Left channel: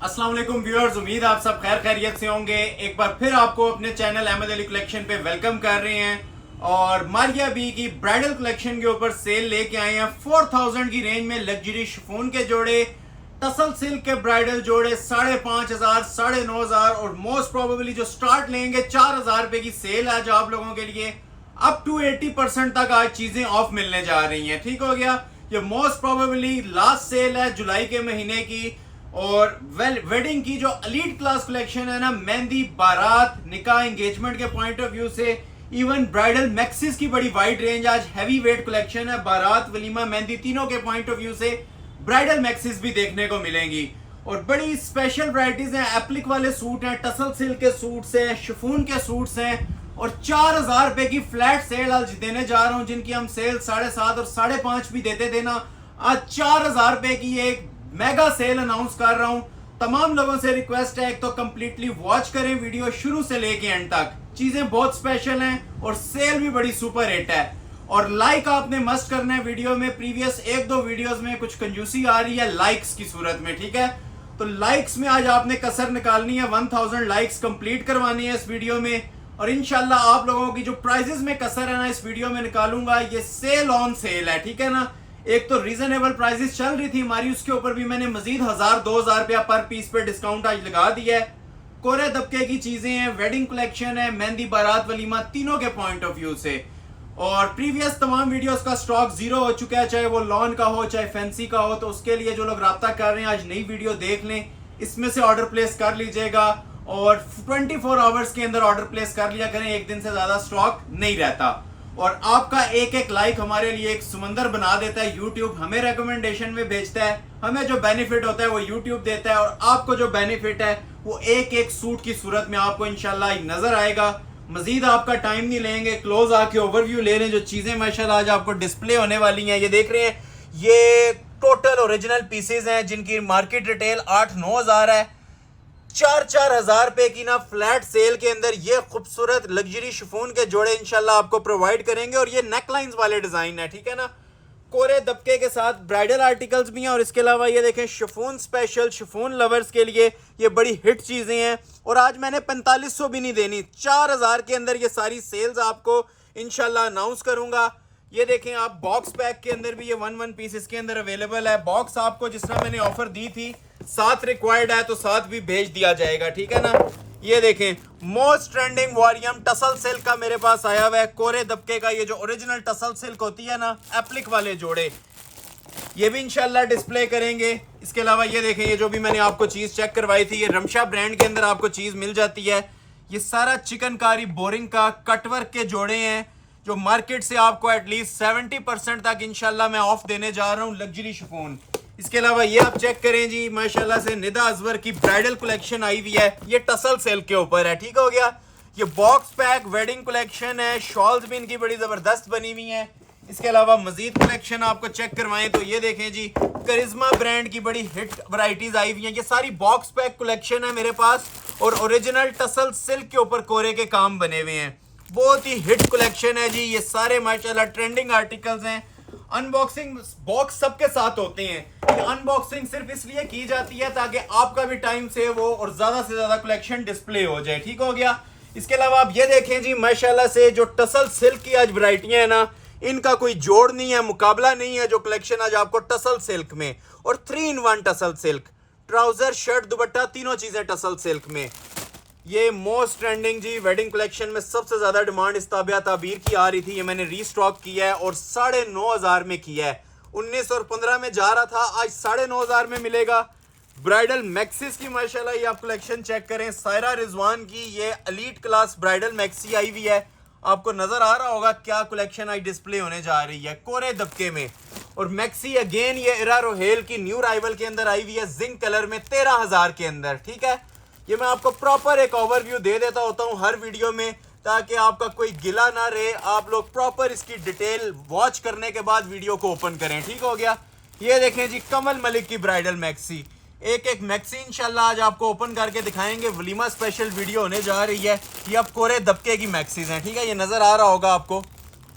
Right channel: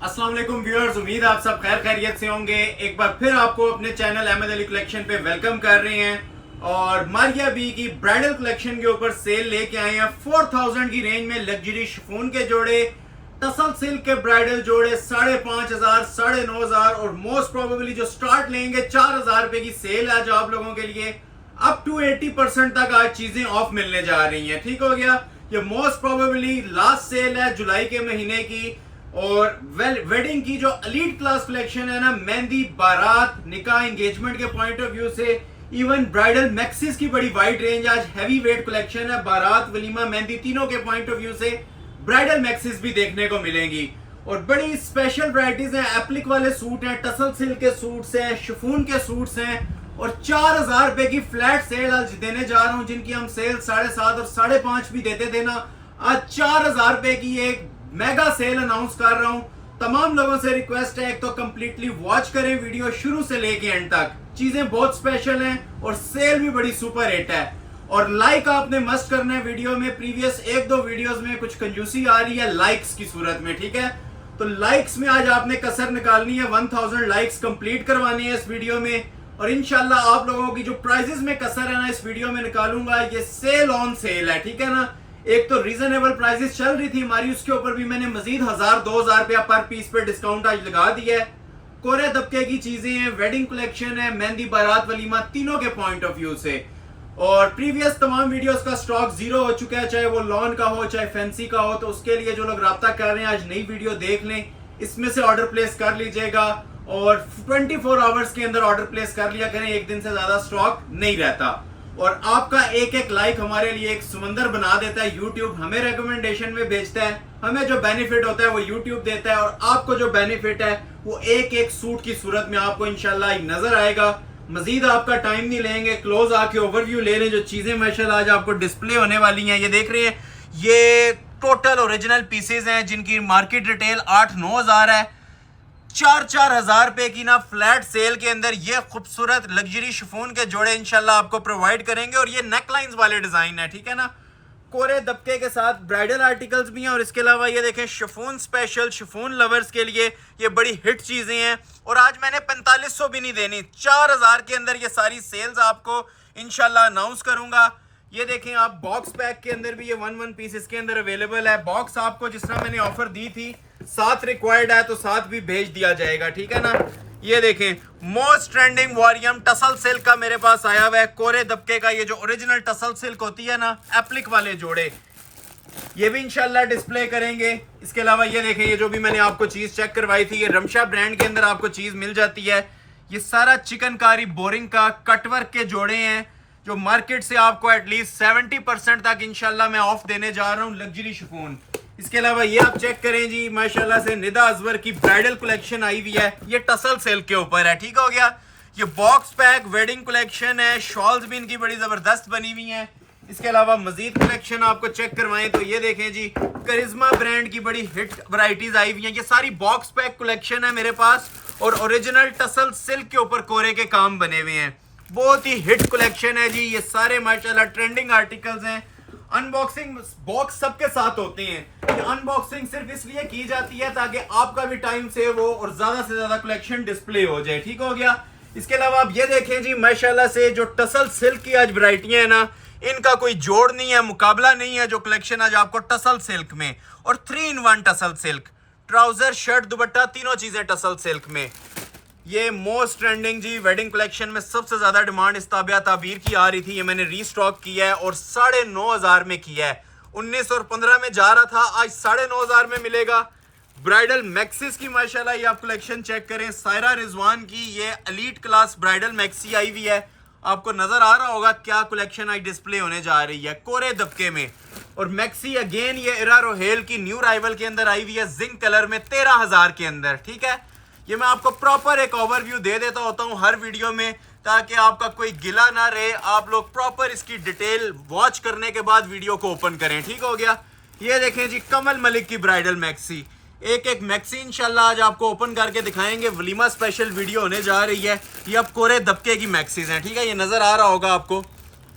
अस्सलाम वालेकुम व्यूअर्स, उम्मीद आप सब खैर खैरियत से होंगे। एक बार फिर आपको अपने चैनल अहमद अली कलेक्शन पे वेलकम कर रहे हैं और मारिया बी की ब्राइडल कलेक्शन के ऊपर सेल लेके आए हैं। 4000 की रेंज में लग्जरी शिफॉन के जोड़े, टसल सिल्क के ब्राइडल जोड़े 5500, 9500 और मोस्ट प्रोबेबली जो स्टार्ट लेंगे 4000 रुपए की सेल आज आप लोगों के लिए अप टू 80% तक आज चीजें ऑफ मिलने जा रही हैं। ठीक हो गया, ये मोस्ट प्रोबेबली लास्ट सेल है जुलाई के महीने की। और वेडिंग की जो एलीट क्लास कलेक्शन है ना, मेहंदी, बारात, निकाह, एंगेजमेंट के पॉइंट ऑफ व्यू से, इवन ब्राइडल मैक्सिस की बड़ी वाइड रेंज आज हैवी वेट कलेक्शन है। बारात, वलीमा, मेहंदी तीनों के पॉइंट ऑफ व्यू से ब्राइडल मैक्सिस भी देखने को मिलेंगी और बड़ी स्पेशल वैरायटीज हैं। एप्लिक वाले सूट हैं, टसल सिल्क के सूट्स हैं, शिफॉन के सूट्स हैं और 4000 रुपए की फ्लैट सेल आज देने जा रहा हूं, जिनकी हम सेल 7.5 और 5.5 भी देते थे ना, आज 4000 रुपए की एक मेगा सेल अनाउंस कर रहा हूं। तमाम लोगों से रिक्वेस्ट है, एक तो कंप्लीटली वॉच करें वीडियो शुरू से लेके एंड तक, चीजें बहुत स्पेशल हैं और सेल भी बड़ी सुपर हिट है। और लाइक आपने मस्ट करना है वीडियो में। प्रीवियस एक दो वीडियोस में कुछ कंजूसी आ रही है लाइक्स की सूरत में, ठीक है, तो लाइक्स में आज आपने कसर निकालनी है। 1000 लाइक्स कंप्लीट करवानी है इस वीडियो में और इंशाल्लाह आप लोगों की जो प्राइजेस में कसर है ना इस वीडियो में निकालूंगा। ये सेल ऑन सेल है, ठीक है ना। एक तो रीजनेबल प्राइसेस चल रही थी हमारी, उसके ऊपर भी मैंने मजीद 1000-2000 रुपया पर पीस पे डिस्काउंट आज लगा दिया है। कोरे दबके की चीजें हैं, वेडिंग कलेक्शन है, मेहंदी, बारात, वलीमा तीनों के पॉइंट ऑफ व्यू से। और प्रीवियस तमाम वीडियोस का स्टॉक जीरो हो चुका है, चाहे वो लॉन का हो चाहे फैंसी का हो। तो उसके लिए जो लोग राब्ता कर रहे हैं आज नई वीडियो देख लें, इसमें से ऑर्डर प्लेस कर लीजिएगा और 24 आवर्स के अंदर ऑर्डर प्लेस कर लिया करें, एक दिन से ज्यादा स्टॉक नहीं रहता। और आपका एक एक लाइक हमारे लिए एक समंदर बना देता है। यूट्यूब हमें रिकमेंडेशन में भेजता है, हमें जो बेनिफिट होता है वो यूट्यूब देता है और आपको जो बेनिफिट है वो एक एक सूट की सूरत में आपको इंशाल्लाह नजर आएगा। मजीद आपका टाइम नहीं लेंगे, क्लोज आके ओवरव्यू ले लें जो चीजें माशाल्लाह आज आपको डिस्प्ले होने वाली हैं। ये देख रहे हैं, ये टोटल ओरिजिनल पीसेज हैं जिनकी मार्केट रिटेल 8-9 हजार है। 4-4 हजार रुपए की ना फ्लैट सेल के अंदर ये खूबसूरत लग्जरी शिफॉन के जोड़े इंशाल्लाह आपको प्रोवाइड करेंगे। और ये नेकलाइंस वाले डिजाइन है, ठीक है ना, कोरे दबके के साथ ब्राइडल आर्टिकल्स भी हैं। और इसके अलावा ये देखें शिफॉन स्पेशल, शिफॉन लवर्स के लिए ये बड़ी हिट चीजें हैं। और आज मैंने 4500 भी नहीं देनी, 4000 के अंदर ये सारी सेल्स आपको इंशाल्लाह अनाउंस करूंगा। ये देखें आप, बॉक्स पैक के अंदर भी ये 1 पीस इसके अंदर अवेलेबल है। बॉक्स आपको जिस तरह मैंने ऑफर दी थी, साथ रिक्वायर्ड है तो साथ भी भेज दिया जाएगा, ठीक है ना। ये देखें, मोस्ट ट्रेंडिंग वॉरियम टसल सिल्क का मेरे पास आया हुआ है, कोरे दबके का। ये जो ओरिजिनल टसल सिल्क होती है ना, एप्लिक वाले जोड़े, ये भी इंशाल्लाह डिस्प्ले करेंगे। इसके अलावा ये देखें, ये जो भी मैंने आपको चीज चेक करवाई थी, ये रमशा ब्रांड के अंदर आपको चीज मिल जाती है। ये सारा चिकनकारी बोरिंग का कटवर्क के जोड़े हैं जो मार्केट से आपको एटलीस्ट 70% तक इंशाल्लाह मैं ऑफ देने जा रहा हूँ, लग्जरी शिफॉन। इसके अलावा ये आप चेक करें जी, माशाल्लाह से निदा अजवर की ब्राइडल कलेक्शन आई हुई है, ये टसल सिल्क के ऊपर है, ठीक हो गया। ये बॉक्स पैक वेडिंग कलेक्शन है, शॉल्स भी इनकी बड़ी जबरदस्त बनी हुई हैं। इसके अलावा मजीद कलेक्शन आपको चेक करवाएं तो ये देखें जी, करिश्मा ब्रांड की बड़ी हिट वैरायटीज आई हुई हैं। ये सारी बॉक्स पैक कलेक्शन है मेरे पास और ओरिजिनल टसल सिल्क के ऊपर कोरे के काम बने हुए हैं। बहुत ही हिट कलेक्शन है जी, ये सारे माशाल्लाह ट्रेंडिंग आर्टिकल्स हैं। अनबॉक्सिंग बॉक्स सबके साथ होते हैं। ये अनबॉक्सिंग सिर्फ इसलिए की जाती है ताकि आपका भी टाइम सेव हो और ज्यादा से ज्यादा कलेक्शन डिस्प्ले हो जाए, ठीक हो गया। इसके अलावा आप ये देखें जी, माशाल्लाह से जो टसल सिल्क की आज वैरायटियां है ना, इनका कोई जोड़ नहीं है, मुकाबला नहीं है। जो कलेक्शन आज आपको टसल सिल्क में, और 3-in-1 tussle silk, trouser, shirt, दुपट्टा तीनों चीजें टसल सिल्क में। ये मोस्ट ट्रेंडिंग जी वेडिंग कलेक्शन में सबसे ज्यादा डिमांड इस ताबिया ताबीर की आ रही थी। ये मैंने रीस्टॉक किया है और 9500 में किया है। 19 और 15 में जा रहा था, आज 9500 में मिलेगा। ब्राइडल मैक्सिस की माशाल्लाह ये आप कलेक्शन चेक करें, सायरा रिजवान की ये एलीट क्लास ब्राइडल मैक्सी आई हुई है। आपको नजर आ रहा होगा क्या कलेक्शन आज डिस्प्ले होने जा रही है कोरे दबके में। और मैक्सी अगेन ये इरा रोहेल की न्यू राइवल के अंदर आई हुई है, जिंक कलर में 13000 के अंदर, ठीक है। ये मैं आपको प्रॉपर एक ओवरव्यू दे देता होता हूँ हर वीडियो में ताकि आपका कोई गिला ना रहे, आप लोग प्रॉपर इसकी डिटेल वॉच करने के बाद वीडियो को ओपन करें, ठीक हो गया। ये देखें जी, कमल मलिक की ब्राइडल मैक्सी, एक एक मैक्सी इंशाल्लाह आज आपको ओपन करके दिखाएंगे। वलीमा स्पेशल वीडियो होने जा रही है। ये अब कोरे दबके की मैक्सीज हैं, ठीक है, ये नजर आ रहा होगा आपको।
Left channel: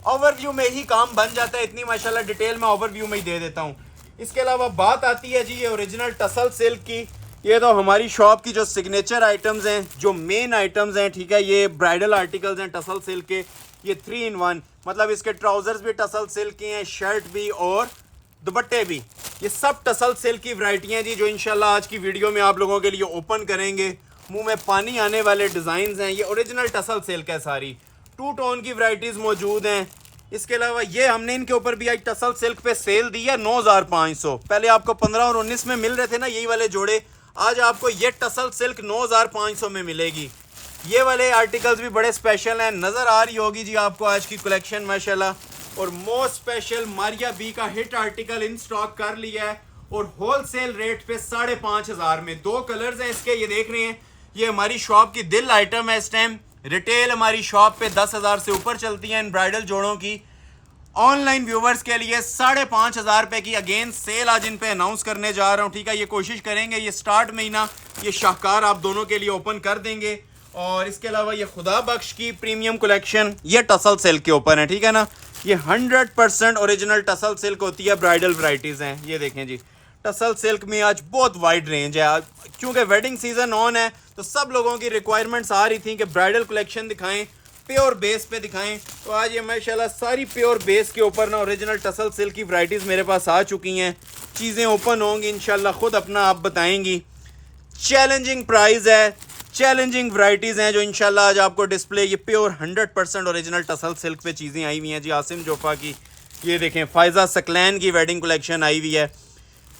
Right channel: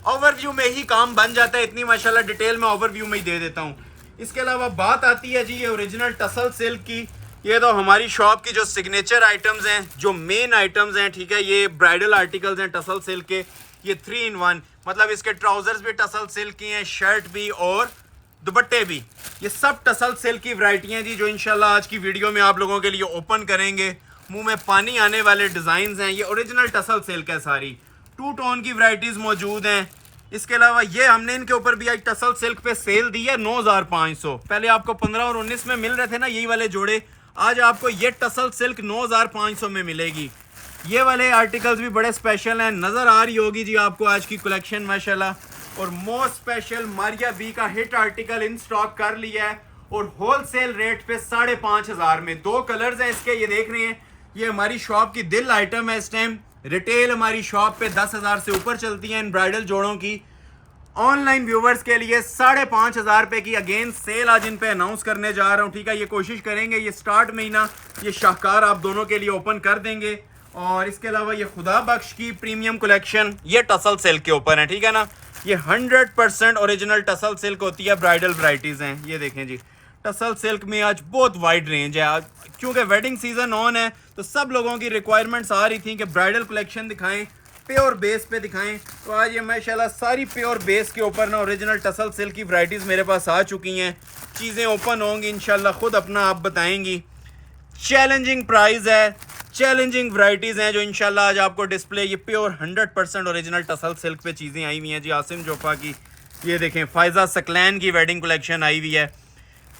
ओवरव्यू में ही काम बन जाता है, इतनी माशाल्लाह डिटेल में ओवरव्यू में ही दे देता हूँ। इसके अलावा बात आती है जी ये ओरिजिनल टसल सिल्क की, ये तो हमारी शॉप की जो सिग्नेचर आइटम्स हैं, जो मेन आइटम्स हैं, ठीक है, ये ब्राइडल आर्टिकल्स हैं टसल सिल्क के। ये 3 in 1, मतलब इसके ट्राउजर्स भी टसल सिल्क के हैं, शर्ट भी और दुपट्टे भी। ये सब टसल सिल्क की वैरायटी हैं जी, जो इंशाल्लाह आज की वीडियो में आप लोगों के लिए ओपन करेंगे। मुंह में पानी आने वाले डिज़ाइन हैं। ये ओरिजिनल टसल सिल्क है सारी। 2 टोन की वैरायटीज़ मौजूद हैं। इसके अलावा ये हमने इनके ऊपर भी आज टसल सिल्क पे सेल दी है 9500। पहले आपको 15 और 19 में मिल रहे थे ना यही वाले जोड़े, आज आपको ये टसल सिल्क 9500 में मिलेगी। ये वाले आर्टिकल्स भी बड़े स्पेशल हैं, नज़र आ रही होगी जी आपको आज की कलेक्शन माशाल्लाह। और मोस्ट स्पेशल मारिया बी का हिट आर्टिकल इन स्टॉक कर लिया है और होलसेल रेट पे 5500 में। 2 कलर्स हैं इसके, ये देख रहे हैं। ये हमारी शॉप की दिल आइटम है इस टाइम। रिटेल हमारी शॉप पे 10,000 से ऊपर चलती है इन ब्राइडल जोड़ों की। ऑनलाइन व्यूवर्स के लिए 5500 रुपए की अगेन सेल आज इन पे अनाउंस करने जा रहा हूँ, ठीक है। ये कोशिश करेंगे ये स्टार्ट में ही ना ये शाहकार आप दोनों के लिए ओपन कर देंगे। और इसके अलावा ये खुदा बख्श की प्रीमियम कलेक्शन, ये टसल सिल्क के ऊपर है, ठीक है ना। ये 100% ओरिजिनल टसल सिल्क होती है, ब्राइडल वैरायटीज हैं। ये देखें जी, टसल सिल्क में आज बहुत वाइड रेंज है। आज क्योंकि वेडिंग सीजन ऑन है तो सब लोगों की रिक्वायरमेंट्स आ रही थी कि ब्राइडल कलेक्शन दिखाएं, प्योर बेस पे दिखाएं। तो आज ये माशाल्लाह सारी प्योर बेस के ऊपर ना ओरिजिनल टसल सिल्क की वैरायटीज़ मेरे पास आ चुकी हैं। चीज़ें ओपन होंगी इंशाल्लाह, खुद अपना आप बताएंगी। चैलेंजिंग प्राइस है, चैलेंजिंग वैरायटीज़ हैं जो इंशाल्लाह आज आपको डिस्प्ले। ये प्योर 100% ओरिजिनल टसल सिल्क पे चीज़ें आई हुई हैं जी। आसिम जोफा की ये देखें, फायजा सकलैन की वेडिंग कलेक्शन आई हुई है।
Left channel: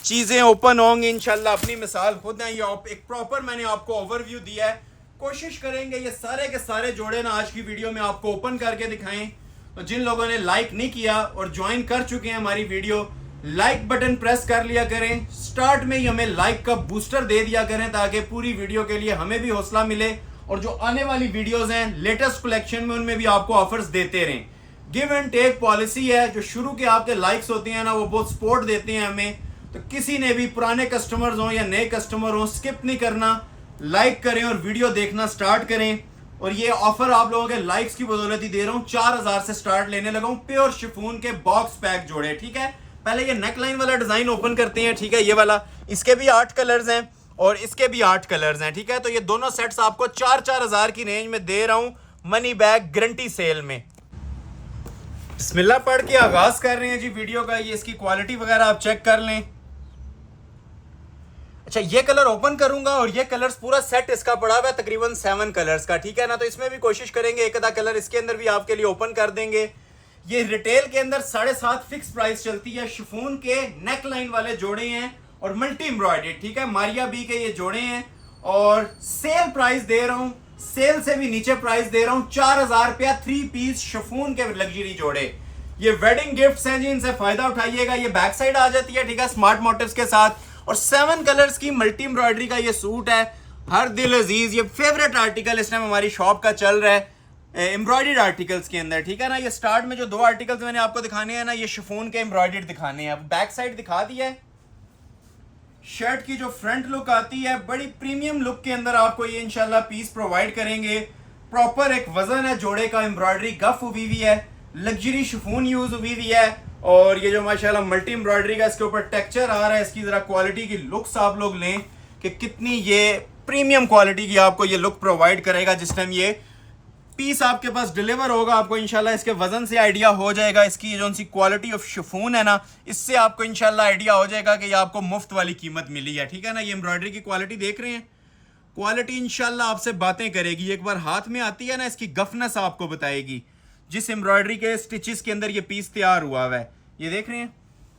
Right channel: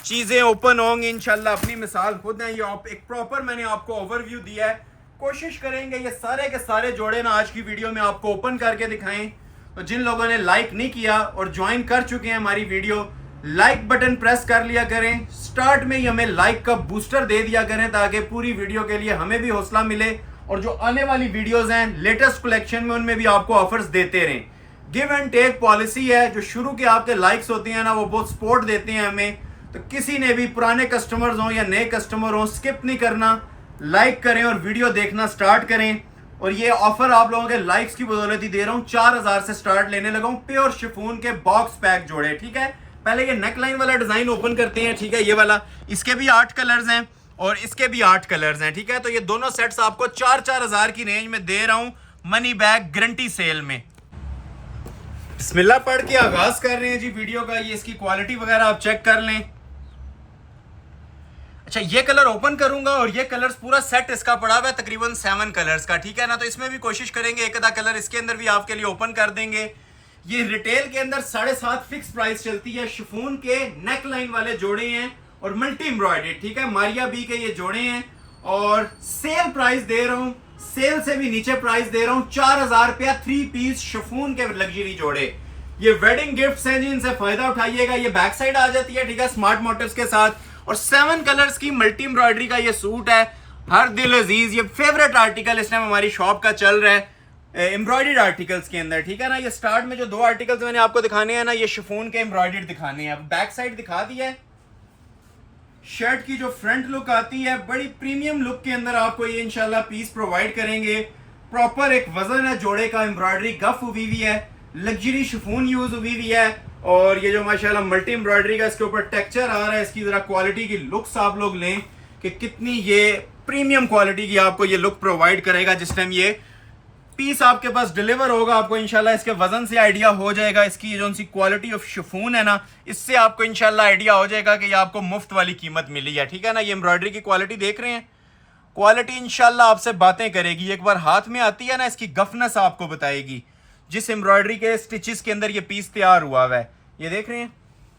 चीज़ें ओपन होंगी इंशाल्लाह, अपनी मिसाल खुद है। ये एक प्रॉपर मैंने आपको ओवरव्यू दिया है। कोशिश करेंगे ये सारे के सारे जोड़े ना आज की वीडियो में आपको ओपन करके दिखाएं। तो जिन लोगों ने लाइक नहीं किया और ज्वाइन कर चुके हैं हमारी वीडियो, लाइक बटन प्रेस कर लिया करें। स्टार्ट में ही हमें लाइक का बूस्टर दे दिया करें ताकि पूरी वीडियो के लिए हमें भी हौसला मिले और जो आने वाली वीडियोस हैं लेटेस्ट कलेक्शन में उनमें भी आपको ऑफर्स देते रहें। गिव एंड टेक पॉलिसी है। जो शुरू के आपके लाइक्स होते हैं ना वो बहुत सपोर्ट देते हैं हमें। तो किसी ने भी पुराने कस्टमर्स हों या नए कस्टमर हों, स्किप नहीं करना, लाइक करें और वीडियो देखना स्टार्ट करें। और ये ऑफर आप लोगों के लाइक्स की बदौलत ही दे रहा हूँ। 4000 से स्टार्ट लेने लगा हूँ। प्योर शिफॉन के बॉक्स पैक जोड़े, ठीक है। पहले ये नेकलाइन वाला डिजाइन ओपन करते हैं, ठीक है। ये वाला, इसके भी 8 कलर्स हैं और इसके भी 8 कलर्स हैं, ठीक है। तो ये दोनों सेट्स आपको 4-4000 की रेंज में दे रहा हूँ, मनी बैग गारंटी सेल में। बिस्मिल्लाह पढ़ के आगाज कर रहे हैं जी वीडियो का। ये इसकी क्वालिटी वगैरह आप चेक कर लें। अच्छा, ये कलर ओपन करूंगा और ये कलर्स पूरा सेट इसका पड़ा हुआ है तकरीबन 7 कलर्स का, ठीक है ना। तो इसमें भी कोशिश करेंगे एक आधा कलर इसके अंदर भी आपके लिए ओपन कर देंगे। ये रिटेल के अंदर 7.5 फिक्स प्राइस चलती है। शिफॉन के नेक लाइन वाले जोड़े हैं और मल्टी एम्ब्रॉयडर्ड, ठीक है। मारिया बी के ये जोड़े हैं और सेल प्राइस दे रहा हूँ, सेल से भी नीचे प्राइस दे रहा हूँ, 4000 रुपया 3 पीस शिफॉन के लग्जरी जोड़े। ये वेडिंग गिफ्ट्स हैं जी, इनसे फायदा उठाइएगा। ये बैक साइड आ जाती है, ठीक है, स्मार्ट मोटिव्स के साथ। और 7 कलर्स की मल्टी एम्ब्रॉयडरी का ये सूट है। हर दिल अजीज, ये फेवरेट आर्टिकल इस टाइम हमारी शॉप का चल रहा है एम्ब्रॉयडर्ड आर्टिकल्स के अंदर, ठीक है ना। ये स्टार्ट में जो 2 आर्टिकल्स मैंने आपको दिखाने हैं ना, ये शिफॉन के एम्ब्रॉयडर्ड दिखाने हैं। बैक साइड दिखा दिया है। शर्ट की जो फ्रंट लुक आती है बड़ी प्रीमियम लुक के अंदर आपको ये इंशाल्लाह पीस प्रोवाइड करेंगे। प्रॉपर एक वजन है जोड़े का, एम्ब्रॉयडरी गफ हुई हुई है, लग्जरी शिफॉन यूज हुई हुई है। और ये जो माशाल्लाह मल्टी एम्ब्रॉयडरी का इसके ऊपर टेक्सचर आ रहा है, इसकी जरा क्वालिटी की लुक्स आप लोग लें कि कितनी ये प्रीमियम क्वालिटी की आपको ये लुक प्रोवाइड करेगा। जिस टाइम ये पीस आपके पास डिलीवर होगा आपको इंशाल्लाह इसके वजन से आइडिया हो जाएगा। इसकी जो सी क्वालिटी ऑफ शिफॉन है ना, इससे आपको इंशाल्लाह आइडिया हो जाएगा कि ये आपको मुफ्त वाली कीमत मिली है, ठीक है ना। ये एम्ब्रॉयडरी की क्वालिटी देख रहे हैं, क्वालिटी इंशाल्लाह आपसे बातें करेगी। एक बार हाथ में आती है ना, इसकी गफनेस आपको बताएगी। जिस एम्ब्रॉयडरी के स्टिचेस के अंदर ये पीस तैयार हुआ है, ये देख रहे हैं,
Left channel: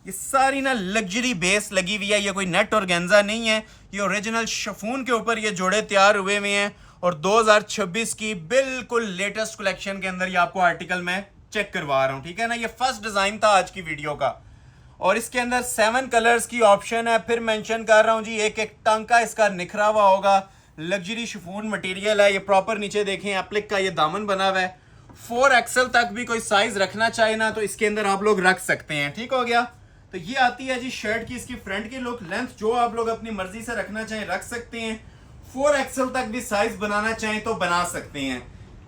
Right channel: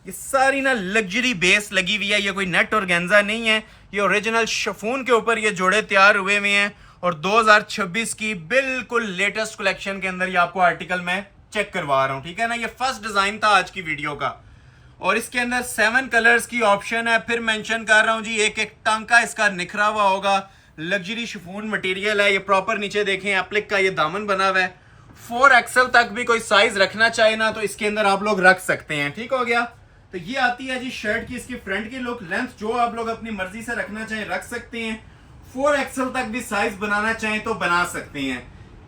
ये सारी ना लग्जरी बेस लगी हुई है। ये कोई नेट और गेंजा नहीं है, ये ओरिजिनल शिफॉन के ऊपर ये जोड़े तैयार हुए हुए हैं। और 2026 की बिल्कुल लेटेस्ट कलेक्शन के अंदर ये आपको आर्टिकल मैं चेक करवा रहा हूँ, ठीक है ना। ये फर्स्ट डिजाइन था आज की वीडियो का और इसके अंदर 7 कलर्स की ऑप्शन है। फिर मेंशन कर रहा हूँ जी, एक एक टांका इसका निखरा हुआ होगा। लग्जरी शिफॉन मटेरियल है। ये प्रॉपर नीचे देखें एप्लिक का ये दामन बना हुआ है। 4XL तक भी कोई साइज रखना चाहे ना तो इसके अंदर आप लोग रख सकते हैं, ठीक हो गया। तो ये आती है जी शर्ट की इसकी फ्रंट की लुक। लेंथ जो आप लोग अपनी मर्जी से रखना चाहें रख सकते हैं। 4XL तक भी साइज बनाना चाहें तो बना सकते हैं।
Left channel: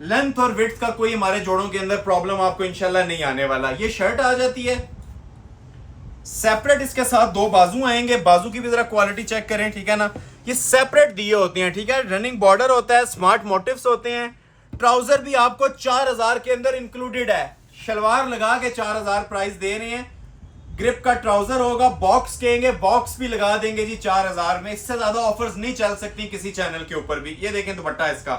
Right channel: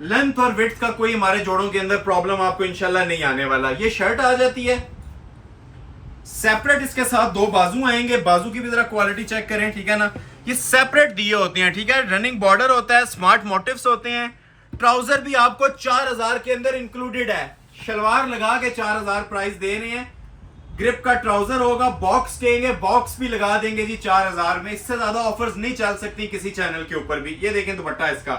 लेंथ और विड्थ का कोई हमारे जोड़ों के अंदर प्रॉब्लम आपको इंशाल्लाह नहीं आने वाला। ये शर्ट आ जाती है सेपरेट, इसके साथ 2 बाजू आएंगे। बाजू की भी जरा क्वालिटी चेक करें, ठीक है ना। ये सेपरेट दिए होते हैं, ठीक है। रनिंग बॉर्डर होता है, स्मार्ट मोटिव्स होते हैं। ट्राउजर भी आपको 4000 के अंदर इंक्लूडेड है। शलवार लगा के 4000 प्राइस दे रहे हैं। ग्रिप का ट्राउजर होगा, बॉक्स कहेंगे, बॉक्स भी लगा देंगे जी 4000 में। इससे ज्यादा ऑफर्स नहीं चल सकती किसी चैनल के ऊपर भी। ये देखें दुपट्टा, इसका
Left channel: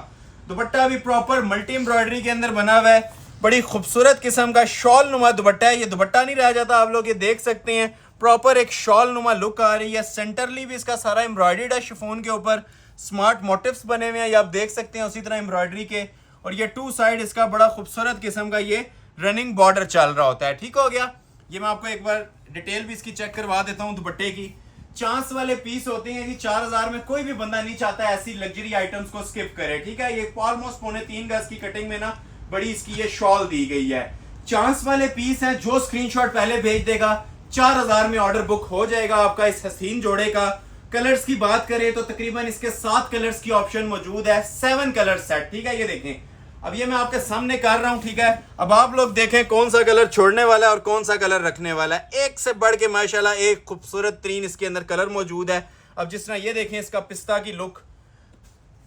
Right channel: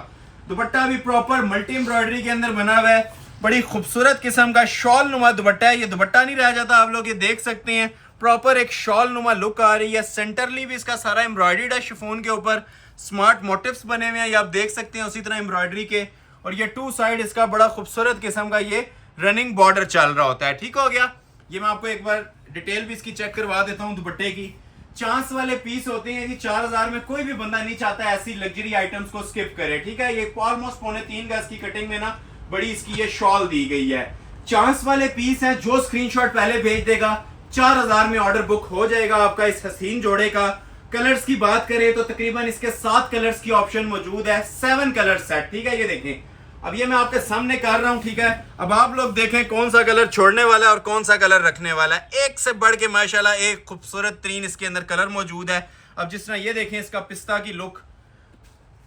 दुपट्टा भी प्रॉपर मल्टी एम्ब्रॉयडरी के अंदर बना हुआ है। बड़ी खूबसूरत किस्म का शॉल नुमा दुपट्टा है। ये दुपट्टा नहीं रह जाता, आप लोग ये देख सकते हैं, प्रॉपर एक शॉल नुमा लुक आ रही है। सेंटरली भी इसका सारा एम्ब्रॉयडर्ड है, शिफॉन के ऊपर स्मार्ट मोटिव्स बने हुए हैं, ये आप देख सकते हैं उसी तरह एम्ब्रॉयडरी के। और ये टू साइड इसका बड़ा खूबसूरत किस्म का ये रनिंग बॉर्डर चल रहा होता है। ठीक हो गया। ये मैं आपको एक बार डिटेल भी इसकी चेक करवा देता हूँ दुपट्टे की। चांस वाले पीस होते हैं जी 4000 में। कोई भी बंदा नहीं चाहता ऐसी लग्जरी आइटम्स को स्किप करे, ठीक है। ये ऑलमोस्ट 3.25 गज की कटिंग में ना बड़ी इसकी ये शॉल दी गई है। चांस वाले पीस है, जो स्क्रीनशॉट पहले भेज देगा 4000 में ऑर्डर बुक हो जाएगा आपका इस हसीन जोड़े का। कलर्स की बात करें तो तकरीबन इसके 7 कलर्स की ऑप्शन मौजूद है, 7 कलर सेट, ठीक है। ये देखें, अब ये मैं आपके सामने कर रहा हूं, ठीक है। अब आप लोग देखें कौन सा कलर छोड़ने वाला है और कौन सा कलर रखने वाला है। एक से बढ़ के माशाल्लाह एक खूबसूरत 3 इसके अंदर कलर मौजूद है। अब जिस तरह ये देखें इसका पिस्ता की लुक,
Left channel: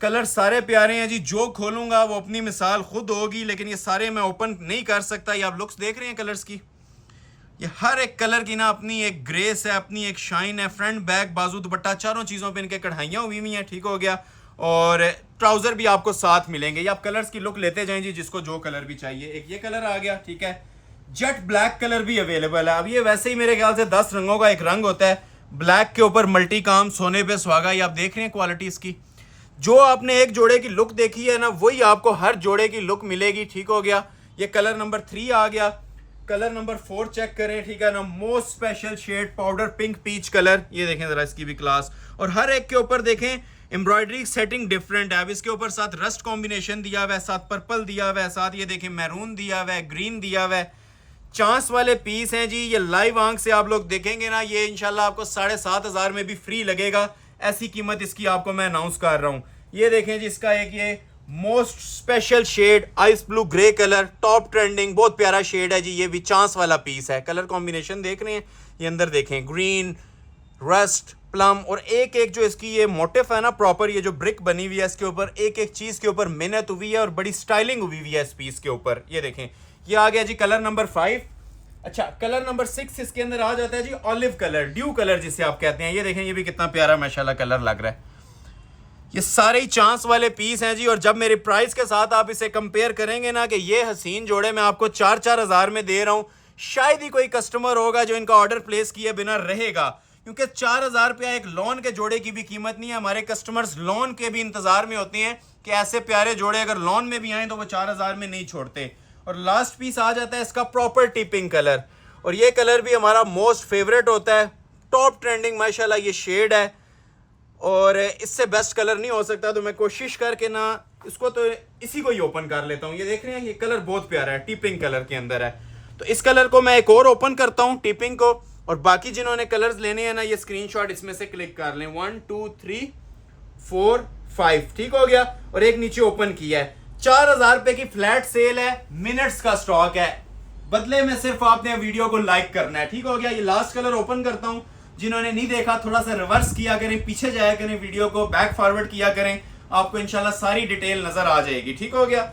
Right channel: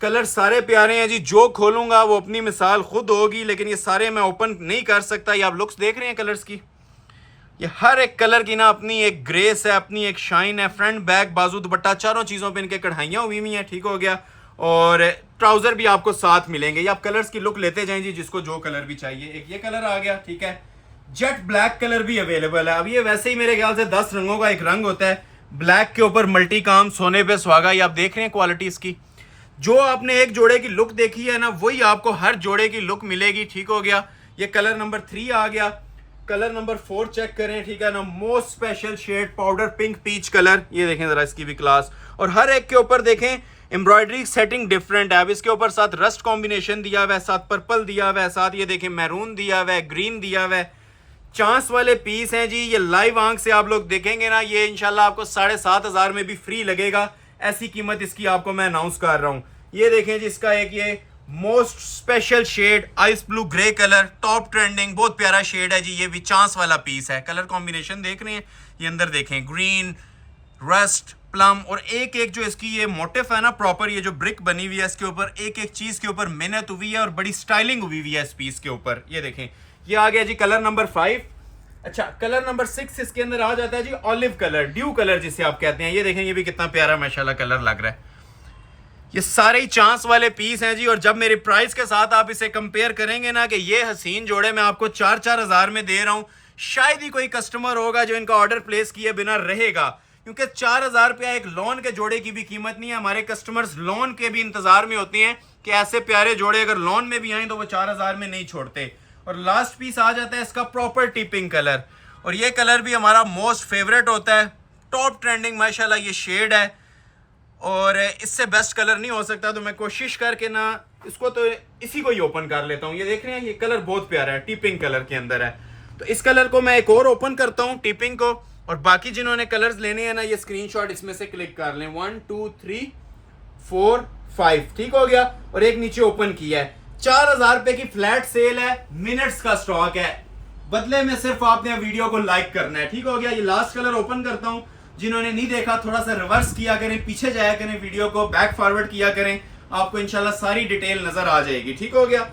कलर सारे प्यारे हैं जी। जो खोलूंगा वो अपनी मिसाल खुद होगी, लेकिन ये सारे मैं ओपन नहीं कर सकता। ये आप लुक्स देख रहे हैं कलर्स की, ये हर एक कलर की ना अपनी एक ग्रेस है, अपनी एक शाइन है। फ्रंट बैक बाजू दुपट्टा चारों चीजों पे इनके कढ़ाइयां हुई हुई हैं, ठीक हो गया। और ट्राउजर भी आपको साथ मिलेंगे। ये आप कलर्स की लुक लेते जाएं जी, जिसको जो कलर भी चाहिए। एक ये कलर आ गया, ठीक है। जेट ब्लैक कलर भी अवेलेबल है। अब ये वैसे ही मेरे ख्याल से 10 रंगों का एक रंग होता है। ब्लैक के ऊपर मल्टी काम, सोने पे सुहागा, ये आप देख रहे हैं क्वालिटी इसकी। जो आपने एक जोड़े की लुक देखी है ना, वही आपको हर जोड़े की लुक मिलेगी, ठीक हो गया। ये कलर नंबर 3 आ गया। कलर नंबर 4 चेक करें, ठीक है ना। Most special shade powder pink peach colour, ये देखें जरा इसकी भी क्लास। और हर एक के ऊपर देखें एम्ब्रॉयडरी सेटिंग डिफरेंट है। अब इसके ऊपर साथ रस्ट कॉम्बिनेशन दिया हुआ है, साथ पर्पल दिया हुआ है, साथ ये देखें मैरून दिया हुआ है, ग्रीन दिया हुआ है। चांस वाले पीस हैं जी। ये लाइव आंख से आप लोग देखेंगे ना, ये इंशाल्लाह आपको 7500 में भी फ्री लगेगा। ऐसी कीमत इसकी आपको मैं अनाउंस कर रहा हूं। ये देखें जी, इसका एक ये most special shade ice blue grey colour, top trending, बहुत प्यारा शेड है जी। ये भी चांस वाला पीस है। कलर कॉम्बिनेशन देख रहे हैं, ये अंदर देखें ग्रीन, रस्ट, प्लम, और एक एक जो इसकी ये मोटिफ है ना प्रॉपर, ये जो ब्रिक बनी हुई है इसके ऊपर, एक एक चीज के ऊपर मेहनत हुई है और बड़ी स्टाइलिंग हुई हुई है इस पीस के ऊपर। ये देखें, ये आ गया जी कलर नंबर 5। अच्छा, कलर नंबर 6 इसके अंदर आ जाता है जी ऑलिव कलर, ड्यू कलर जिसे आप कहते हैं। ये देखें, ये भी कितना प्यारा माशाल्लाह कलर लग रहा है। ये सारे ही चांस वाले पीस हैं जी। और जब मेरे प्राइस के साथ आप इसे कंपेयर करेंगे ना, कि ये हसीन जोड़े मैं आपको 4-4 हज़ार में दे रहा हूं, शायद ही कोई कस्टमर होगा जो इनका ऑर्डर प्लेस किए बिना रहेगा। क्योंकि 4000 रुपया एक लॉन के जोड़े की भी कीमत नहीं है। हमारे कस्टमर्स लॉन के भी इंतजार में होते हैं कि ऐसे प्यारे जोड़े अगर लॉन में भी आए तो वो 4000 में नहीं छोड़ते। और लास्ट पीस आ जाता है इसका प्रॉपर टिपिंग कलर, और ये कलर भी हमारा मोस्ट फेवरेट होता है। टॉप ट्रेंडिंग माशाल्लाह ये शेड है, और इससे बेस्ट कलर नहीं हो सकता। तो मैं कोशिश करके ना इसको तो इसी को ही ओपन कर लेता हूँ। ये देख रहे हैं, ये कलर बहुत प्यारा है, टिपिंग कलर के अंदर है। तो इस कलर को मैं एक और ओपन करता हूँ, टिपिंग को। और बाकी जिन्होंने कलर्स लेने हैं ना, ये स्क्रीनशॉट इसमें से क्लिक कर लें। 1 2 3 4 5, ठीक हो गया। और एक नीचे ओपन किया है। 4000 रुपए की फ्लैट सेल है, मिनट्स का स्टॉक है। बदले में सिर्फ आपने वीडियो को लाइक करना है, ठीक हो गया। ये लास्ट कलर ओपन करता हूं। जिन्होंने नहीं देखा थोड़ा सा रिवर्स किया करें, पीछे जाया करें, वीडियो को बैक फॉरवर्ड किया करें, आपको इंशाल्लाह सारी डिटेल नजर आ जाएगी, ठीक हो गया।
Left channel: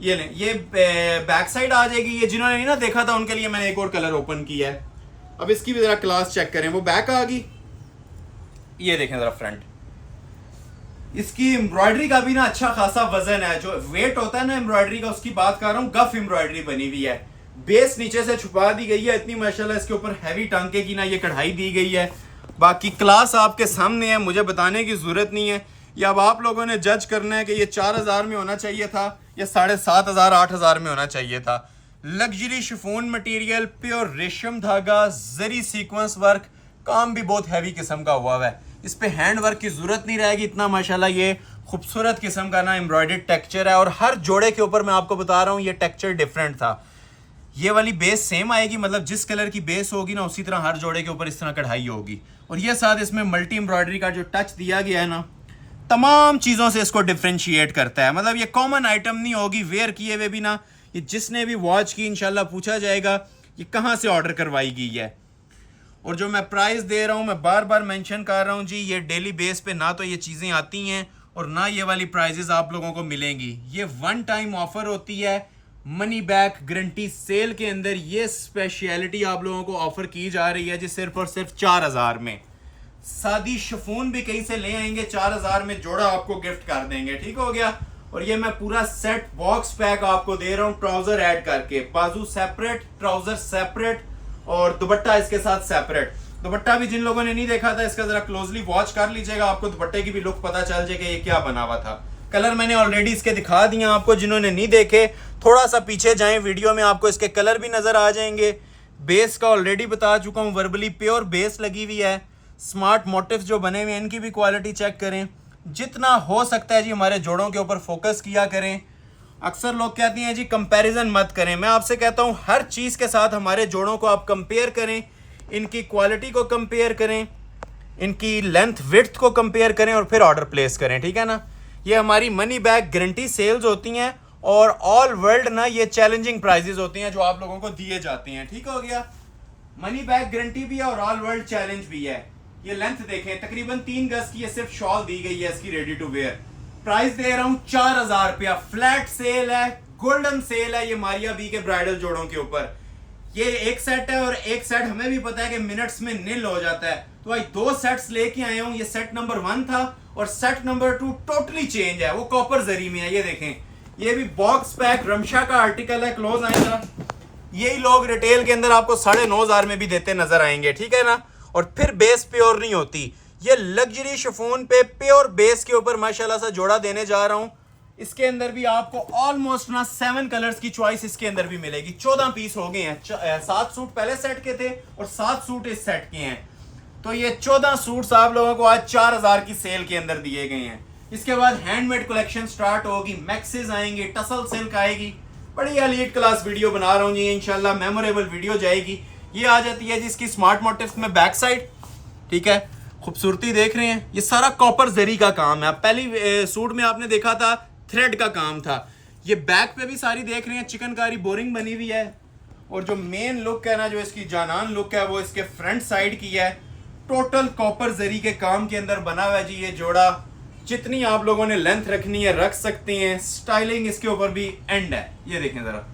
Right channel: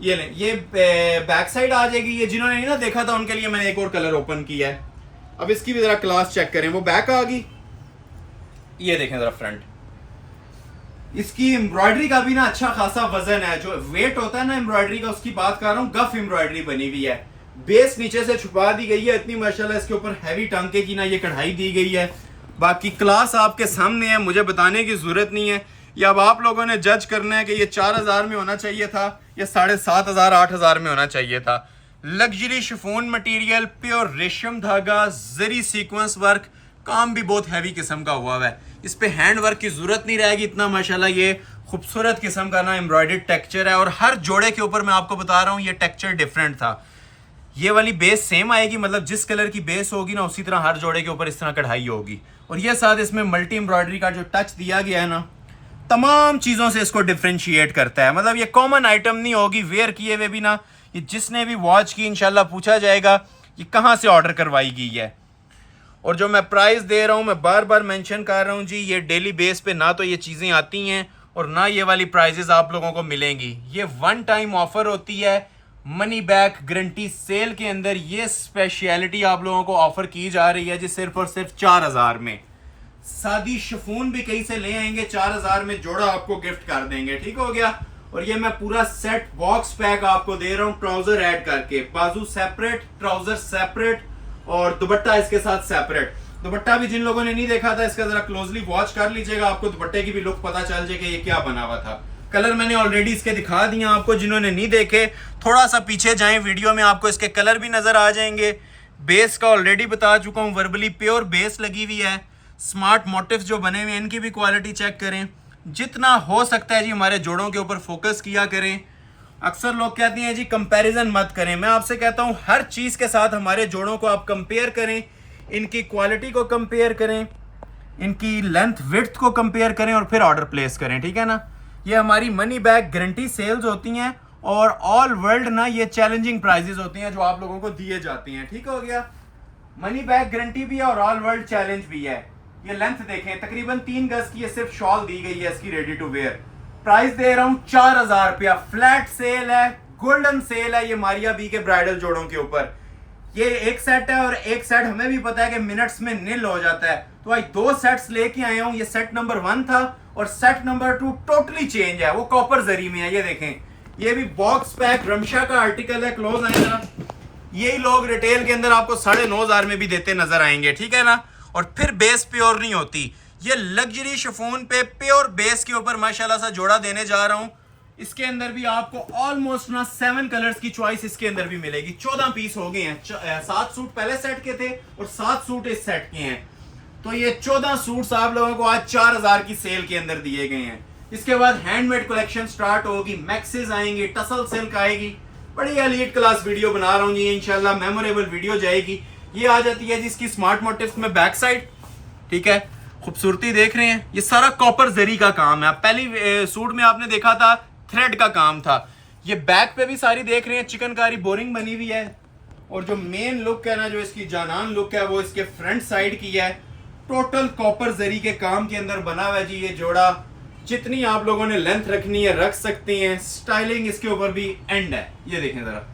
ये लें, ये बैक साइड आ जाएगी। ये जिन्होंने नहीं ना देखा था उनके लिए मैंने एक और कलर ओपन किया है। अब इसकी भी जरा क्लास चेक करें, वो बैक आ गई। ये देखें जरा फ्रंट, इसकी एम्ब्रॉयडरी का भी ना अच्छा खासा वजन है। जो वेट होता है ना एम्ब्रॉयडरी का, उसकी बात कर रहा हूँ। गफ एम्ब्रॉयडरी बनी हुई है, बेस नीचे से छुपा दी गई है। इतनी माशाल्लाह इसके ऊपर हैवी टांके की ना ये कढ़ाई दी गई है। बाकी क्लास आपके सामने है, मुझे बताने की जरूरत नहीं है। ये अब आप लोगों ने जज करना है कि ये 4000 में होना चाहिए था या 7500 8000 में होना चाहिए था। लग्जरी शिफॉन मटेरियल, प्योर रेशम धागा, जरी सीक्वेंस वर्क, काम भी बहुत हैवी किस्म का हुआ है। इस पे हैंड वर्क की जरूरत नहीं रहेगी। इतना माशाल्लाह ये खूबसूरत किस्म का ना एम्ब्रॉयडर्ड टेक्सचर है। और हर जोड़े के ऊपर मैं आपको बता रहा हूँ ये टेक्सचर डिफरेंट था। ये वाली बेस सेम आएगी, मतलब जिस कलर की बेस होगी ना उसी तरह हर जोड़े के ऊपर इस तरह कढ़ाई होगी। और ये साथ इसमें मल्टी एम्ब्रॉयडरी का जो टच दिया गया है ना, तमाम चीज़ों से इसको डिफ्रेंशिएट करता है। मतलब ये कॉमन आइटम नहीं होगी, वेयर किए हुए भी ना। ये जिसने भी वॉच की इंशाल्लाह पूछा जाएगा ये कहाँ से ऑर्डर करवाई गई है। और जो मैं प्राइस दे रहा हूँ मैं बार बार मेंशन कर रहा हूँ जी, ये डेली बेस पे ना तो ये चीज़ें आती हैं और ना ये वाली प्राइजेस आप लोगों को मिलेंगी। ये वन टाइम ऑफर होती है, मनी बैक गारंटी सेल के अंदर ये स्पेशलिटी आप लोगों को ऑफर की जा रही है जी, सिर्फ और सिर्फ 4000 में। सादी शिफॉन भी कहीं से ले आएंगे 4000 में, जोड़ा आपको गिफ्ट कर देंगे, ठीक हो गया। और ये मैं पूरा सेट बॉक्स पैक आपको दे रहा हूँ, ट्राउजर ऐड करके, बाजू सेपरेट, ट्राउजर सेपरेट और दुपट्टा इसके साथ सेपरेट। दुपट्टा भी जिन लोगों ने नहीं देखा था इसका जरा क्लोजली वॉच कर लीजिएगा, आपको दुपट्टे की भी लुक पता चल जाएगा ये क्या बना हुआ था। कलर मैंने ऑलरेडी इसके दिखा दिए आपको, जिन्होंने नहीं देखे थोड़ा सा पीछे जाएं वीडियो में, आपको इसके कलर भी नजर आ जाएंगे। बेस का ऑलरेडी बता चुका हूँ, वर्बली प्योर बेस लगी हुई है। स्मार्ट मोटिव्स जो बने हुए हैं इनकी भी क्वालिटी चेक करें, जितना हो सकता है जी हमारे जोड़ों के ऊपर फोकस किया करें। अक्सर लोग कहते हैं जी कंपैरिजन मत करें, मैं आपसे कहता हूं हर चीज के साथ हमारे जोड़ों को आप कंपेयर करें, इनकी क्वालिटी को कंपेयर करें, इनकी लेंथ विड्थ को कंपेयर करें और फिर ऑर्डर प्लेस करें, ठीक है ना। ये हमारी मनी बैक गारंटी सेल्स होती हैं और ऑल वर्ल्ड ना ये चैलेंजिंग प्राइजेस होती हैं जो आप लोगों को दिए जाते हैं, ठीक हो गया। मनी बैक गारंटी भी है और ऑल वर्ल्ड चैलेंज भी है। ये लेंथ देखें, तकरीबन 3 गज की ये सिर्फ शॉल दी गई है इसकी रेडी टू वेयर। प्राइस दे रहा हूं 4000 रुपया, फ्लैट सेल है, गोल्डन सेल है ये मारिया बी के ब्राइडल जोड़ों के ऊपर। ये एक सेट है और एक सेट हमें भी पता है कि मिनट्स में नील हो जाता है, तो भाई 2 सेट्स लेके आया हूं। ये सेट नंबर 1 था और सेट नंबर 2 टोटली चेंज है, वो कॉपर जरी में है। ये देखें, ये भी बॉक्स पैक रमशा का आर्टिकल है, क्लोज आएगा। यही लोग रिटेल के अंदर आपको 9500 में भी देते नजर आएंगे, ठीक है ना। और फिर बेस प्योर नहीं होती, ये लग्जरी शिफॉन पे प्योर बेस के ऊपर माशाल्लाह सा जोड़ा देने जा रहा हूं। इसके अंदर भी आपको ऑलमोस्ट ना 7 कलर्स की चॉइस इसके अंदर भी मिलेगी। 14 पीस हो गए हैं, 7 सूट पहले सेट के थे और 7 सूट इस सेट के हैं, तो ये 14 सूट्स आप लोगों को आज 4000 की सेल के अंदर दिए गए हैं। इसके बाद हैंडमेड कलेक्शन स्टार्ट होगी, मैक्सेस आएंगे, टसल सिल्क आएगी। बड़ी एलीट क्लास वीडियो बना रहा हूँ जी, इंशाल्लाह मेमोरेबल वीडियो जाएगी। ये आ जाती है जिसकी स्मार्ट मोटिव्स में बैक साइड, ठीक है, खूबसूरती देख रहे हैं, ये सारा कॉपर जरी का काम है। पहली सूट में आपने देखा था थ्रेड का काम था, ये बैक पे भी सारी देख रहे हैं चिकनकारी बोरिंग बनी हुई है। और जो मेन लुक है ना, जो इसकी जानान लुक है, वो इसके फ्रंट साइड की है, टोटल कॉपर जरी के काम के अंदर बना हुआ है जी। ये जोड़ा जितनी आप लोगों ने लेंथ रखनी है रख सकते हैं, स्टाइलिंग इसके ऊपर भी एंड है। ये देखें जरा,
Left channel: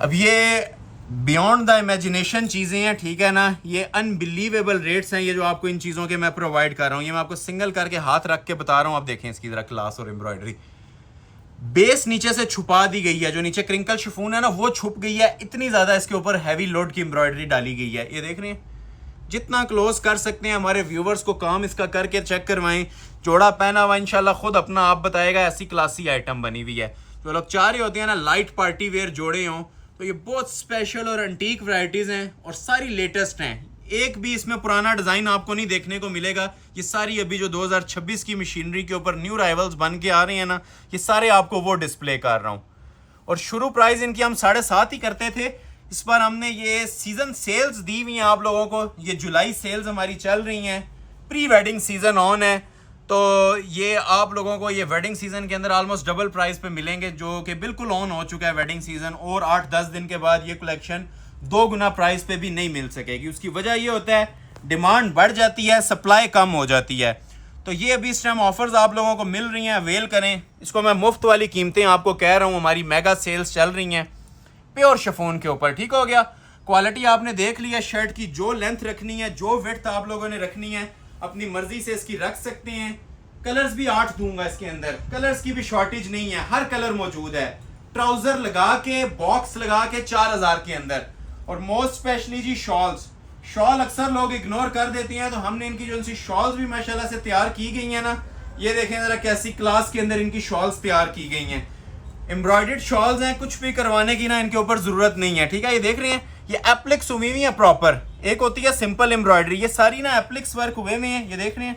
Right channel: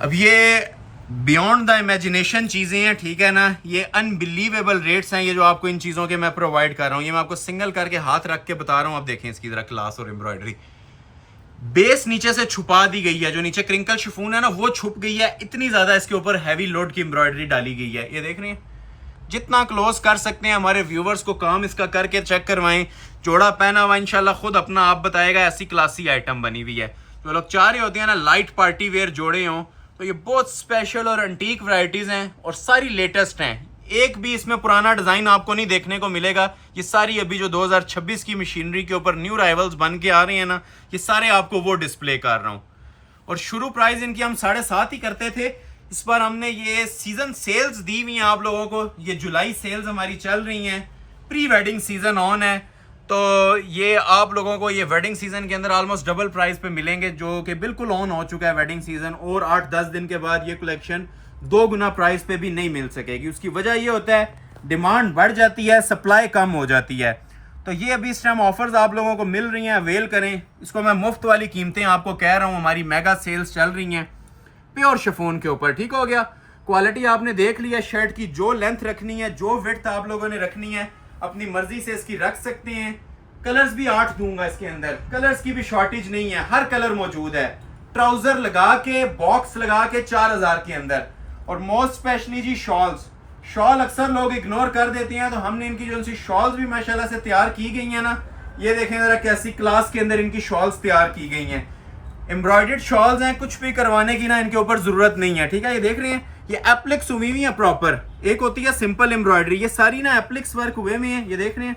अब ये बियॉन्ड द इमेजिनेशन चीज़ें हैं, ठीक है ना। ये अनबिलीवेबल रेट्स हैं ये जो आपको इन चीज़ों के मैं प्रोवाइड कर रहा हूँ। ये मैं आपको सिंगल करके हाथ रख के बता रहा हूँ, आप देखें इसकी जरा क्लास और एम्ब्रॉयडरी। बेस नीचे से छुपा दी गई है, जो नीचे क्रिंकल शिफॉन है ना वो छुप गई है, इतनी ज़्यादा इसके ऊपर हैवी लोड की एम्ब्रॉयडरी डाली गई है। ये देख रहे हैं, जितना क्लोज कर सकते हैं हमारे व्यूवर्स को काम इसका करके चेक करवाएं। जोड़ा पहना हुआ इंशाल्लाह खुद अपना आप बताएगा, ऐसी क्लासी आइटम बनी हुई है। जो लोग चाह रहे होते हैं ना लाइट पार्टी वेयर जोड़े हों, तो ये बहुत स्पेशल और एंटीक वैरायटीज हैं और सारी लेटेस्ट हैं। एक भी इसमें पुराना डिजाइन आपको नहीं देखने को मिलेगा। ये सारी अभी जो 2026 की मशीनरी के ऊपर न्यू राइवल्स बन के आ रहे हैं ना, ये सारे आपको वो डिस्प्ले कर रहा हूँ। और शुरू प्राइस इनकी हम 7.5 ही करते थे, इस बार हमने ये सीजन सेल्स दी हुई हैं आप लोगों को। ये जुलाई सेल्स हमारी चल रही हैं, प्री वेडिंग सीजन ऑन है, तो ये आप लोगों को ये वेडिंग सीजन के अंदर ऑलमोस्ट डबल प्राइस पे मिलेंगे, जो कि बिल्कुल ऑन हो चुका है वेडिंग सीजन। और 8-10 दिन के बाद ये कलेक्शन 2 गुना प्राइस पे भी नहीं मिल सकेगी। उसकी वजह ये होता है डिमांड बढ़ जाती है, सप्लाई कम हो जाती है। तो ये अभी इस टाइम ऑफर्स आप लोगों को मिल रही हैं, अवेल करें इसको। मैं मुफ्त वाली कीमतें आपको कह रहा हूँ, हमारी मेगा सेल्स चल रही हैं प्योर शिफॉन के ऊपर, ठीक हो गया। क्वालिटी आपने देख लिया, शर्ट की जो लेंथ रखनी है, जो विड्थ आप लोगों ने रखनी है, अपनी मर्जी से इसकी रख सकते हैं। कलर्स भी 8 दूंगा इसके अंदर, कलर्स की भी शॉर्टेज नहीं है, हर कलर मौजूद है। ट्राउजर लगा के, बॉक्स लगा के 4000 के अंदर। और मोस्ट स्पेशली जी शॉल्स, शॉल अक्सर लोग इग्नोर कर देते हैं, तो हमने इनकी जो सी शॉल्स भी माशाल्लाह से तैयार की गई हैं ना, ये देखें जरा कैसी क्लास के अंदर इनकी शॉल्स तैयार की गई हैं। एम्ब्रॉयडर्ड शॉल्स हैं, कुछ भी करवाने की ना इनके ऊपर जरूरत नहीं है, ठीक है। ये देख रहे हैं, ये एप्लिक्स हुई हुई है प्रॉपर, एक होती है सिंपल एम्ब्रॉयडरी, ये सारी ना एप्लिक्स वर्क हुए हुए हैं। ये देख रहे हैं,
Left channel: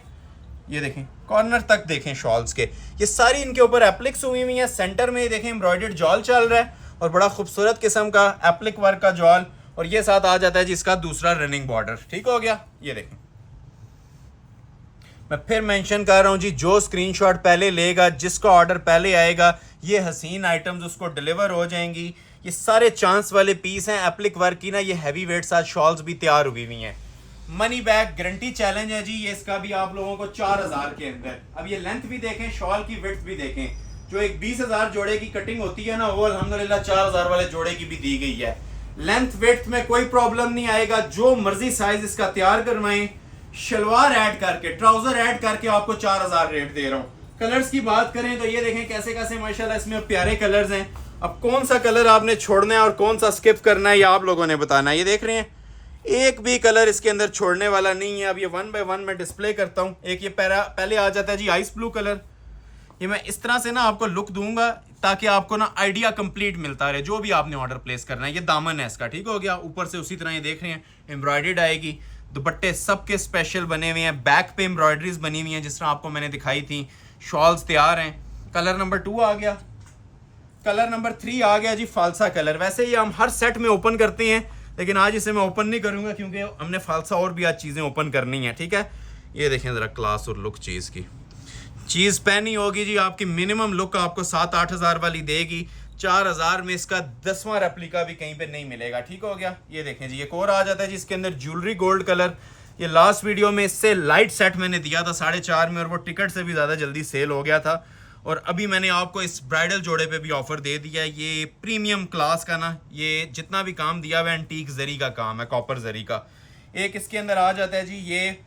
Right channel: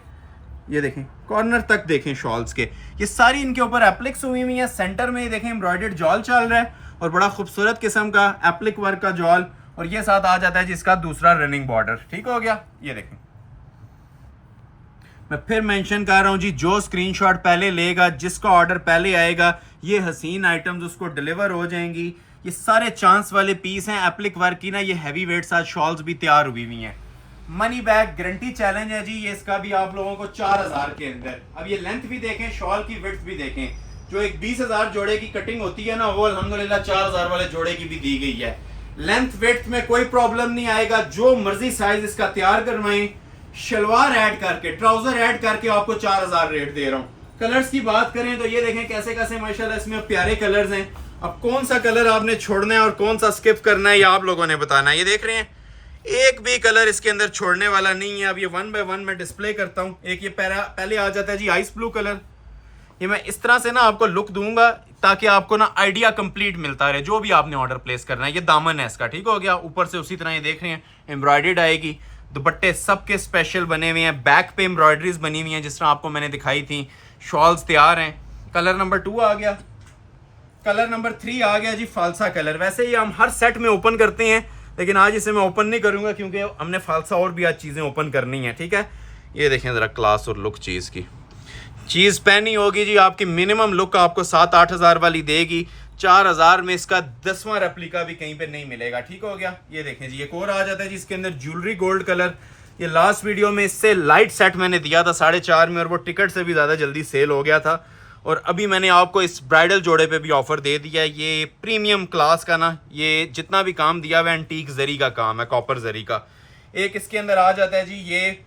ये देखें कॉर्नर तक देखें शॉल्स के, ये सारी इनके ऊपर एप्लिक्स हुई हुई है। सेंटर में ये देखें एम्ब्रॉयडर्ड जॉल चल रहा है और बड़ा खूबसूरत किस्म का एप्लिक वर्क का जॉल, और ये साथ आ जाता है जिसका दूसरा रनिंग बॉर्डर, ठीक हो गया। ये देखें, मैं फिर मेंशन कर रहा हूं जी, जो स्क्रीनशॉट पहले लेगा, जिसका ऑर्डर पहले आएगा, ये हसीन आइटम्स उसको डिलीवर हो जाएंगी। ये सारे चांस वाले पीस हैं एप्लिक वर्क की ना, ये हैवी वेट साथ शॉल्स भी तैयार हुई हुई हैं। मनी बैग गारंटी चैलेंज है जी, ये इसका भी आप लोगों को 4000 के अंदर। अब ये लेंथ भी देखें, शॉल की विड्थ भी देखें, जो एक 20,000 जोड़े की कटिंग होती है ना, वो अल्हम्दुलिल्लाह 4000 वाले जोड़े की भी दी गई है। लेंथ विड्थ में कोई प्रॉब्लम नहीं आएगा, जो मर्जी साइज इसका तैयार करवाएं। शलवार ऐड करके, ट्राउजर ऐड करके आपको 4000 रेट दे रहा हूँ। कलर्स की बात करें तो ये देखें कैसे कैसे माशाल्लाह इसमें प्यारे कलर्स हैं। अब कौन सा कलर आपने छोड़ना है और कौन सा स्किप करना है, ये आप लोगों ने बताना है। ये देख रहे हैं, एक भी कलर इसके अंदर छोड़ने वाला नहीं है। अब ये 1 बाय 1 मैं डिस्प्ले करता हूँ। एक ये पहले आ जाता है जी आइस ब्लू कलर। ये मैं इस तरह से ना आपको लुक दूंगा ताकि आपको ना आइडिया कंप्लीट मिलता रहे जो भी आपने ऑर्डर प्लेस करना है। ये दामन है इसका, ठीक हो गया। ऊपर से उसी तरह ये देख रहे हैं एम्ब्रॉयडर्ड आएगी। दुपट्टे सबके स्पेशल बने हुए हैं, बैक पे एम्ब्रॉयडरीज बनी हुई हैं जिस तरह आपको मैंने दिखाई थी। शॉल्स तैयार हैं। कलर नंबर 2 आ गया। कलर नंबर 3 आ गया जी फालसा कलर। वैसे ही हम हर सेट में ओपन करते हैं, लेकिन आज इसे मैं ओपन नहीं करूंगा क्योंकि हमने फालसा और भी आज चीज़ें ओपन करनी है, ठीक है। ये देखें ज़रा क्लास और लुक चीज़ की। चीज़ पहनी होगी जी आपकी मिनिमम लुक आपको 7-8 हज़ार वाली देगी। 4000 में इसका 10वां रेप्लिका भी कहीं पे नहीं मिलेगा, ठीक हो गया। ये देखें जी एक और आ जाता है जी इसके अंदर ज्वेलरी गोल्ड कलर। ये लास्ट वीडियो में इससे लाइट सेट मैंने दिया था 4.5 में और वो टिकट से भी ज़्यादा जल्दी सेल हो गया था। और अभी मैंने आपको इस ब्राइडल जोड़े पे भी ऑफर दे दिया है। ये प्रीमियम क्लास का ना, ये जितना भी काम दिया हुआ है एंटीक जरी का काम है, कॉपर जरी का। एक इसके अंदर आ जाता है जी ये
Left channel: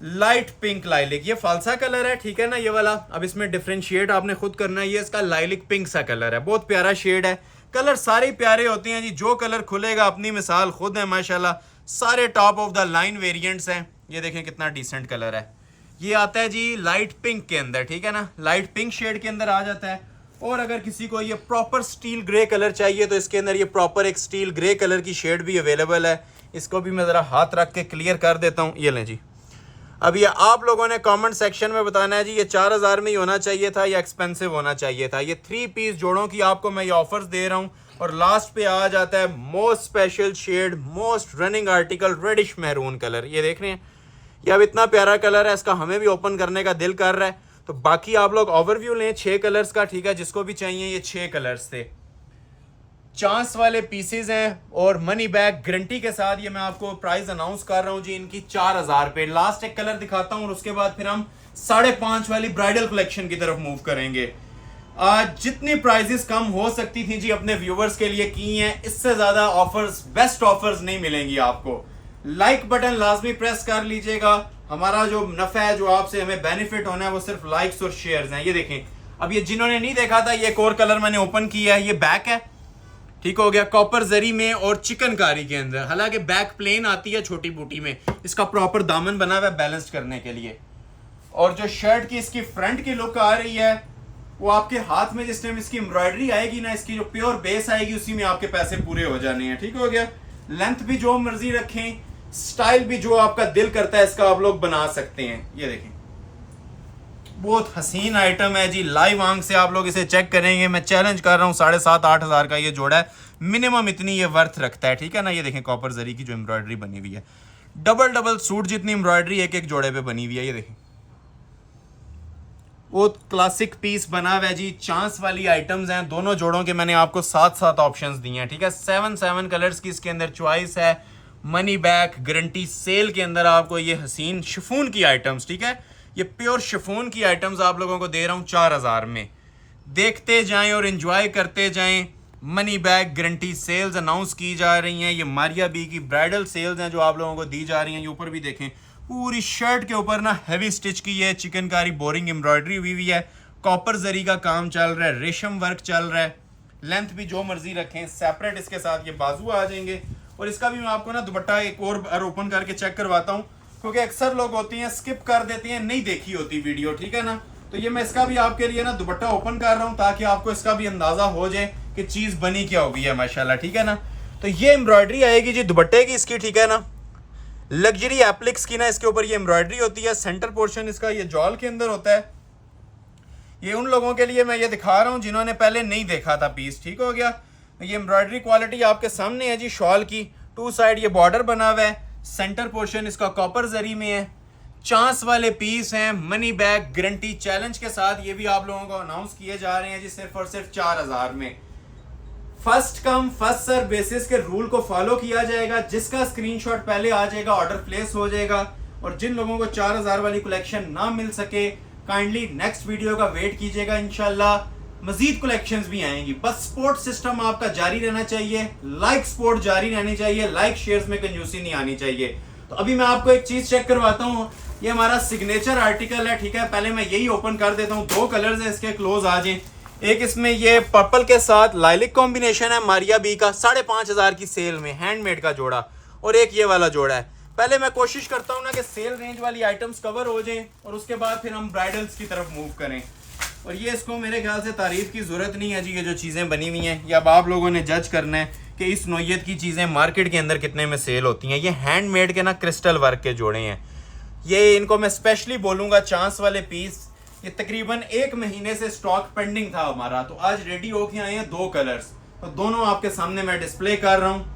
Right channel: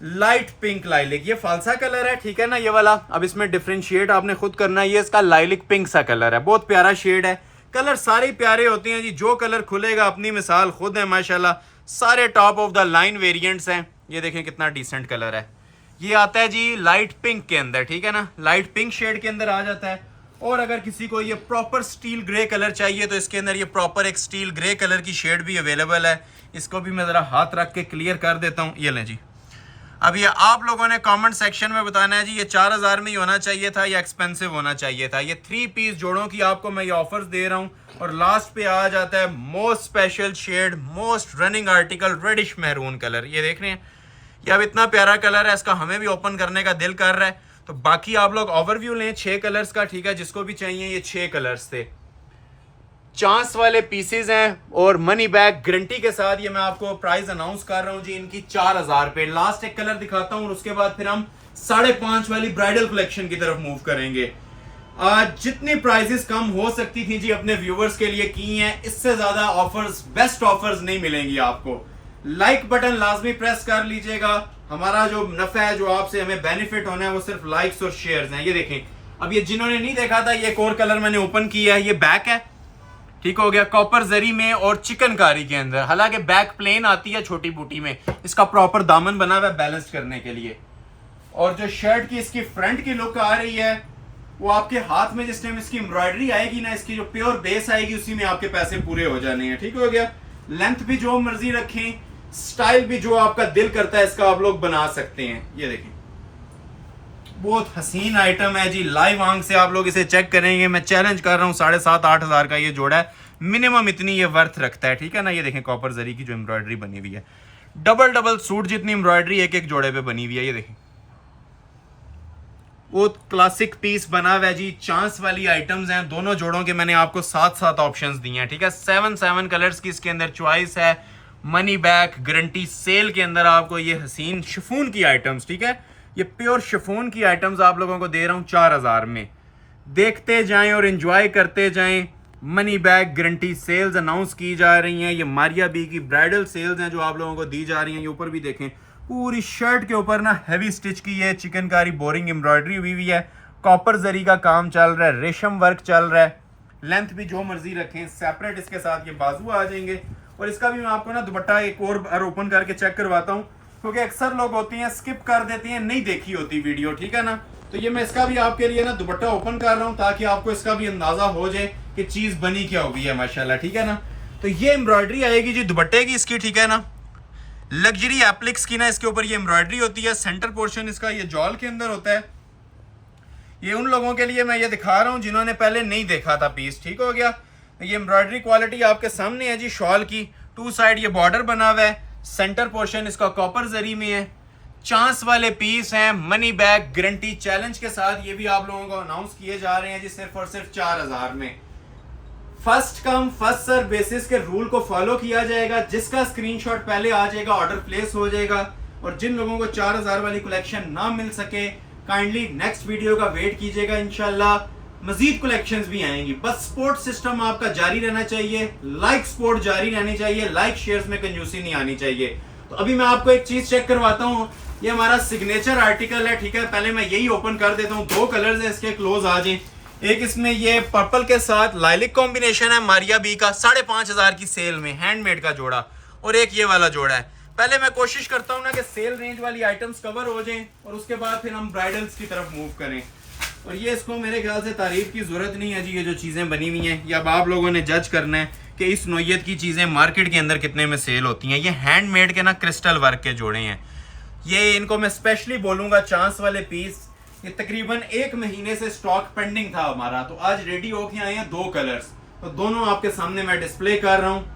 लाइट पिंक लाइलिक। ये फालसा कलर है, ठीक है ना, ये वाला। अब इसमें डिफरेंशिएट आपने खुद करना है। ये इसका लाइलिक पिंक सा कलर है, बहुत प्यारा शेड है। कलर सारे प्यारे होते हैं जी, जो कलर खुलेगा अपनी मिसाल खुद है माशाल्लाह। सारे top of the line variants हैं। ये देखें कितना डिसेंट कलर है। ये आता है जी लाइट पिंक के अंदर, ठीक है ना, लाइट पिंक शेड के अंदर आ जाता है। और अगर किसी को ये प्रॉपर स्टील ग्रे कलर चाहिए तो इसके अंदर ये प्रॉपर एक स्टील ग्रे कलर की शेड भी अवेलेबल है। इसको भी मैं ज़रा हाथ रख के क्लियर कर देता हूँ। ये लें जी। अब ये आप लोगों ने कमेंट सेक्शन में बताना है जी ये 4000 में ही होना चाहिए था या एक्सपेंसिव होना चाहिए था। ये 3 पीस जोड़ों की आपको मैं ये ऑफर्स दे रहा हूँ। और लास्ट पे आ जाता है most special shade, most running article, reddish maroon colour. ये देख रहे हैं, ये अब इतना प्यारा कलर है, इसका हमें भी ओपन करने का दिल कर रहा है। तो बाकी आप लोग ओवरव्यू लें 6 कलर्स का, ठीक है, जिसको भी चाहिए। ये 6 कलर्स थे, चांस वाले पीसेज हैं और मनी बैग गारंटी के साथ। ये मैं आपको प्राइस अनाउंस कर रहा हूँ जी इनकी 4000 पे। लास्ट एक कलर दिखाता हूँ और उसके बाद फिर हम 5.5 वाली ब्राइडल कलेक्शन की तरफ मूव करेंगे। आज जितनी प्राइजेस कम हो सकती थी जी अपने व्यूवर्स के लिए की हैं। इससे ज्यादा ऑफर्स, बेस्ट ऑफर्स नहीं मिलेंगी आपको। लाइक बटन लाजमी प्रेस कर लीजिएगा। हमारा जो नफा है, जो आपसे हमें बेनिफिट होना है, वो सिर्फ लाइक्स और शेयर्स हैं। ये देखें, अब ये जिन्होंने नहीं देखा था, ये एक और कलर मैंने ओपन किया है। ये बैक है, ठीक हो गया, कॉपर जरी में और चिकनकारी के अंदर। हालांकि बैक प्लेन आती है छोटी बूटी में, इसका प्रॉपर दामन बना हुआ है बैलेंस करने के लिए। और जो शर्ट की इसकी फ्रंट की लुक आ रही है, वो आपके हाथ में जिस टाइम इसकी एम्ब्रॉयडरी आएगी ना, इसकी जो प्योर बेस आएगी, उसी में आपके पैसे पूरे हो जाने हैं, ठीक हो गया। लेंथ भी जो मर्जी रखें, स्टाइल भी जो आपका दिल करता है इसका आप लोग बना सकते हैं। ये देखें, बहुत हसीन आइटम है जी। लाइव आंख से आप लोग इसे चेक करेंगे। मैं चैलेंज कर रहा हूँ 7,500-8 हज़ार का ये जोड़ा है, मिनिमम इतनी ये वर्थ रखता है, ठीक है ना। ये देखें कॉपर जरी की जो एम्ब्रॉयडरी बनी हुई है, डबल सूट जितनी एम्ब्रॉयडरी एक एक जोड़े पे बनी हुई है। ये देखें, वो क्लासिक पीस बना हुआ है जी। चांस वाली आइटम्स हैं, दोनों जोड़ों के मैंने आपको 7 ऑप्शंस दिए हैं, ठीक है। 7 कलर्स की इसके अंदर चॉइस है। मनी बैक गारंटी सेल के अंदर आपको ये हसीन शिफॉन की आइटम्स, ठीक है, ये प्योर शिफॉन की आइटम्स आप लोगों को दे रहा हूँ 4000 में। देखते जाएं और एंजॉय करते जाएं। Money bag guarantee sales announce की जा रही हैं। ये मारिया बी की ब्राइडल सेल्स हैं जो आप लोगों को दी जा रही हैं। ये ऊपर भी देखें, पूरी शर्ट के ऊपर ना हैवी स्टिच की है, चिकनकारी बोरिंग एम्ब्रॉयडरी हुई हुई है, कॉपर जरी का काम चल रहा है, रेशम वर्क चल रहा है। लेंथ भी जो मर्जी रखें, सेपरेट इसके साथ ये बाजू आ जाएंगे। और इसका भी मैं आपको ना दुपट्टा एक और बार ओपन करके चेक करवाता हूँ, क्योंकि अक्सर लोग होती हैं स्किप कर देती हैं, नहीं देखी होती वीडियो, ठीक है ना। तो ये मैं इसका भी आपके लिए ना दुपट्टा ओपन कर रहा हूँ ताकि आपको इसका भी अंदाजा हो जाए कि चीज बनी क्या हुई है माशाल्लाह, ठीक है ना। तो ये एम्ब्रॉयडरी आएगी जी दुपट्टे की इसकी, ठीक है ना। लग्जरी एप्लिक्स की ना इसके ऊपर ये एम्ब्रॉयडरी होती है। सेंटर पोर्शन इसका ये जॉल के अंदर होता है। ये उन लोगों के लिए मैं ये दिखा रहा हूँ जिन्होंने पहले नहीं देखा था पीस, ठीक हो गया। ये एम्ब्रॉयडरी क्वालिटी आपके सामने है जी। शॉल की 2 साइड ये बॉर्डर बना हुआ है। सेंटर पोर्शन इसका कॉपर जरी में है। चांस वाले पीस हैं, मनी बैग गारंटी चैलेंज के साथ। ये भी आप लोगों को अनाउंस किए जा रहे हैं जी सिर्फ और सिर्फ 4000 में। First come first serve basis के रूल को फॉलो किया जाएगा। जिसका स्क्रीनशॉट पहले आ जाएगा ऑर्डर प्लेस हो जाएगा। और जिन लोगों को 4000 वाली कलेक्शन ना मिल सके काइंडली नेक्स्ट वीडियो का वेट कीजिएगा। इंशाल्लाह मजीद कलेक्शंस भी आएंगी। बस सपोर्ट सिस्टम आपका जारी रहना चाहिए, लाइक सपोर्ट जारी रहनी चाहिए, लाइक शेयर्स में कंजूसी नहीं आनी चाहिए। तो अभी मैं आपको एक चीज चेक करवाता हूँ। ये हमारा सिग्नेचर आर्टिकल है, ठीक है। पहले मैं यही ओपन कर देता हूँ। 2 कलर्स है इसके, क्लोज आ जाए। एक इसमें ये पर्पल के साथ लाइलिक कॉम्बिनेशन है मारिया बी का, 5500 की सेल में हैंडमेड का जोड़ा, और एक ये वाला जोड़ा है। पहले मैं कोशिश करता हूँ ना कि सेल रेंज वाली आइटम्स कवर हो जाएं और उसके बाद फिर हम ब्राइडल्स की तरफ मूव करें। और ये इसको मेरे ख्याल से तारीफ की जरूरत नहीं है जी। ये जो चीजें बनी हुई हैं, ये अब आप लोगों ने जज करना है कि इस नोयत की चीजें मार्केट के अंदर कितने में सेल होती हैं। ये हैंडमेड के ना क्रिस्टल वर्क के जोड़े हैं। ये इनको मैं स्पेशली बोलूंगा चांस वाले पीस। ये तकरीबन 1 महीने से स्टॉक पेंडिंग था हमारा, तो आज रेडी होके आए हैं 2 कलर्स। तो दोनों आपके सामने मैं डिस्प्ले कर रहा हूँ।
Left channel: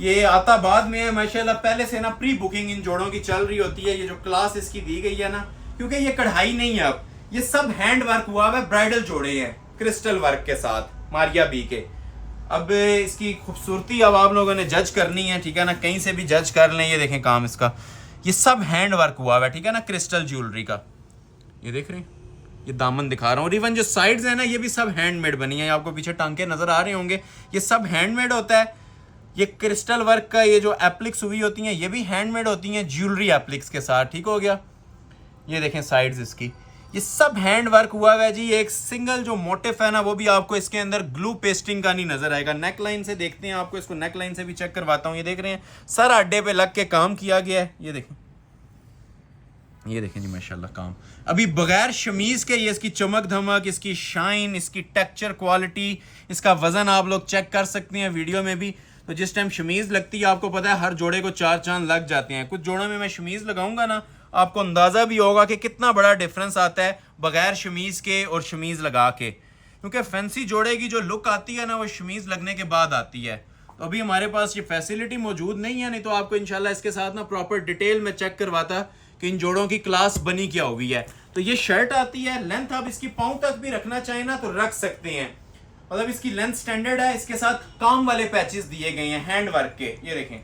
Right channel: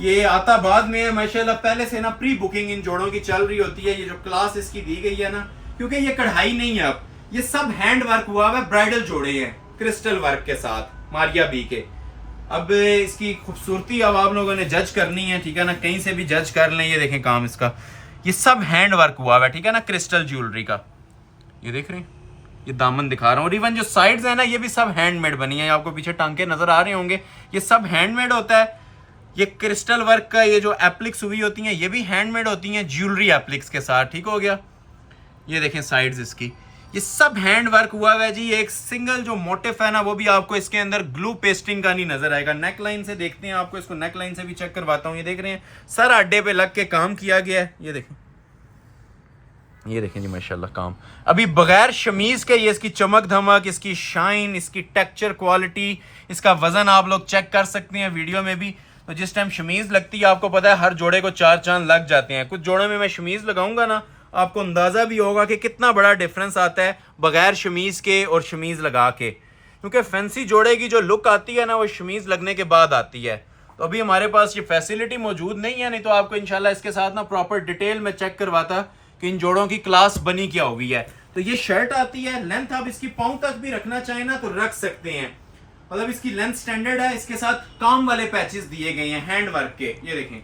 ये आता बाद में है माशाल्लाह। पहले से ना प्री बुकिंग इन जोड़ों की चल रही होती है। ये जो क्लास इसकी दी गई है ना, क्योंकि ये कढ़ाई नहीं है, अब ये सब हैंड वर्क हुआ है, ब्राइडल जोड़े हैं क्रिस्टल वर्क के साथ मारिया बी के। अब इसकी खूबसूरती अब आप लोगों ने जज करनी है, ठीक है ना। कहीं से भी जज कर लें। ये देखें काम इसका, ये सब हैंड वर्क हुआ है, ठीक है ना, क्रिस्टल ज्वेलरी का। ये देख रहे हैं, ये दामन दिखा रहा हूँ। और इवन जो साइड्स है ना, ये भी सब हैंडमेड बनी है। आपको पीछे टांके नजर आ रहे होंगे, ये सब हैंडमेड होता है। ये क्रिस्टल वर्क का ये जो एप्लिक्स हुई होती हैं, ये भी हैंडमेड होती हैं ज्वेलरी एप्लिक्स के साथ, ठीक हो गया। ये देखें साइड्स इसकी, ये सब हैंड वर्क हुआ है जी। एक सिंगल जो मोटिफ है ना, वो भी आपको इसके अंदर ग्लू पेस्टिंग का नहीं नजर आएगा। नेक लाइन से देखते हैं, आपको इसको नेक लाइन से भी चेक करवाता हूँ। ये देख रहे हैं सर अड्डे पे लग के काम किया गया है। ये देखें, ये देखें जी माशाल्लाह काम अभी बगैर शमीज के। ये इसकी चमक धमक, इसकी शाइन, इसकी टेक्सचर क्वालिटी, इसका वजन आप लोग चेक कर सकते हैं वीडियो में भी। तो जिस टाइम शमीज लगती है, आपको पता है हर जोड़े को 4 चांद लग जाते हैं। कुछ जोड़े में मैं शमीज लगाऊंगा ना, आपको अंदाजा भी होगा कि कितना बड़ा डिफरेंस आता है बगैर शमीज के और शमीज लगा के। क्योंकि फैंसी जोड़े की जो लुक आती है ना, वो शमीज लगने के बाद आती है। तो अभी हमारे पास ये फैसिलिटी मौजूद नहीं है, नहीं तो आपको इंशाल्लाह इसके साथ ना प्रॉपर डिटेल में चेक करवाता कि इन जोड़ों की क्लास बनी क्या हुई है। तो ये शर्ट आती है, लेंथ आप इसकी पाँव तक भी रखना चाहें ना तो रख सकते हैं। मतलब इसकी लेंथ स्टैंडर्ड है। इसके साथ काम वाले पैचेस दिए गए हैं हैंड वर्क के। ये देखें,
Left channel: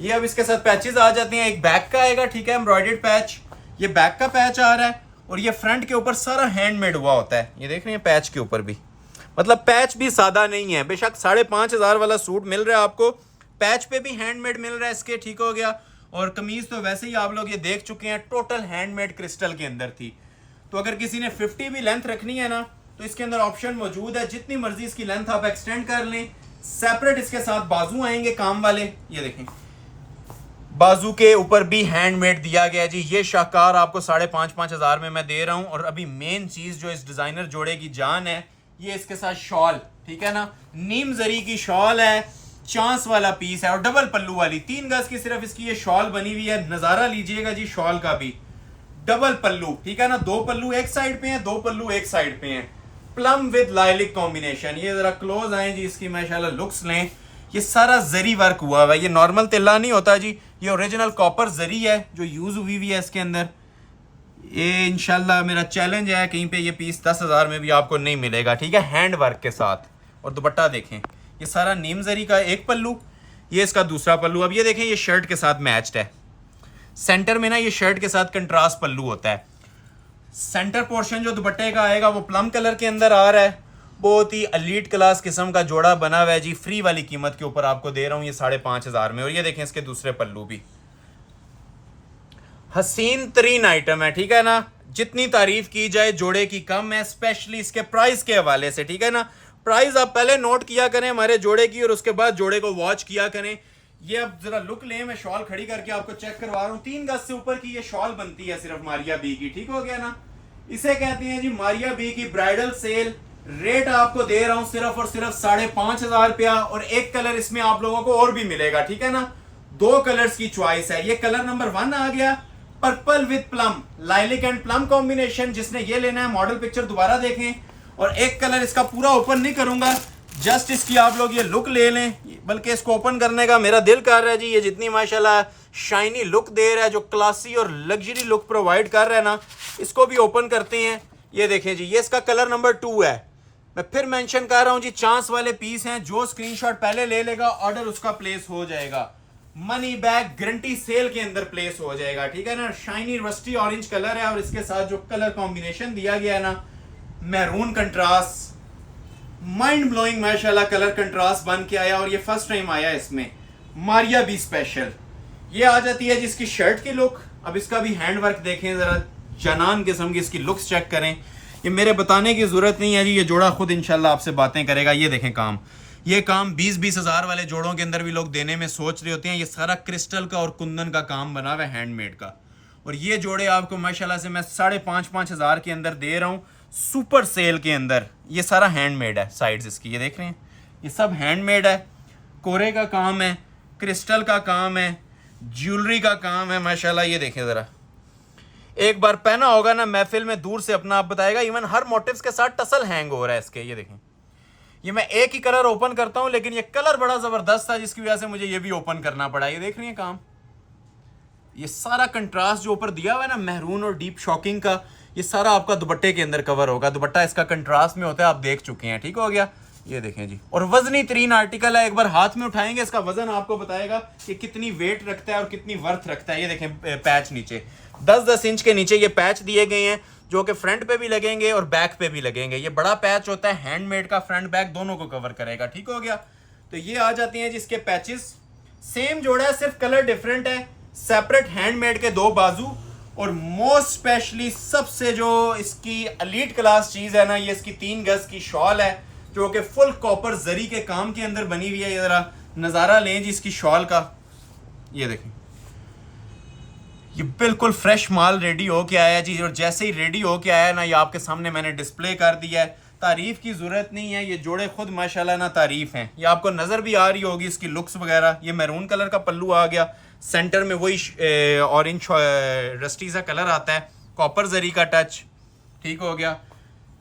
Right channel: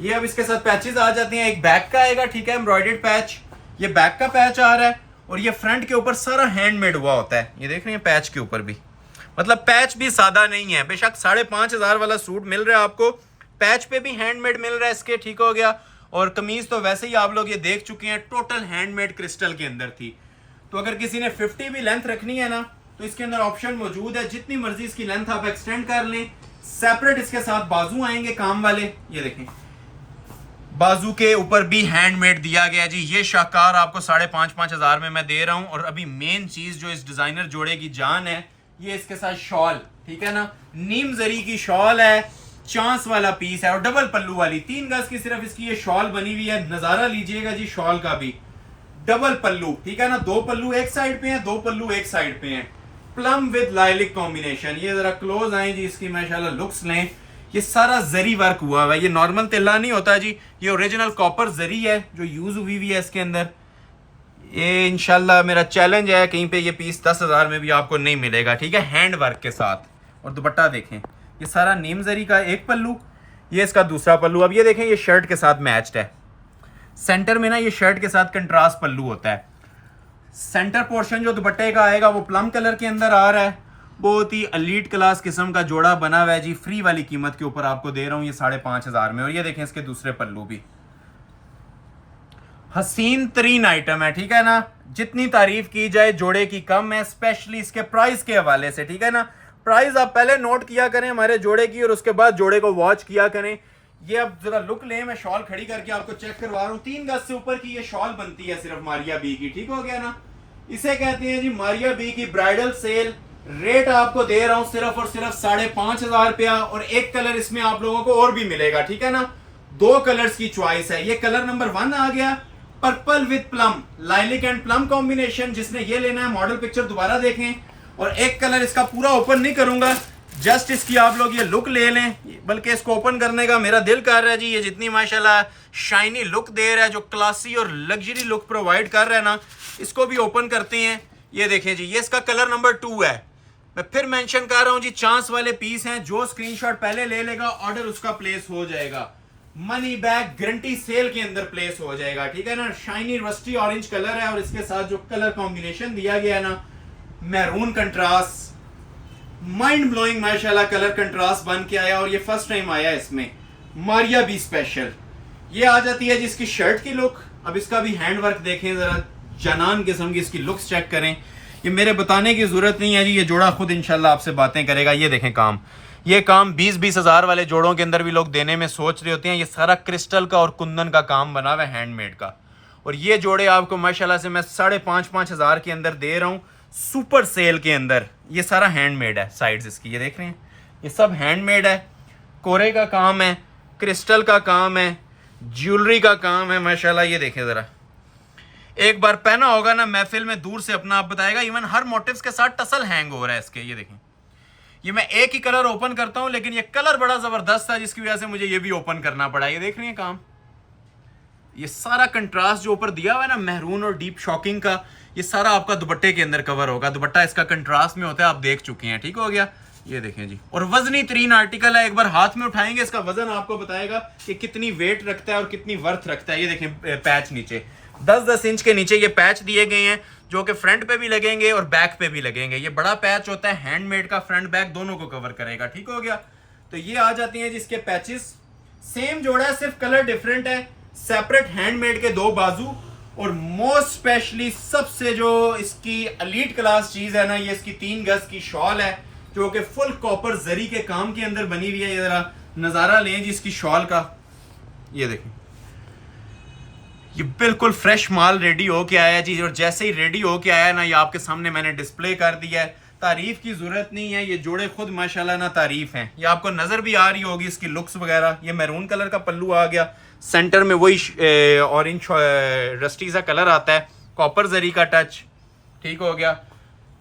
ये अब इसके साथ पैचेस आ जाते हैं। एक बैक का आएगा, ठीक है, एम्ब्रॉयडर्ड पैच। ये बैक का पैच आ रहा है और ये फ्रंट के ऊपर सारा हैंडमेड हुआ होता है। ये देख रहे हैं पैच के ऊपर भी, मतलब पैच भी सादा नहीं है। बेशक 5500 वाला सूट मिल रहा है आपको, पैच पे भी हैंडमेड मिल रहा है इसके, ठीक हो गया। और कमीज तो वैसे ही आप लोग ये देख चुके हैं, टोटल हैंडमेड क्रिस्टल के अंदर थी। तो अगर किसी ने 50 भी लेंथ रखनी है ना, तो इसके अंदर ऑप्शन मौजूद है। जितनी मर्जी इसकी लेंथ आप एक्सटेंड कर लें। सेपरेट इसके साथ बाजू आएंगे काम वाले। ये देखें, बाजू के ऊपर भी हैंडमेड दिया गया जी। ये शाहकार आपको 5500 में मैं दे रहा हूं। और अभी मेन चीज जो इस डिजाइनर जोड़े की जान है, ये इसके साथ शॉल, ठीक है ना, नीम जरी की शॉल है, चांस वाला पीस है और डबल पल्लू वाली 3 गज की सिर्फ इसकी ये शॉल बनी हुई है। नजारा लीजिएगा जी शॉल का भी, डबल पल्लू, ठीक है ना। 2 पल्लू एक साइड पे हैं, 2 पल्लू एक साइड पे हैं। Plum with lilac combination. ये जरा क्लोज आए जी, इसकी माशाल्लाह लुक्स लें। ये सारा जरी वर्क हुआ हुआ है। ये नॉर्मल तिल्ला नहीं होता जी, ये ओरिजिनल कॉपर जरी है जो यूज हुई हुई है इसके अंदर। ये इंशाल्लाह मेरा चैलेंज है, कहीं पे ये पीस 10,000 में भी आपको नहीं मिलेगा, ठीक है, हैंड वर्क के साथ। और दुपट्टा देखें, ये सारा नीम जरी का एक पल्लू, ये इसका दूसरा पल्लू। अब ये देखें, ये शर्ट के साथ मैच्ड है। सेंटर में ना ये शर्ट के साथ कंट्रास्ट पल्लू होता है। सेंटर पोर्शन जो दुपट्टे का आएगा वो प्लम कलर के अंदर आ रहा है। बहुत ही एलीट क्लास किस्म का जोड़ा बना हुआ है जी। फ्री वाली कीमत के ऊपर आपको दे रहा हूँ ये 5500 में। और ये देखें इसके दूसरे पल्लू भी हसीन तरीन आइटम है, ठीक है ना। जितनी तारीफ की जाए जोड़े की कम है, स्पेशली इसके प्राइस के हवाले से, ठीक है ना। प्राइस आप पहले नोट किया करें हमारे जोड़े की और उसके बाद जोड़े को वॉच किया करें। ये अब जरा लुक ले, मैं शॉल खड़ी करके आपको चेक करवा रहा हूँ। 3 गज से ऊपर की ये शॉल बनती है सिर्फ मारिया बी की, ठीक हो गया ना। इसे कहते हैं जी मारिया बी की ब्राइडल सेल। रेट आपको दे रहा हूं सिर्फ और सिर्फ 5500 रुपया। और एक कलर इसमें आप लोगों को और भी मिलेगा, ठीक है ना। 2 कलर्स की चॉइस है। ये कलर नंबर 1 आ गया, purple with plum, lilac and plum combination. जिसने ये लेना है मॉडल पिक्चर दोबारा देखें। और एक कलर इसका पूरा ओपन नहीं करूंगा, जस्ट इसकी आप लोग ये लुक ले लें। बल्कि इसको ओपन करने का मेरा दिल कर रहा है जी। ये जितनी माशाल्लाह शाइनी लुक दे रहा है, जो क्लासी और लग्जरी लुक प्रोवाइड कर रहा है ना, इसको भी ओपन करते हैं। ये देखें जी, ये इसका कलर नंबर 2 है। मैं फिर मेंशन कर रहा हूं जी, चांस वाले पीस हैं, जो स्क्रीनशॉट पहले ले लेगा ऑर्डर उसका प्लेस हो जाएगा, मनी बैक गारंटी सेल के अंदर प्लेस हो जाएगा, ठीक है ना। शाइनी रस्टी ऑरेंज कलर है और इसके साथ जो कलर कॉम्बिनेशन दिया गया है ना, मैरून कंट्रास्ट, माइंड ब्लोइंग माशाल्लाह कलर कंट्रास्ट बन के आया, और ये फर्स्ट टाइम आया इसमें मारिया बी स्पेशल। ये आ जाती है जिसकी शर्ट की लुक। अब इसका भी हैंड वर्क देखें जरा, जनान किस्म की इसकी लुक्स चेक करें। ये मेरे बताने की जरूरत नहीं है जी, ये जोड़ा खुद इंशाल्लाह आपसे बातें करेगा। ये देखें काम, ये काम 20-20 हज़ार वाले जोड़ों के अंदर भी लोग देने में सोच रहे होते हैं। ये सारा क्रिस्टल का और कुंदन का काम बना हुआ है, हैंडमेड का। और ये जोड़े आपको माशाल्लाह से मैं 5,500 हज़ार के अंदर दे रहा हूँ, सुपर सेल के अंदर। ये सारा हैंडमेड है, साइड्स इसकी ये देख रहे हैं, ये सब हैंडमेड है, कोरे का काम है, क्रिस्टल का काम है, ज्वेलरी का काम है माशाल्लाह। ये देखें ज़रा, एक बार पहना होगा ना महफिल में, दूर से अपना आप बताएगा। इवन हर मोटिव्स के साथ टसल हैंग हो रहा है इसके। ये देखें, ये मैं एक ही कलर ओपन करता हूं, लेकिन ये कलर बड़ा जबरदस्त था जिसकी वजह से मुझे ये भी ओपन करना पड़ा। ये देख रही है काम, ये सारा कंट्रास्ट जो ऊपर दिया हुआ है ना, मैरून और डीप शॉकिंग का, ये सारा आपका दुपट्टे के अंदर कवर होगा। दुपट्टा इसका कंट्रास्ट में होता है, आप देख चुके हैं, ठीक हो गया। ये देखें जी, और वजनी तरीन आर्टिकल है। एक बार हाथ में उठाएंगे, इसका वजन आपको बताएगा कि कितनी वेट रखता है और कितनी वर्थ रखता है। ये देखें पैच नीचे 10-10 इंच के नीचे ये पैच दिए गए हैं, जो कि फ्रंट पे भी लगेंगे और बैक पे भी लगेंगे। ये बड़ा पैच होता है, हैंडमेड का, फ्रंट बैक दोनों को कवर करेगा, ठीक हो गया। तो ये आ जाती हैं जिसके पैचेस, सेम जोड़ा है, सिर्फ कलर डिफरेंट है। सेपरेट हैंडमेड के 2 बाजू, और मोस्ट स्पेशली सबसे जो इसकी एलीट क्लास चीज है ना, ये इसकी 3 गज की शॉल है, जो कि फुल कॉपर जरी के काम के अंदर बनी हुई है। ये जरा नजारा लें जी इसकी शॉल का, ये देखें, ये बिल्कुल फ्रेश माल रेडी हो के आया जी। और जैसे ही रेडी हो के आया ना, ये आपके सामने मैंने डिस्प्ले कर दिया है। तारीफ की जरूरत नहीं है, ये जोड़े खुद माशाल्लाह ना तारीफ हैं। ये आपको नजर भी आ रही होगी इसकी लुक्स वगैरह। ये मैरून कलर का पल्लू आ गया, सेंटर में वही ऑरेंज रस्टी सा कलर आता है, कॉपर जरी का टच, ठीक हो गया।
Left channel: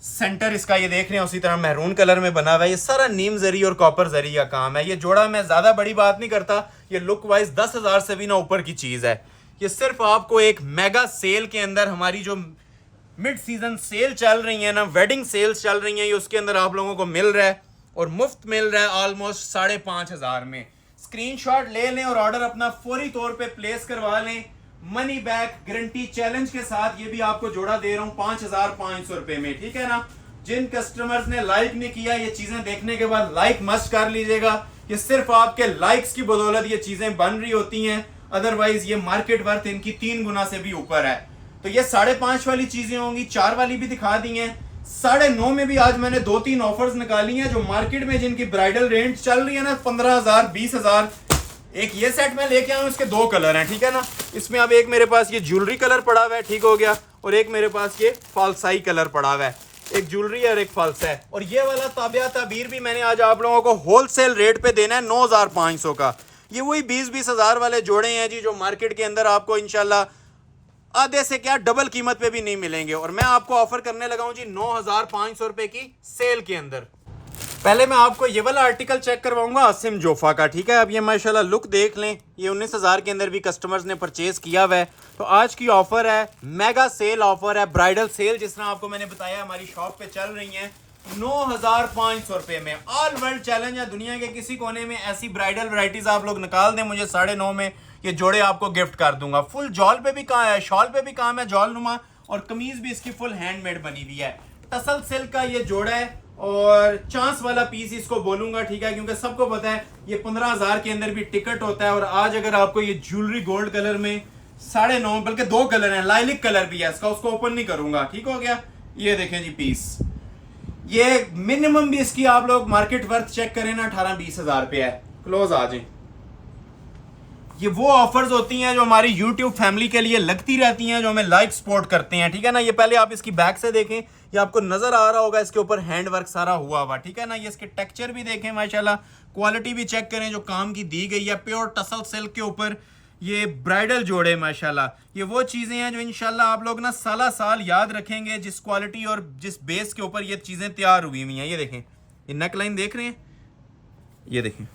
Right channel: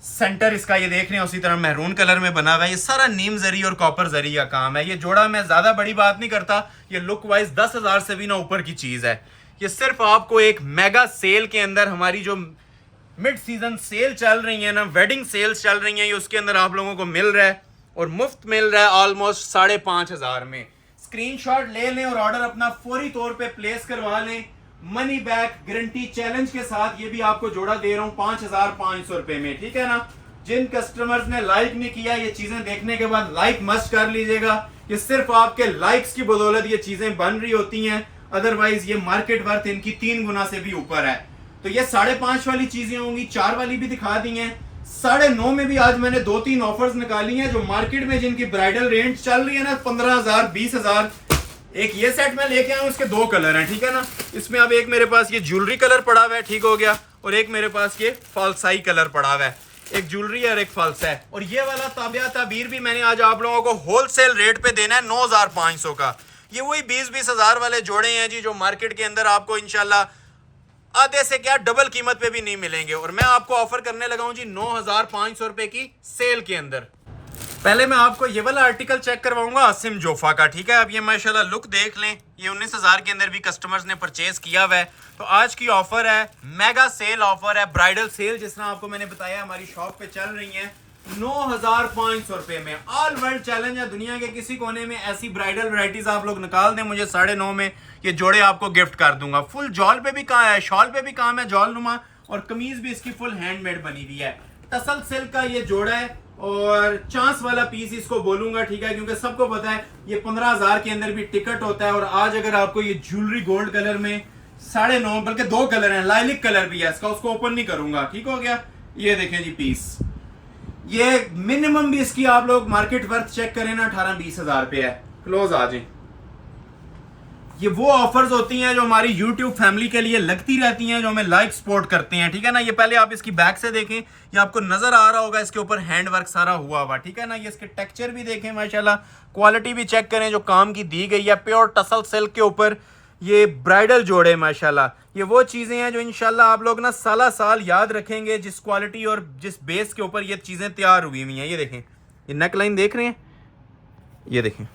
सेंटर इसका ये देख रहे हैं उसी तरह मैरून कलर में बना हुआ है। ये सारा नीम जरी और कॉपर जरी का काम है। ये जोड़ा मैं ज्यादा बड़ी बात नहीं करता, ये लुक वाइज 10 हज़ार से भी ना ऊपर की चीज है। ये सिर्फ आपको एक मेगा सेल के अंदर, हमारी जो मिड सीजन सेल चल रही है ना, वेडिंग सेल्स चल रही हैं, ये उसके अंदर आप लोगों को मिल रहा है, और मुफ्त मिल रहा है ऑलमोस्ट 5,500 में। स्क्रीनशॉट ले लें और ऑर्डर अपना फौरी तौर पे प्लेस करवा लें, मनी बैक गारंटी चैलेंज के साथ। ये भी आपको जोड़ा दे रहा हूं 5,500 रुपए में, ठीक है ना। जिन कस्टमर्स ने लाइक नहीं किया, ये चीजें देखने के बाद लाइक मस्ट कर लीजिएगा। ये सिर्फ आपके लाइक्स की बदौलत ये चीजें बन रही होती हैं, अदरवाइज ये मार्केट वर्थ इनकी 3 गुना से भी ऊपर है। तो ये 5.5 वाली चीजें होंगी, 4 वाली भी दिखा दी हैं। 9.5 में भी आज मैंने 2-3 ऑफर्स निकाली हैं, जो मार्केट में जिनकी ब्राइडल रेंज चल रही है ना 15,000 20,000। एक ये सेट में लेके आया हूं, इसके 2 कलर हैं, ठीक है ना। इसमें अब एक मेरे पास ये ज्वेलरी कलर पड़ा हुआ है, ठीक हो गया, और एक मेरे पास ये फालसाई कलर पड़ा हुआ है। एक ज्वेलरी है और एक फालसा है। और ये वाला ताबिया ताबीर भी मैंने आज आप लोगों को होलसेल रेट पे देना है 9,500 का। ये वही 20-20 हज़ार वाले जोड़े हैं जी, जो मार्केट के अंदर आपको इंशाल्लाह आधे से क्या डबल कीमत पे भी नहीं मिलेंगे। और मैं आपको ऑफर करने लगा हूं जी 9,500 रुपए की सेल के अंदर। पहले मैं आपको ये वाला आर्टिकल चेक करवाऊंगा आसिम जोफा का, ठीक है। अब ये माशाल्लाह लुक देख लें, ये 19,000 के अंदर भी कस्टमर्स ने परचेज किया हुआ है। तो आज की ऑफर है, मेगा सेल ऑफर है, ब्राइडल सेल जिस तरह आपको मैंने बताया हमारी शॉप पे चल रही है, 9,500 रुपए में। ऑल वर्ल्ड चैलेंज है, दुनिया के किसी कोने में ऐसी ब्राइडल वैरायटीज आप लोग निकाल दें, मुझे 9.5 में ये जोड़े आपको गिफ्ट कर दूंगा। फुल जॉल पे भी काम है, शॉल पे भी काम है, जॉल नुमा, और कमीज भी इसकी फुल हैंडमेड बनी हुई है। टसल सिल्क का ये जोड़ा है, और चांस वाला पीस इसको बोलूंगा, ठीक है, क्योंकि सबको पता है ये 15,000 के अंदर भी टिकट होता है। और आज अगर आपको ये ज्वेलरी गोल्ड कलर में 9.5, बल्कि 2 कलर हैं, लाइलिक कलर भी है इसका, उसको ओपन नहीं करूंगा, ठीक हो गया। ये देखें जी पीस, ये मिनिमम भी इसकी आप लोग मार्केट वर्थ चेक करें ना 18-20 हज़ार रुपए है। क्लोज आ जाए। ये वो ऑफर्स होती हैं जो हमारी YouTube फैमिली के लिए लगती रहती हैं, जो हमें लाइक सपोर्ट करते हैं, ठीक है ना। ये पहले आप इसकी बैक से देखें, ये आपको नजर आ रहा होगा, इसके ऊपर हैंड वर्क सारा हुआ हुआ, ठीक है ना। ये इसके टेक्सचर भी देखें माशाल्लाह, क्वालिटी भी चेक करें जो काम की दी गई है, प्योर टसल सिल्क के ऊपर ये ब्राइडल जोड़े माशाल्लाह। ये वो चीजें हैं जो इंशाल्लाह आप लोग ना साला साल याद रखेंगे, जिस क्वालिटी और जिस बेस के ऊपर ये चीजें तैयार हुई हुई हैं। ये देखें, ये नेक लाइन देख रहे हैं, ये देखें,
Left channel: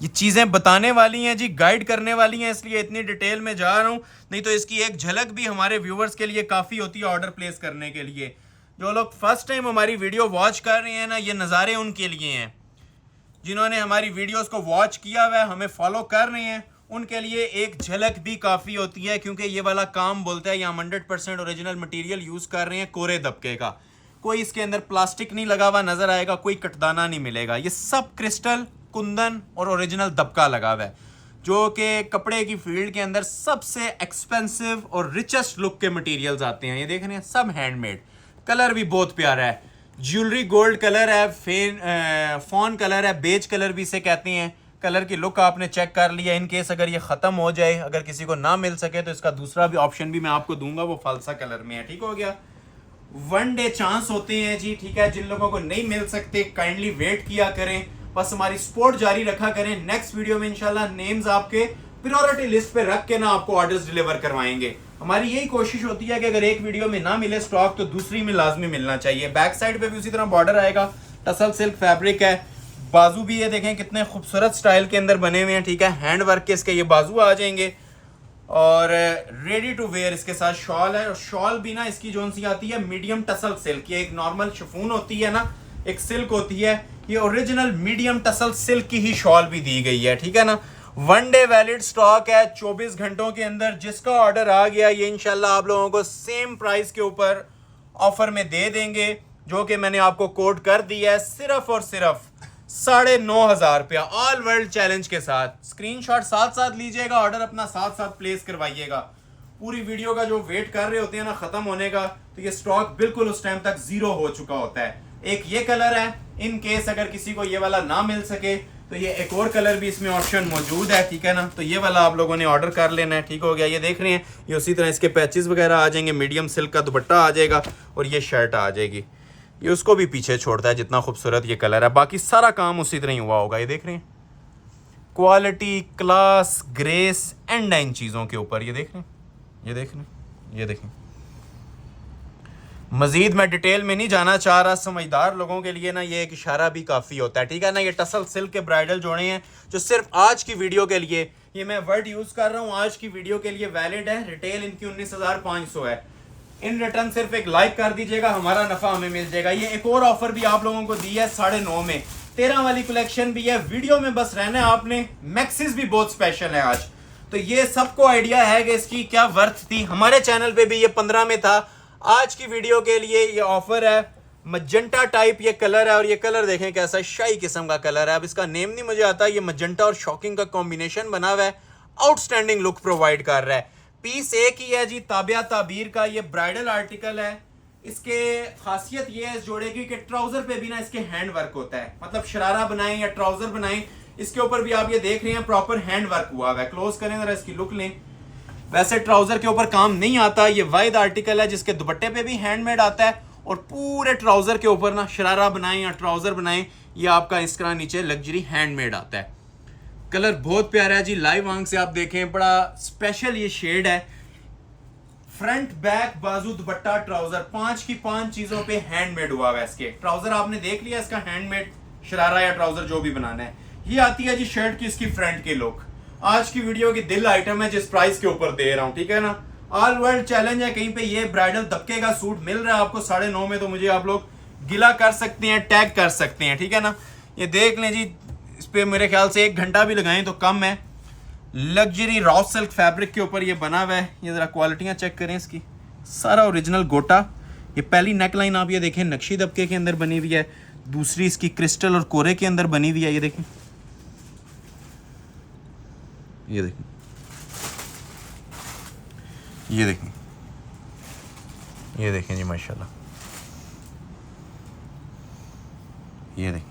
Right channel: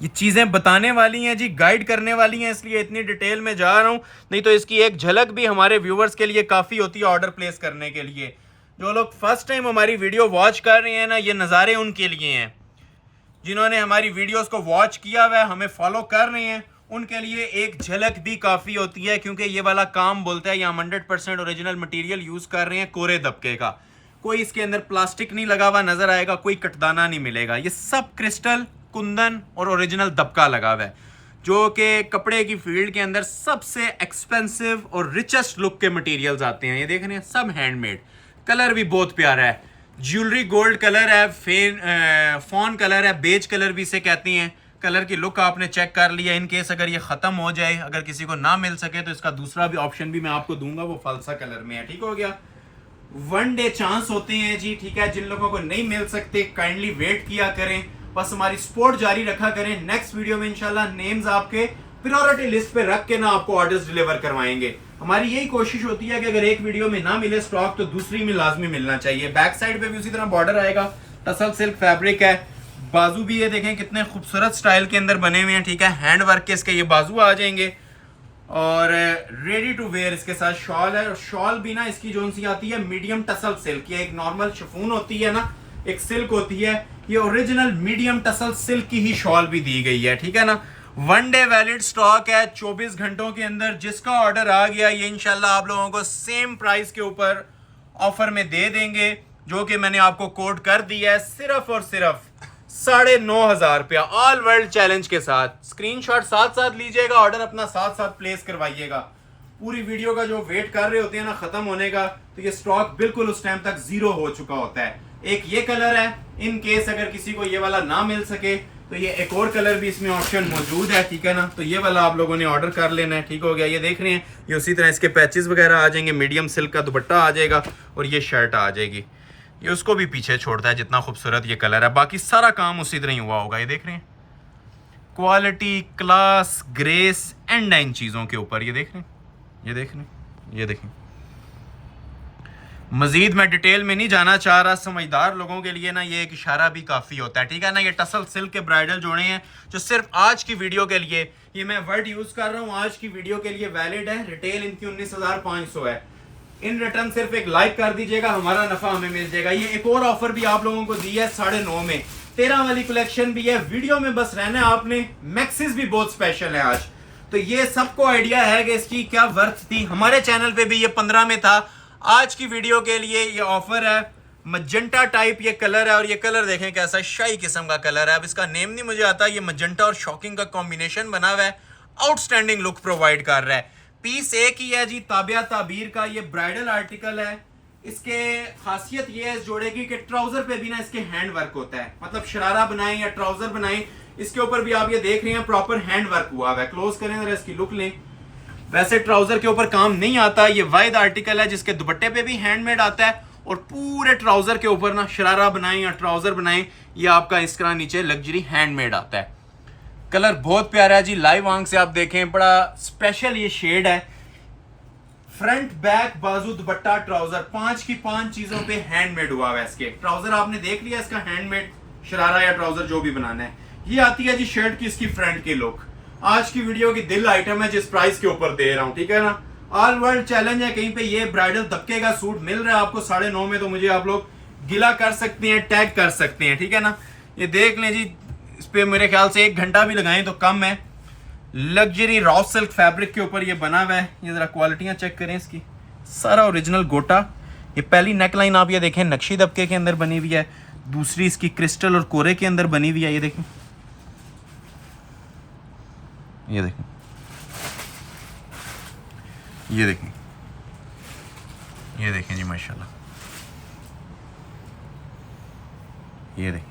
ये चीजें बताने वाली हैं जी, गाइड करने वाली हैं, इसलिए इतनी डिटेल में जा रहा हूं, नहीं तो इसकी एक झलक भी हमारे व्यूवर्स के लिए काफी होती है ऑर्डर प्लेस करने के लिए। जो लोग फर्स्ट टाइम हमारी वीडियो वॉच कर रहे हैं ना, ये नज़ारे उनके लिए हैं। जिन्होंने हमारी वीडियोस को वॉच किया हुआ है, हमें फॉलो कर रहे हैं, उनके लिए एक झलक भी काफ़ी होती है, क्योंकि ये वाला काम बोलता है, यहाँ 100% ओरिजिनल मटेरियल यूज़ कर रहे हैं कोरे दबके का। कोई इसके अंदर प्लास्टिक नहीं लगा हुआ नज़र आएगा, कोई कटदाना नहीं मिलेगा। ये सब क्रिस्टल, कुंदन और ओरिजिनल दबका लगा हुआ है, जो कि कपड़े की फील्ड के अंदर सबसे एक्सपेंसिव और रिचेस्ट लुक के मटेरियल्स आते हैं। ये देख रहे हैं, सब हैंडमेड। कलर भी बहुत प्यारा है, ज्वेलरी गोल्ड कलर है, फॉन कलर है, बेज कलर भी इसे कहते हैं। कलर की लुक आपने चेक कर लिया। इन केस अगर ये ख़त्म हो जाए, अगर किसी को ना मिल सके, तो इसका दूसरा भी ऑप्शन भी मैं आपको दूंगा, वो फालसा कलर में है। ठीक हो गया। 1 डे चांस होते हैं जी, ठीक है। जिन लोगों को नहीं मिल सकते, काइंडली वेट किया करें, बस हमारी सपोर्ट जारी रखा करें। नेक्स्ट वीडियो में इंशाल्लाह नेम्स आपके प्रायोरिटी लिस्ट पे रख के ना आपको ऑर्डर्स डिलीवर करवाएंगे। हमारी यही कोशिश होती है कि अगर एक वीडियो में ना मिले स्टॉक, तो दूसरी में लाजमी मिलना चाहिए। बैक साइड पे भी उसी तरह बॉर्डर आएगा, टसल सिल्क फैब्रिक है। बाजू भी ये देखें कितने खूबसूरत स्टाइल के अंदर बने हुए हैं, ठीक है। हैंड वर्क के इसके ये बाजू आ जाएंगे, और रेडी टू वेयर इसके साथ शॉल है। और शॉल भी ना इसकी जो सी आती है मीडियम टसल सिल्क, ये एक नॉर्मल शिफॉन होती है ना, एक सिल्क होती है, ये ओरिजिनल मीडियम टसल सिल्क की ही शॉल भी दी गई है, ठीक है ना। 1 डे वैलिड स्टॉक है, 24 घंटों के अंदर जिसका ऑर्डर आ गया, ये इंशाल्लाह आप लोगों को सेम प्राइस के ऊपर ऑफर में दे देंगे, जो कि मैंने आपको कोड कर दिया है, सिर्फ और सिर्फ 9,500 रुपया, ऑल वर्ल्ड चैलेंज के साथ। स्क्रीनशॉट साथ साथ लीजिएगा, ऑर्डर अपना साथ साथ प्लेस करवाइएगा। पूरी वीडियो का जो वेट कर रहे होते हैं ना खत्म होने का, तो ये स्टॉक बिल्कुल उस टाइम तक जीरो हो चुका होता है। एक ये कलर है, इन केस अगर किसी को ये वाला ना मिल सके, तो ये एक और कलर भी इसमें ऑप्शन मौजूद है, ठीक है ना। तो ये वाला आप लोगों ने ऑर्डर कर लेना है, ठीक हो गया। ये देख रहे हैं, ये उसी तरह इसके पैचेस वगैरह आ जाएंगे, मीडियम सिल्क का दुपट्टा आ जाएगा, और ये शर्ट आ जाएगी। ये उसको भी पीछे छोड़ता है, जितना खूबसूरत ये कलर है। बाकी सारा काम उसी तरह ही हुआ होगा। ये देख रहे हैं, quality, class, grace and in चीज़ों के ऊपर। ये देख रहे हैं, ये देख रहे हैं, ये देखें। मजीद मैं डिटेल में नहीं जाना चाह रहा, समझदार लोगों के लिए ना ये एक इशारा भी काफ़ी होता है, ठीक है ना। ये टसल सिल्क के ब्राइडल जोड़े हैं, जो सिर्फ आज की वीडियो के लिए, ये मैं वर्ड यूज़ कर रहा हूँ, आज की वीडियो के लिए वैलिड है। रिटेल इनकी 19,500 है। इन रिटर्न सिर्फ एक लाइक कर दीजिएगा, हमारा नफा हमें मिल जाएगा। ये एक और ऑफर भी आप लोगों को दी है 9.5 में, 13 वाली कलेक्शन भी है। वीडियो में बस रहना है आपने। मैक्सिस भी बहुत स्पेशल है आज, तो ये सबको आइडिया है कि इसकी क्या वर्थ थी। हमारे चैनल पे भी ये 15 में था। आज की वीडियो के लिए ये ऑफर है। मजेंटा टाइप ये कलर है, और ये कलर देखें कैसा शाही किस्म का कलर है। अब इसका नेम नहीं मुझे आता। ये मजेंटा और शॉकिंग का कॉम्बिनेशन बना हुआ है, आउटस्टैंडिंग लुक प्रोवाइड कर रहा है। पीस एक ही है जी, ताबिया ताबीर का ये ब्राइडल आर्टिकल है। इसके खासियत ये है इस जोड़े की कि ट्राउजर पे भी ना इसके हैंड वर्क होता है, मतलब शरारा बनाएं या ट्राउजर बनाएं, इसके ऊपर भी आप ये देख रहे हैं प्रॉपर हैंड वर्क हुआ है। क्लोज करें जरा, इसकी लुक लें। वैसे ट्राउजर के ऊपर काम नहीं आता, ये वाइड आर्टिकल है जिसके दुपट्टे पे भी हैंडमेड आता है, और पूरे ट्राउजर के ऊपर ना शरारा बनाएं या ट्राउजर बनाएं, ये आपका इस तरह नीचे लग्जरी हैंडमेड आता है। कलर बहुत प्यारा है जी, लाइव आंख से आप देखें, बड़ा स्पेशल ये शेड है। फ्रंट, बैक, बाजू, दुपट्टा, ट्राउजर, 5 की 5 चीजों पे हैंडमेड हुआ है। इसके ट्राउजर आपने देख लिया, इसका हैंडमेड शरारा या ट्राउजर जो भी बनाना है। ये आती है जी शर्ट की इसकी फ्रंट की लुक। आज की वीडियो की दिल आइटम है, जिस प्राइस के ऊपर दे रहा हूं, ठीक है ना। ऑल वर्ल्ड चैलेंज है, कहीं पे ये ब्राइडल दबके का सूट मिल रहा है आपको 9.5 में, तो मुझे आप लोग गिला कर सकते हैं, टैग कर सकते हैं, ठीक है ना। ये देख लें जी, इस पे मेरे ख्याल से 1 घंटा भी लगाएं तो कम है। लग्जरी रॉ सिल्क फैब्रिक के ऊपर ये बना हुआ है। ये जरा क्वालिटियां चेक करें इसकी, सारा ओरिजिनल गोटा। ये पहली नेकलाइन आप ये देखें नक्शी दबके के अंदर बनी हुई है, दूसरी इसकी क्रिस्टल और कोरे के अंदर बनी हुई है। ये देखें, ये देखें, ये देखें, ये देखें जी माशाल्लाह, ये देखें,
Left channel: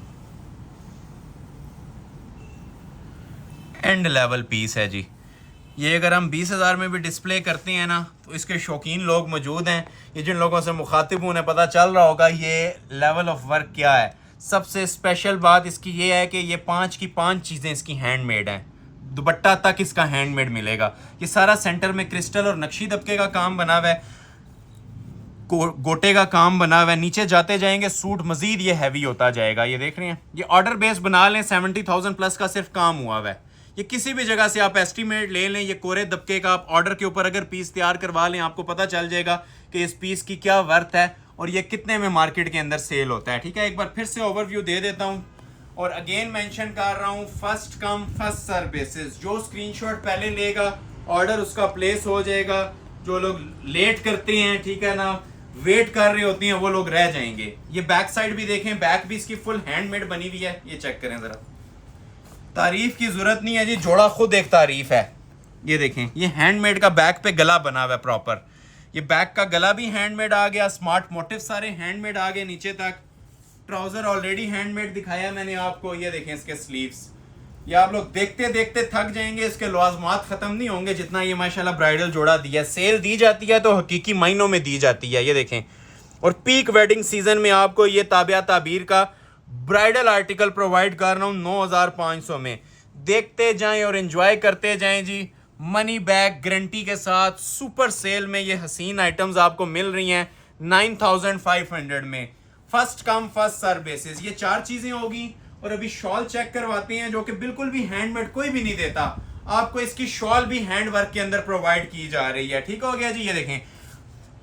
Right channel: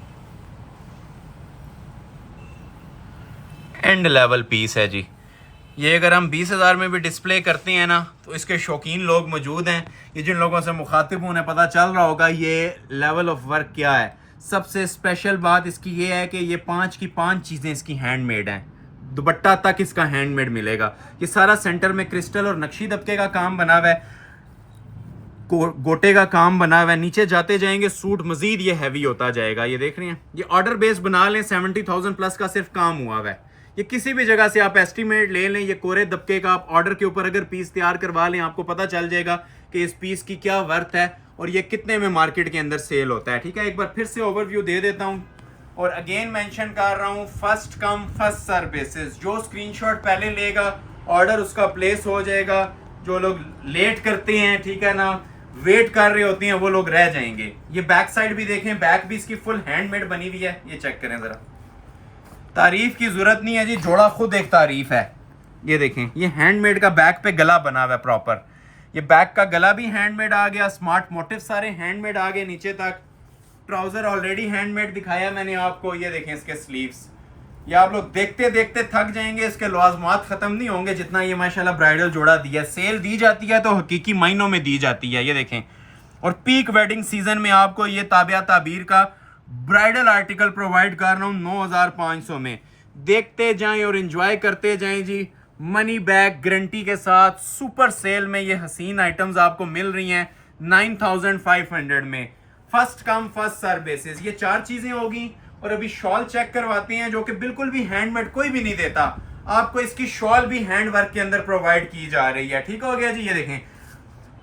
एंड लेवल पीस है जी। ये अगर हम 20,000 में भी डिस्प्ले करते हैं ना, तो इसके शौकीन लोग मौजूद हैं। ये जिन लोगों से मुखातिब उन्हें पता चल रहा होगा ये लेवल ऑफ वर्क क्या है। सबसे स्पेशल बात इसकी ये है कि ये 5 की 5 चीज़ें इसकी हैंडमेड हैं। दुपट्टा तक इसका हैंडमेड मिलेगा। ये सारा सेंटर में क्रिस्टल और नक्शी दबके का काम बना हुआ है, गोटे का काम बना हुआ है। नीचे जाते जाएंगे सूट मजीद ये हैवी होता जाएगा। ये देख रहे हैं, ये ऑर्डर बेस बना लें, 70,000 प्लस का सिर्फ काम हुआ हुआ है। ये किसी भी जगह से आप एस्टीमेट ले लें, ये कोरे दबके का आप ऑर्डर के ऊपर अगर पीस तैयार करवा लें, आपको पता चल जाएगा कि इस पीस की क्या वर्थ है और ये कितने में मार्केट के अंदर सेल होता है। ठीक है, एक बार फिर से ओवरव्यू दे देता हूँ और अगेन मेंशन कर रहा हूँ, first come first serve basis. जो स्क्रीनशॉट पहले लेगा ऑर्डर उसका प्लेस हो जाएगा। जो लोग लेट करते हैं, ठीक है ना, वेट कर रहे होते हैं, वो लोग रह जाएंगे। ये बैक साइड भी देखें, बैक भी इसकी फुल हैंडमेड बनी हुई है। ये चेक करें जरा, तारीफ की जरूरत नहीं है जी, जोड़ा खुद एक तारीफ है। ये देखें, ये हैंडमेड का बैक पे गला बना हुआ है प्रॉपर। ये बैक का गला भी हैंडमेड आ गया, स्मार्ट मोटिव सारे हैंडमेड आ गए नीचे तक। ट्राउजर ऑलरेडी हैंडमेड दिखाया मैंने आपको। ये देखें इसके स्लीव्स, ये आप लोग देखते देखते थक जाएंगे, इसके लवाजमात खत्म नहीं होंगे जितना ये माशाल्लाह ब्राइडल जोड़ा दिया। सेल दी जाती है तो हकीकी महीनों में दी जाती है। ये देखें, और पीक वेडिंग सीजन में आपको ये ताबिया ताबीर का ब्राइडल आर्टिकल प्रोवाइड कर रहा हूँ 9500 में। देखते जाएं और एंजॉय करते जाएं जी। मनी बैक गारंटी के साथ सुपर सेल में ये हसीन आइटम्स आपको मिल रही हैं 9500 में। First come first serve basis. ये 4 चीजें होगी। और अभी शॉल चेक करवाते हैं जो कि बिल्कुल भी हैंडमेड कोई भी नहीं देता आपको। इसकी शॉल भी हैंड वर्क के अंदर प्रोवाइड की जा रही है। ठीक हो गया जी। ये देखें,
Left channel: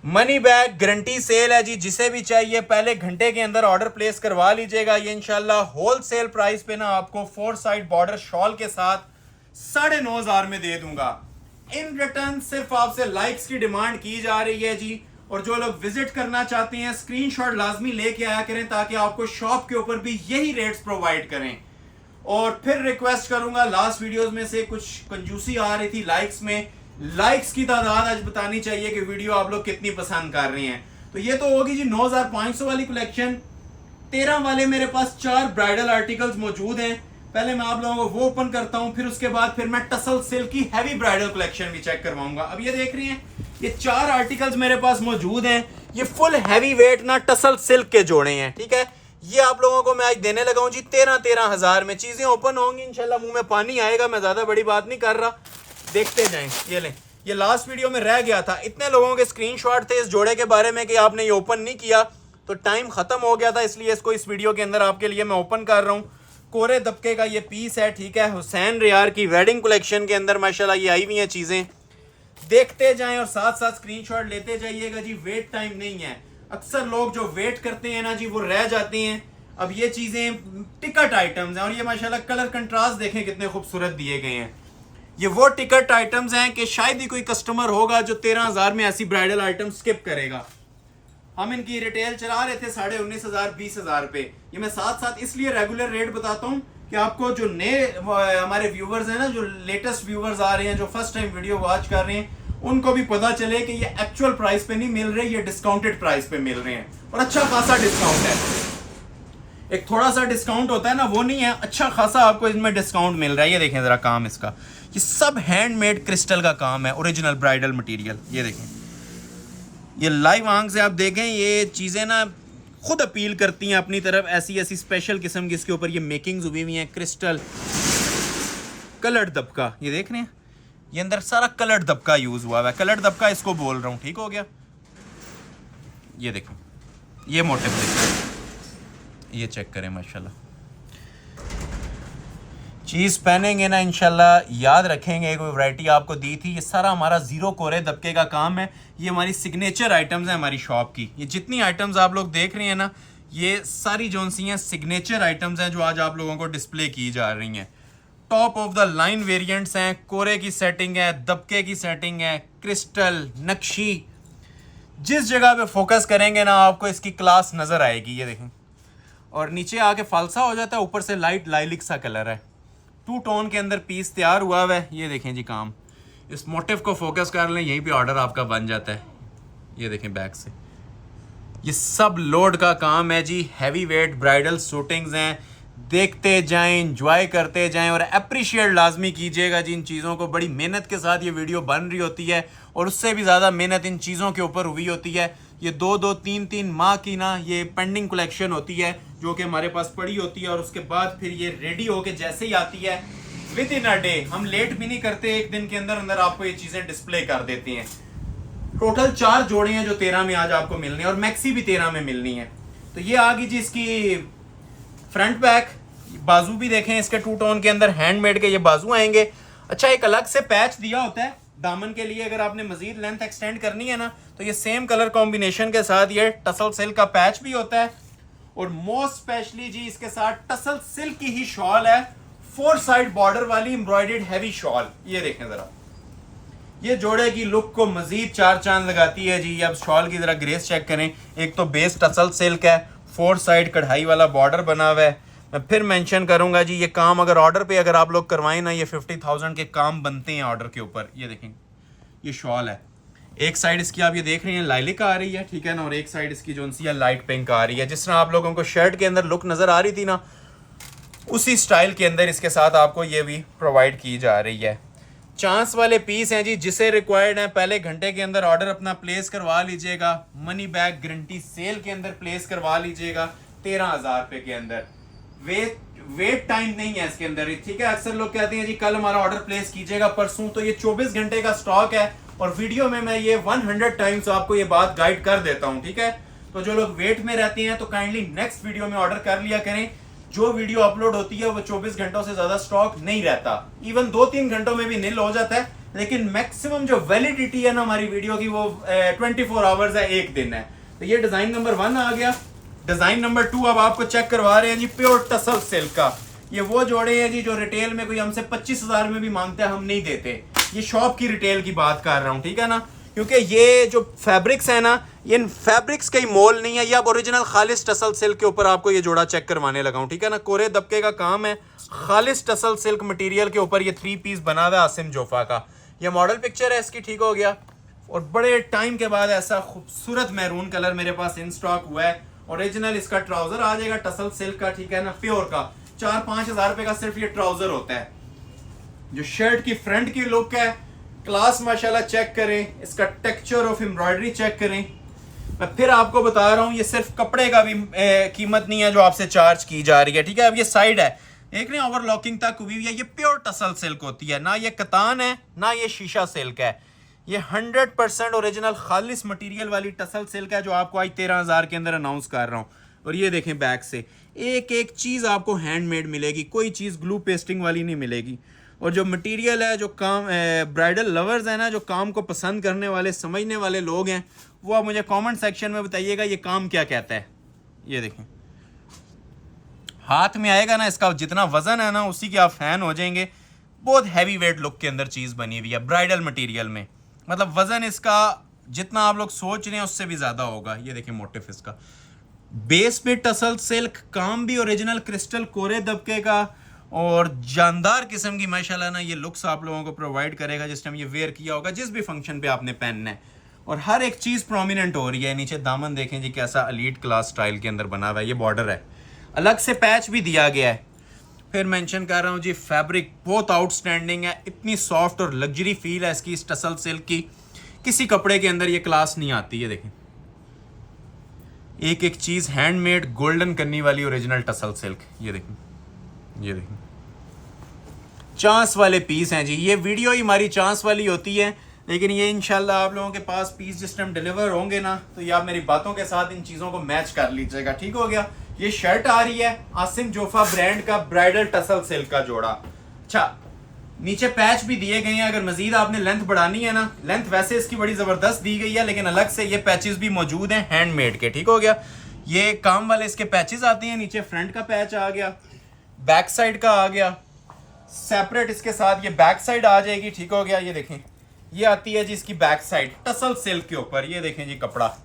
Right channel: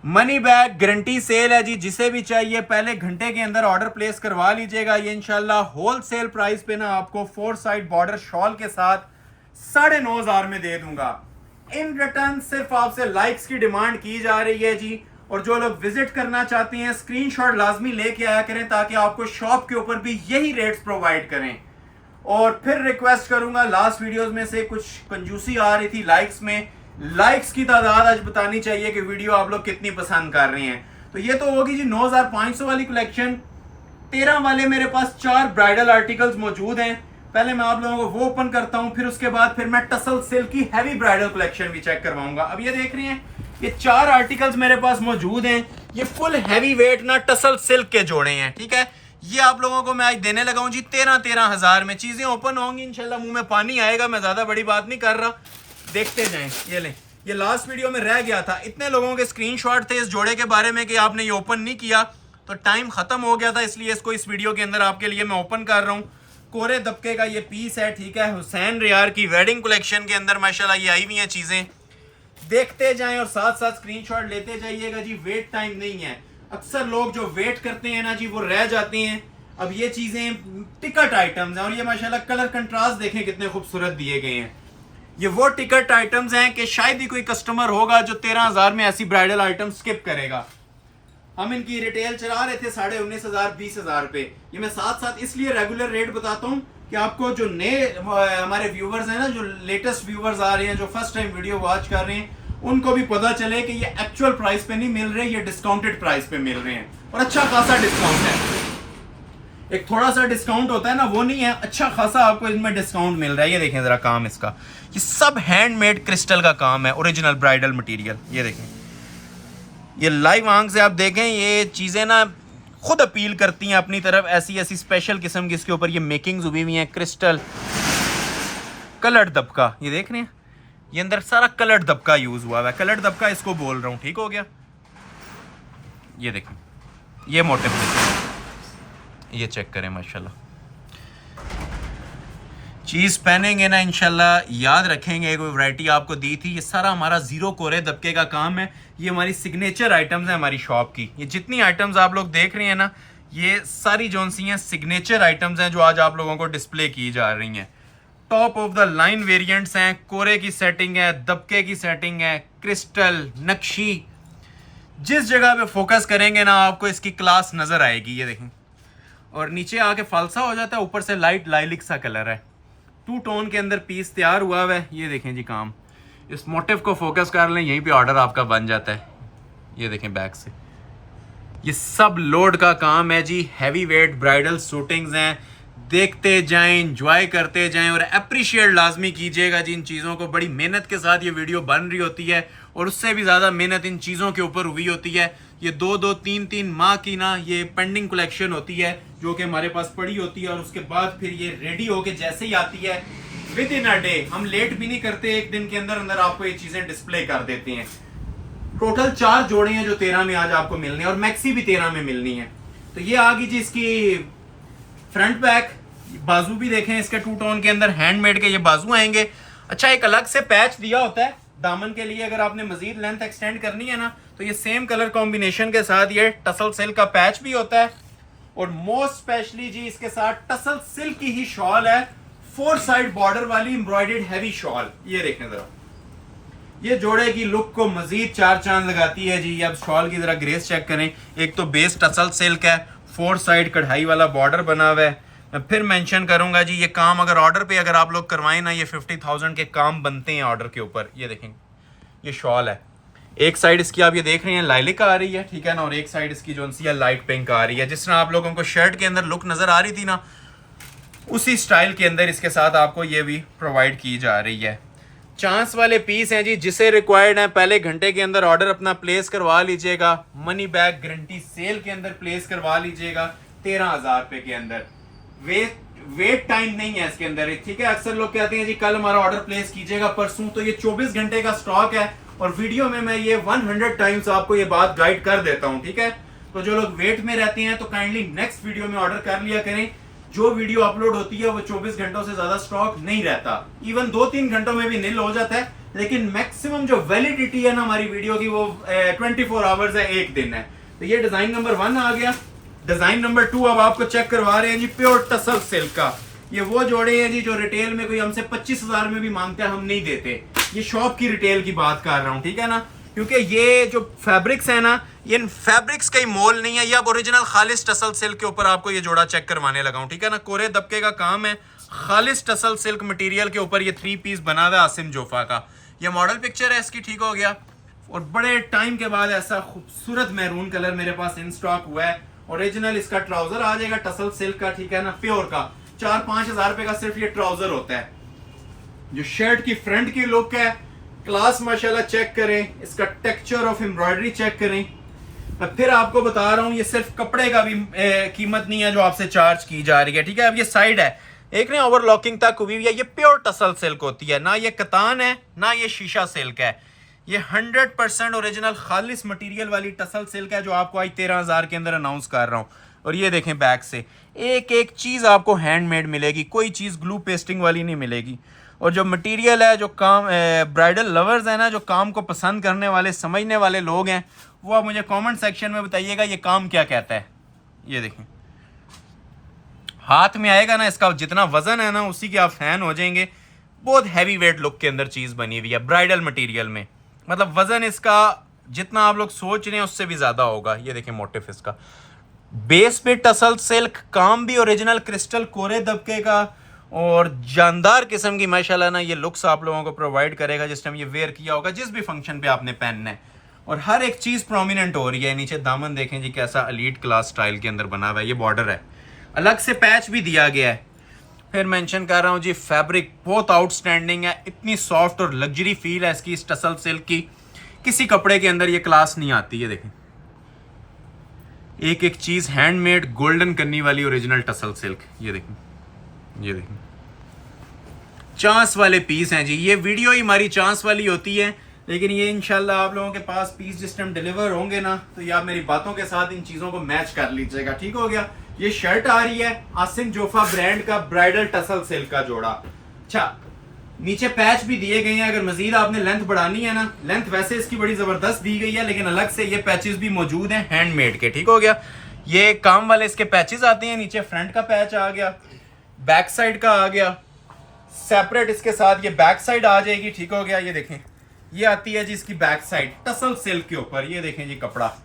मनी बैक गारंटी सेल है जी। जिसे भी चाहिए पहले घंटे के अंदर ऑर्डर प्लेस करवा लीजिएगा। ये इंशाल्लाह होलसेल प्राइस पे ना आपको 4 साइड बॉर्डर शॉल के साथ 9,500 में दे दूंगा। इन रिटर्न सिर्फ आपसे लाइक्स की डिमांड की जा रही है जी। और जो लोग विजिट करना चाहते हैं स्क्रीनशॉट लाजमी लेके आया करें ताकि आपको शॉप के ऊपर भी यही रेट्स प्रोवाइड करें। और फिर रिक्वेस्ट करूंगा, लास्ट वीडियोस में से कुछ कंजूसी आ रही थी लाइक्स में। लाइक्स की तादाद आज बतानी चाहिए कि वीडियो आप लोग कितनी पसंद कर रहे हैं। तो ये तो होगी जी 9500 वाली कलेक्शन। 13 वाले मेरे पास 4 ब्राइडल आर्टिकल्स मौजूद हैं। पहले मैं आप लोगों को वो ओपन करता हूं, फिर उसके बाद फिर मैं टसल सिल्क की हैवी ब्राइडल कलेक्शन भी चेक करवाऊंगा। अब ये देख रही हैं, ये 4 आर्टिकल्स मेरे पास मौजूद हैं। ये फुल हैवी वेट ना टसल सिल्क के जोड़े हैं। ठीक है, ये आप लोगों को मैं आज देने लगा हूं जी 13 हजार में। चीजें ओपन होंगी इंशाल्लाह, मुंह में पानी आएगा। मैं ज्यादा बड़ी बात नहीं कर रहा, देखते जाएं। ये लें, ये लास्ट वीडियो में रह गया था। इतने लोगों के स्क्रीनशॉट थे इस जोड़े के बारे में कि आपने ये ओपन नहीं किया, तो टाइम खत्म हो गया था, इसलिए इसको इस वीडियो के अंदर आपके लिए मैं ओपन कर रहा हूँ। कोरे दबके का ये पीस है। ठीक है, हुसैन रियार की वेडिंग कलेक्शन के अंदर माशाल्लाह ये आई हुई हैं चीजें। देखते जाएं और साथ साथ स्क्रीनशॉट लेते जाइएगा जी। वेट टाइम नहीं है। अक्सर लोग जो वेट करते हैं ना जी, वो रह जाते हैं। अब ये चीजें टिकट आइटम्स हैं और ये माशाल्लाह कलर कंट्रास्ट देखें कितने खूबसूरत दिए गए हैं। ये वो टिकट आइटम्स हैं कि शायद ही कोई कस्टमर होगा जो 13,000 में ऐसी ब्राइडल आइटम स्किप करेगा। हम इनकी रिटेल चला रहे थे 19,500 20,000 पे। ये मैं साथ साथ इसलिए रेगुलर रेट बताता हूँ कि आपको जो नए हमारे व्यूवर्स हैं ना, जो लेटेस्ट व्यूवर्स आ रहे हैं, जो फर्स्ट टाइम वीडियो वॉच कर रहे हैं, उनको भी पता चले कि ये एक्चुअल प्राइस पे नहीं मिल रहे, ये डिस्काउंटेड प्राइस पे मिल रहे हैं। और अच्छा खासा डिस्काउंट है। एक थोड़ा सा डिस्काउंट होता है ना, वो नहीं है, अच्छा खासा आपको इसमें डिस्काउंट मिल रहा है। ये देखें जरा काम इसका, ये सब हैंडमेड क्रिस्टल का काम है, ओरिजिनल ब्राइडल मटेरियल। ये देखें, ये लाइव आंख से आप देखें, ये चीज़ें ना खुद अपील करती हैं अपनी तरफ। ऐसी ऐसी स्पेशल किस्म की इसके ऊपर ये मेकिंग्स हुई हुई हैं। क्रिस्टल कलर्ड दबका, ये देख रहे हैं, ये अंदर सारा कलर्ड दबका यूज हुआ है। कलर्ड दबका इसको बोल रहा हूँ। ठीक हो गया। ये देखें, ये मोटिव देखें, ये चेक करें माशाल्लाह। चीज़ पहनेंगे ना इंशाल्लाह याद रखेंगे कोई वैरायटी आपको दी थी। ये सारा हमारा जीरो कोरे दबके का काम है। ये हमारी सिग्नेचर आइटम्स हैं हमारी शॉप की। ये जितनी आइटम्स आप लोग देख रहे हैं ना, ये सारी जो सी हैं सिग्नेचर आइटम्स हैं जो आज आप लोगों को डिस्प्ले की जा रही हैं। Top of the line variants हैं। कोरे की सेटिंग है, दबके की सेटिंग है, क्रिस्टल नक्शी। जिस जगह पे फोकस करेंगे ना आपको इसकी क्लास नजर आएगी। ये देखें, और नीचे आके फालसा हो जाता है, ऊपर से लाइट लाइलिक सा कलर है। 2 टोन के अंदर पीस तैयार हुआ है। ये देखें जी काम, इस मोटिव को फोकस कर लें, यहीं पे ऑर्डर आपका बन जाता है। ये देखें बैक से, ये सब लोड का काम है जी। हैवी वेट ब्राइडल शूटिंग्स हैं। देखते जाएं, एंजॉय करते जाएं और अप्रिशिएट लाजमी कीजिएगा जी इन चीज़ों को। बड़ी मेहनत के साथ ये वीडियो बन रही होती है और उससे भी ज़्यादा मेहनत इन चीज़ों के ऊपर हुई होती है। ये 2-2, 3-3 माह की ना ये पेंडिंग कलेक्शन होती है जो कि हमारे पास पड़ी होती है, और उसके बाद फिर ये रेडी होके जैसे ही आती है विद इन अ डे, हम लेट भी नहीं करते, एक दिन के अंदर अंदर आपको ये चीज़ें डिस्प्ले कर देते हैं। टोटल 4 जोड़े हैं जो 13 में आज आपको मिलने हैं और मैक्सी भी 13 में मिलनी है। तो ये आ गई जी इसकी फ्रंट बैक। बाजू भी देखें इसके 2 टोन के अंदर हैंडमेड के ये बाजू आएंगे। अच्छा, एक अलग से पैच दिया होता है दामन के लिए अगर आपने मजीद लेंथ एक्सटेंड करनी है ना, तो ये सेम कलर कॉम्बिनेशन के साथ ये टसल सिल्क का पैच भी होता है। और मोस्ट स्पेशली जी इसके साथ टसल सिल्क की ही शॉल है, 4 साइड बॉर्डर वाली एम्ब्रॉयडर्ड हैवी शॉल। ये देखें जरा, ये जोड़े की लुक को मजीद 4 चांद लगाती है जी। अब शॉल की जरा ग्रेस चेक करें। एक तो बेस टसल सिल्क है, 4 साइड कढ़ाई वाला बॉर्डर बना हुआ है। मैं फिर मेंशन करूंगा जी, ये काम अगर ऑर्डर पे अगर आप लोग करवाएं ना, ये 50,000 के काम बनते हैं ऑर्डर के ऊपर। ये देखें, ये शॉल है। एक साइड इसकी आप ये देख रहे हैं लाइलिक आ रही है, ठीक है ना, और एक साइड इसकी जो सी लाइट पिंक आ रही है। जिस तरह आप लोगों को शर्ट के अंदर लुक नजर आ रही थी ना, उसी स्टाइल के अंदर इसके साथ आपको ये भी प्रोवाइड की जा रही है। चांस वाले पीस हैं जी, जिसे रिक्वायर्ड है पहले घंटे के अंदर ऑर्डर अपना प्लेस करवा लीजिएगा। मनी बैक गारंटी सेल के अंदर प्लेस करवा लीजिएगा 13,000 रुपए के अंदर। वेट टाइम नहीं है इसके अंदर, ठीक है। अक्सर लोग कहते हैं जी कल हमारा ऑर्डर प्लेस कीजिएगा परसों, तो ये 24 घंटे का स्टॉक है। और वीडियो में मैं ये 100 टाइम्स आपको ये बात गाइड कर देता हूं, ठीक है। तो जो लोग वेट में रहते हैं तो काइंडली नेक्स्ट वीडियो में ऑर्डर कर लिया करें। जो वीडियो अपलोड होती है वो 24 घंटों से ज्यादा स्टॉक नहीं रहता, इवन 2-3 घंटों में भी नील हो जाता है। लेकिन मैक्सिमम जो वैलिडिटी है ना हमारी वीडियो की, वो 24 आवर्स है, 1 दिन है। तो ये डिजाइन नंबर 1 आ गया। डिजाइन नंबर 2 अब आपको चेक करवा रहे हैं जी, प्योर टसल सिल्क का। ये वो जोड़े हैं जी जो रिटेल में कोई हमसे 25,000 में भी मांगते हैं, हम नहीं देते। ये शॉप की रिटेल की बात कर रहा हूं, ठीक है ना। क्योंकि ये जो फैब्रिक्स है ना, ये फैब्रिक्स का ही मोल नहीं है। ये अब ओरिजिनल खालिस टसल सिल्क के ऊपर आपको ये जोड़ा चेक करवाने लगा हूं, ठीक है ना। कोरे दबके का काम है, खालिस टसल सिल्क मटेरियल के ऊपर ये 3 पीस बना हुआ है आसिम जोफा का। ये मॉडल पिक्चर है इसकी, ठीक हो गया। और बड़े टाइम के बाद ऐसा खूबसूरत मैरून कलर मेरे पास इन स्टॉक हुआ है। ओरिजिनल इसका ट्राउजर आ जाएगा टसल सिल्क का, ठीक है ना, प्योर का। 4-5 हजार रुपए का सिर्फ ये ट्राउजर होता है। जो शर्ट की फ्रंट की लुक है, क्लास माशाल्लाह चेक करें। इसका टेक्सचर ऑफ एम्ब्रॉयडरी चेक करें। मैं फिर आपको बता रहा हूं, ये सिर्फ कपड़े का भी कीमत नहीं है जो आपसे चार्ज की जा रही है, ठीक है। अब ये साइड है, एक ने ओवरलॉकिंग तक हुई है। ये प्योर टसल सिल्क होती है, ना ये कतान है ना ये शीशा सिल्क है। ये 100% ओरिजिनल खालिस मटेरियल वाली टसल सिल्क है, जो आपको आज 13,000 के अंदर अनाउंस कर रहा हूं। और ये देखें बैक से एक एक चीज आपको हैंडमेड मिलेगी, कोई चीज ग्लू पेस्टिंग वाली नहीं मिलेगी। और जो मटेरियल है, जो काम ब्राइडल लवर्स है ना, जो काम को पसंद करने वाले समझने वाले लोग हैं, वो आप मुझे कमेंट सेक्शन में बताइएगा ये काम क्या कहता है। ये देखें, हाथ में आएगा ना, इसका जितना वजन है ना उसी के आप फैन हो जाएंगे। बहुत हैवी वेट लुक के अंदर चीज बनी हुई है ब्राइडल मटेरियल में। मतलब वजन इसका जितना आप लोग सोच रहे हैं उससे भी ज्यादा होगा। ये देखें मोटिफ इसका, बेस पे टसल सिल्क, काम भी ओरिजिनल क्रिस्टल कोरे दबके का, और जानदार किस्म की माशाल्लाह ना ये लुक्स आप लोगों को प्रोवाइड करेगा जिस टाइम ये वेयर किया होगा, जिस भी फंक्शन पे आपने पहनना है। और हर एक चीज प्रोमिनेंट हो रही है। नीचे दामन देखें जी कैसा एलीट क्लास स्टाइल के अंदर बना हुआ है। ये बॉर्डर है, अलग से पैच भी दिया गया है। फिर मेंशन कर रहा हूँ जी, फैब्रिक बहुत आउटस्टैंडिंग है। इतनी सॉफ्ट और लग्जरी फील है इसकी, इस टसल सिल्क की। किसी कपड़े के अंदर ये क्लास नहीं आती है। देखें एक एक चीज हैंडमेड गोल्डन करनी वाली ओरिजिनल टसल सिल्क। ये देखें, ये देखें, चांस वाले पीस हैं जी। ये वीडियो ही हमारी चांस वाली होती है, लेकिन ये इंशाल्लाह आप लोगों के पास पीस जिस टाइम डिलीवर होंगे ना, तो ये आप मेरी बातों के साथ इन चीजों को मैच कर लीजिएगा, ठीक हो गया। ये शर्ट आ रही है आसिम जोफा ब्रांड का ब्राइडल टसल सिल्क का जोड़ा। अच्छा, नीचे पैच भी दिए गए हैं। अगर मजीद आपने लेंथ बढ़ानी है ना, लेंथ वैसे इसकी बड़ी जबरदस्त दी गई है, लेकिन अलग से ये पैचेस भी मौजूद हैं हैंडमेड के, ठीक हो गया। ये काम वाले इसके पैचेस आते हैं। नीचे फ्रंट का पैच आ गया, बैक साइड का आ गया सेपरेट, इसके साथ ये बैक साइड आ जाएगी, ठीक हो गया। ये देखें, ये आती है जी इसकी बैक साइड टसल सिल्क के ऊपर। ये देखें जी कपड़ा,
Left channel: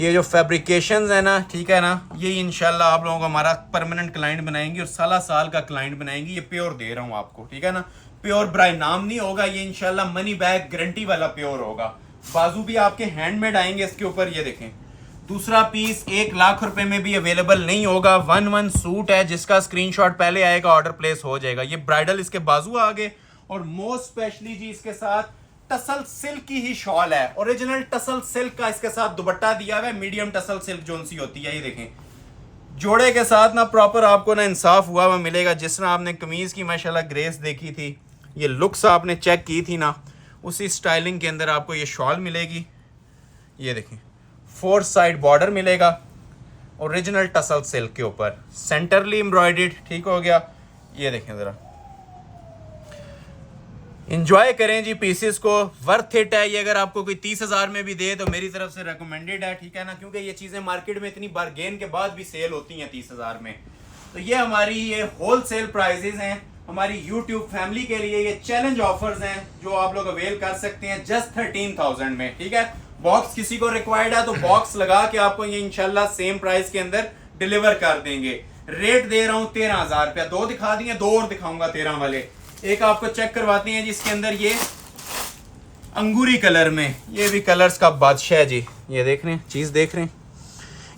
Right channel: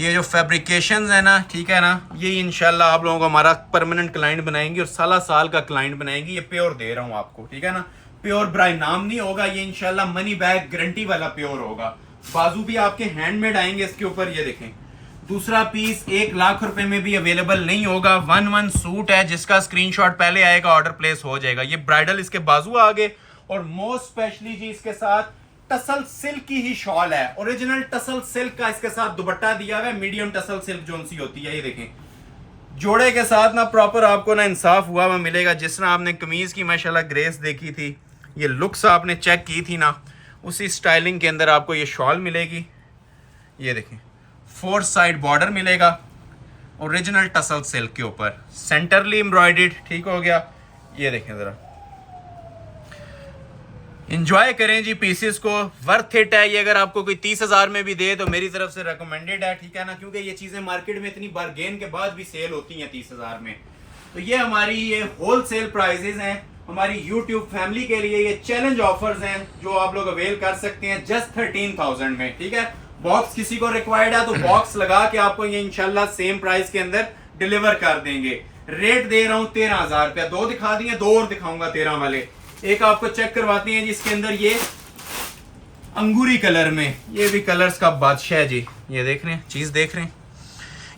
ये जो फैब्रिकेशंस है ना, ठीक है ना, ये इंशाल्लाह आप लोगों को हमारा परमानेंट क्लाइंट बनाएंगे और साल का क्लाइंट बनाएंगे। ये प्योर दे रहा हूं आपको, ठीक है ना। प्योर ब्राई नाम नहीं होगा ये, इंशाल्लाह मनी बैग गारंटी वाला प्योर होगा। बाजू भी आपके हैंडमेड आएंगे इसके ऊपर। ये देखें, दूसरा पीस 1 लाख रुपए में भी अवेलेबल नहीं होगा। 1-1 सूट है, जिसका स्क्रीनशॉट पहले आएगा ऑर्डर प्लेस हो जाएगा। ये ब्राइडल इसके बाजू आगे, और मोस्ट स्पेशली जी इसके साथ टसल सिल्क की ही शॉल है। ओरिजिनल टसल सिल्क का इसके साथ दुपट्टा दिया हुआ है, मीडियम टसल सिल्क जोन सी होती है। ये देखें, जोड़े के साथ ना प्रॉपर आपको ना इंसाफ हुआ हुआ मिलेगा। जिस तरह आपने कमीज की माशाल्लाह ग्रेस देखी थी, ये लुक्स आपने चेक की थी ना, उसी स्टाइलिंग के अंदर आपको ये शॉल मिलेगी। ये देखें, 4 साइड बॉर्डर मिलेगा ओरिजिनल टसल सिल्क के ऊपर, सेंटरली एम्ब्रॉयडर्ड, ठीक हो गया। ये देखें जरा, इंजॉय करें जी पीसेस को, वर्थ इट है ये। अगर आपको कोई 30,000 में भी दे तो मेरी तरफ से रिकमेंडेड है, ठीक है ना, क्योंकि ये चीजें मार्केट में इतनी बारगेन के बाद भी सेल होती हैं 30,000 में। तो ये हमारी ये होल सेल प्राइजेज हैं हमारी यूट्यूब फैमिली के लिए। ये चैलेंज ऑफर्स हैं जो आप लोग अवेल कर सकते हैं जस्ट 13,000 में, ठीक है। बॉक्स किसी को रिक्वायर्ड है तो बॉक्स लगा के आपको ये इंशाल्लाह सेम प्राइस के अंदर डिलीवर कर देंगे। रेट दे रहा हूं 13,000 रुपया। 2 दिखा दिए, 2 और दिखाऊंगा 13 वाले। एक आपको चेक करवाते हैं जिसके अंदर ये अंगूरी कलर में, ये भी कलर्स का बादशाह है जी। ये देख रहे हैं, चीज देख रहे हैं,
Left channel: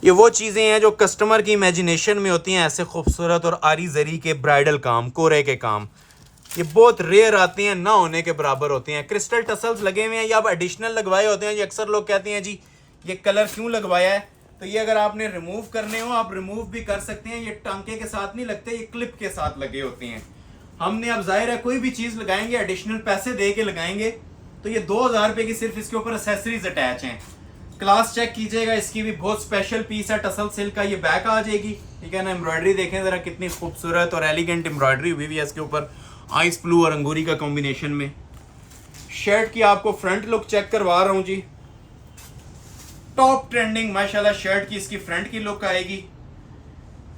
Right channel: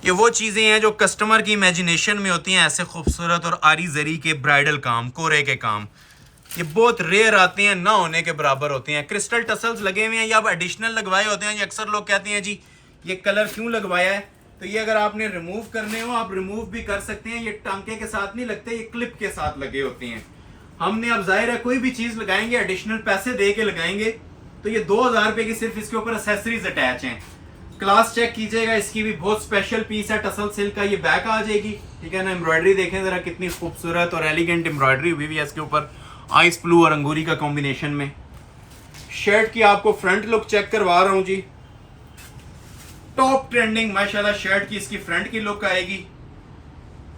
ये वो चीजें हैं जो कस्टमर की इमेजिनेशन में होती हैं, ऐसे खूबसूरत और आरी जरी के ब्राइडल काम, कोरे के काम। ये बहुत रेयर आते हैं, ना होने के बराबर होते हैं। क्रिस्टल टसल्स लगे हुए हैं, ये आप एडिशनल लगवाए होते हैं। ये अक्सर लोग कहते हैं जी ये कलर क्यों लगवाया है, तो ये अगर आपने रिमूव करने हो आप रिमूव भी कर सकते हैं। ये टांके के साथ नहीं लगते, ये क्लिप के साथ लगे होते हैं। हमने अब जाहिर है कोई भी चीज लगाएंगे एडिशनल पैसे दे के लगाएंगे, तो ये 2,000 रुपए की सिर्फ इसके ऊपर एक्सेसरीज अटैच हैं। क्लास चेक कीजिएगा, इसकी भी बहुत स्पेशल पीस है टसल सिल्क का। ये बैक आ जाएगी, ठीक है ना। एम्ब्रॉयडरी देखें जरा कितनी खूबसूरत और एलिगेंट एम्ब्रॉयडरी हुई हुई है इसके ऊपर, आइस ब्लू और अंगूरी का कॉम्बिनेशन में। शर्ट की आपको फ्रंट लुक चेक करवा रहा हूं जी, टॉप ट्रेंडिंग माशाल्लाह शर्ट की इसकी फ्रंट की लुक आएगी।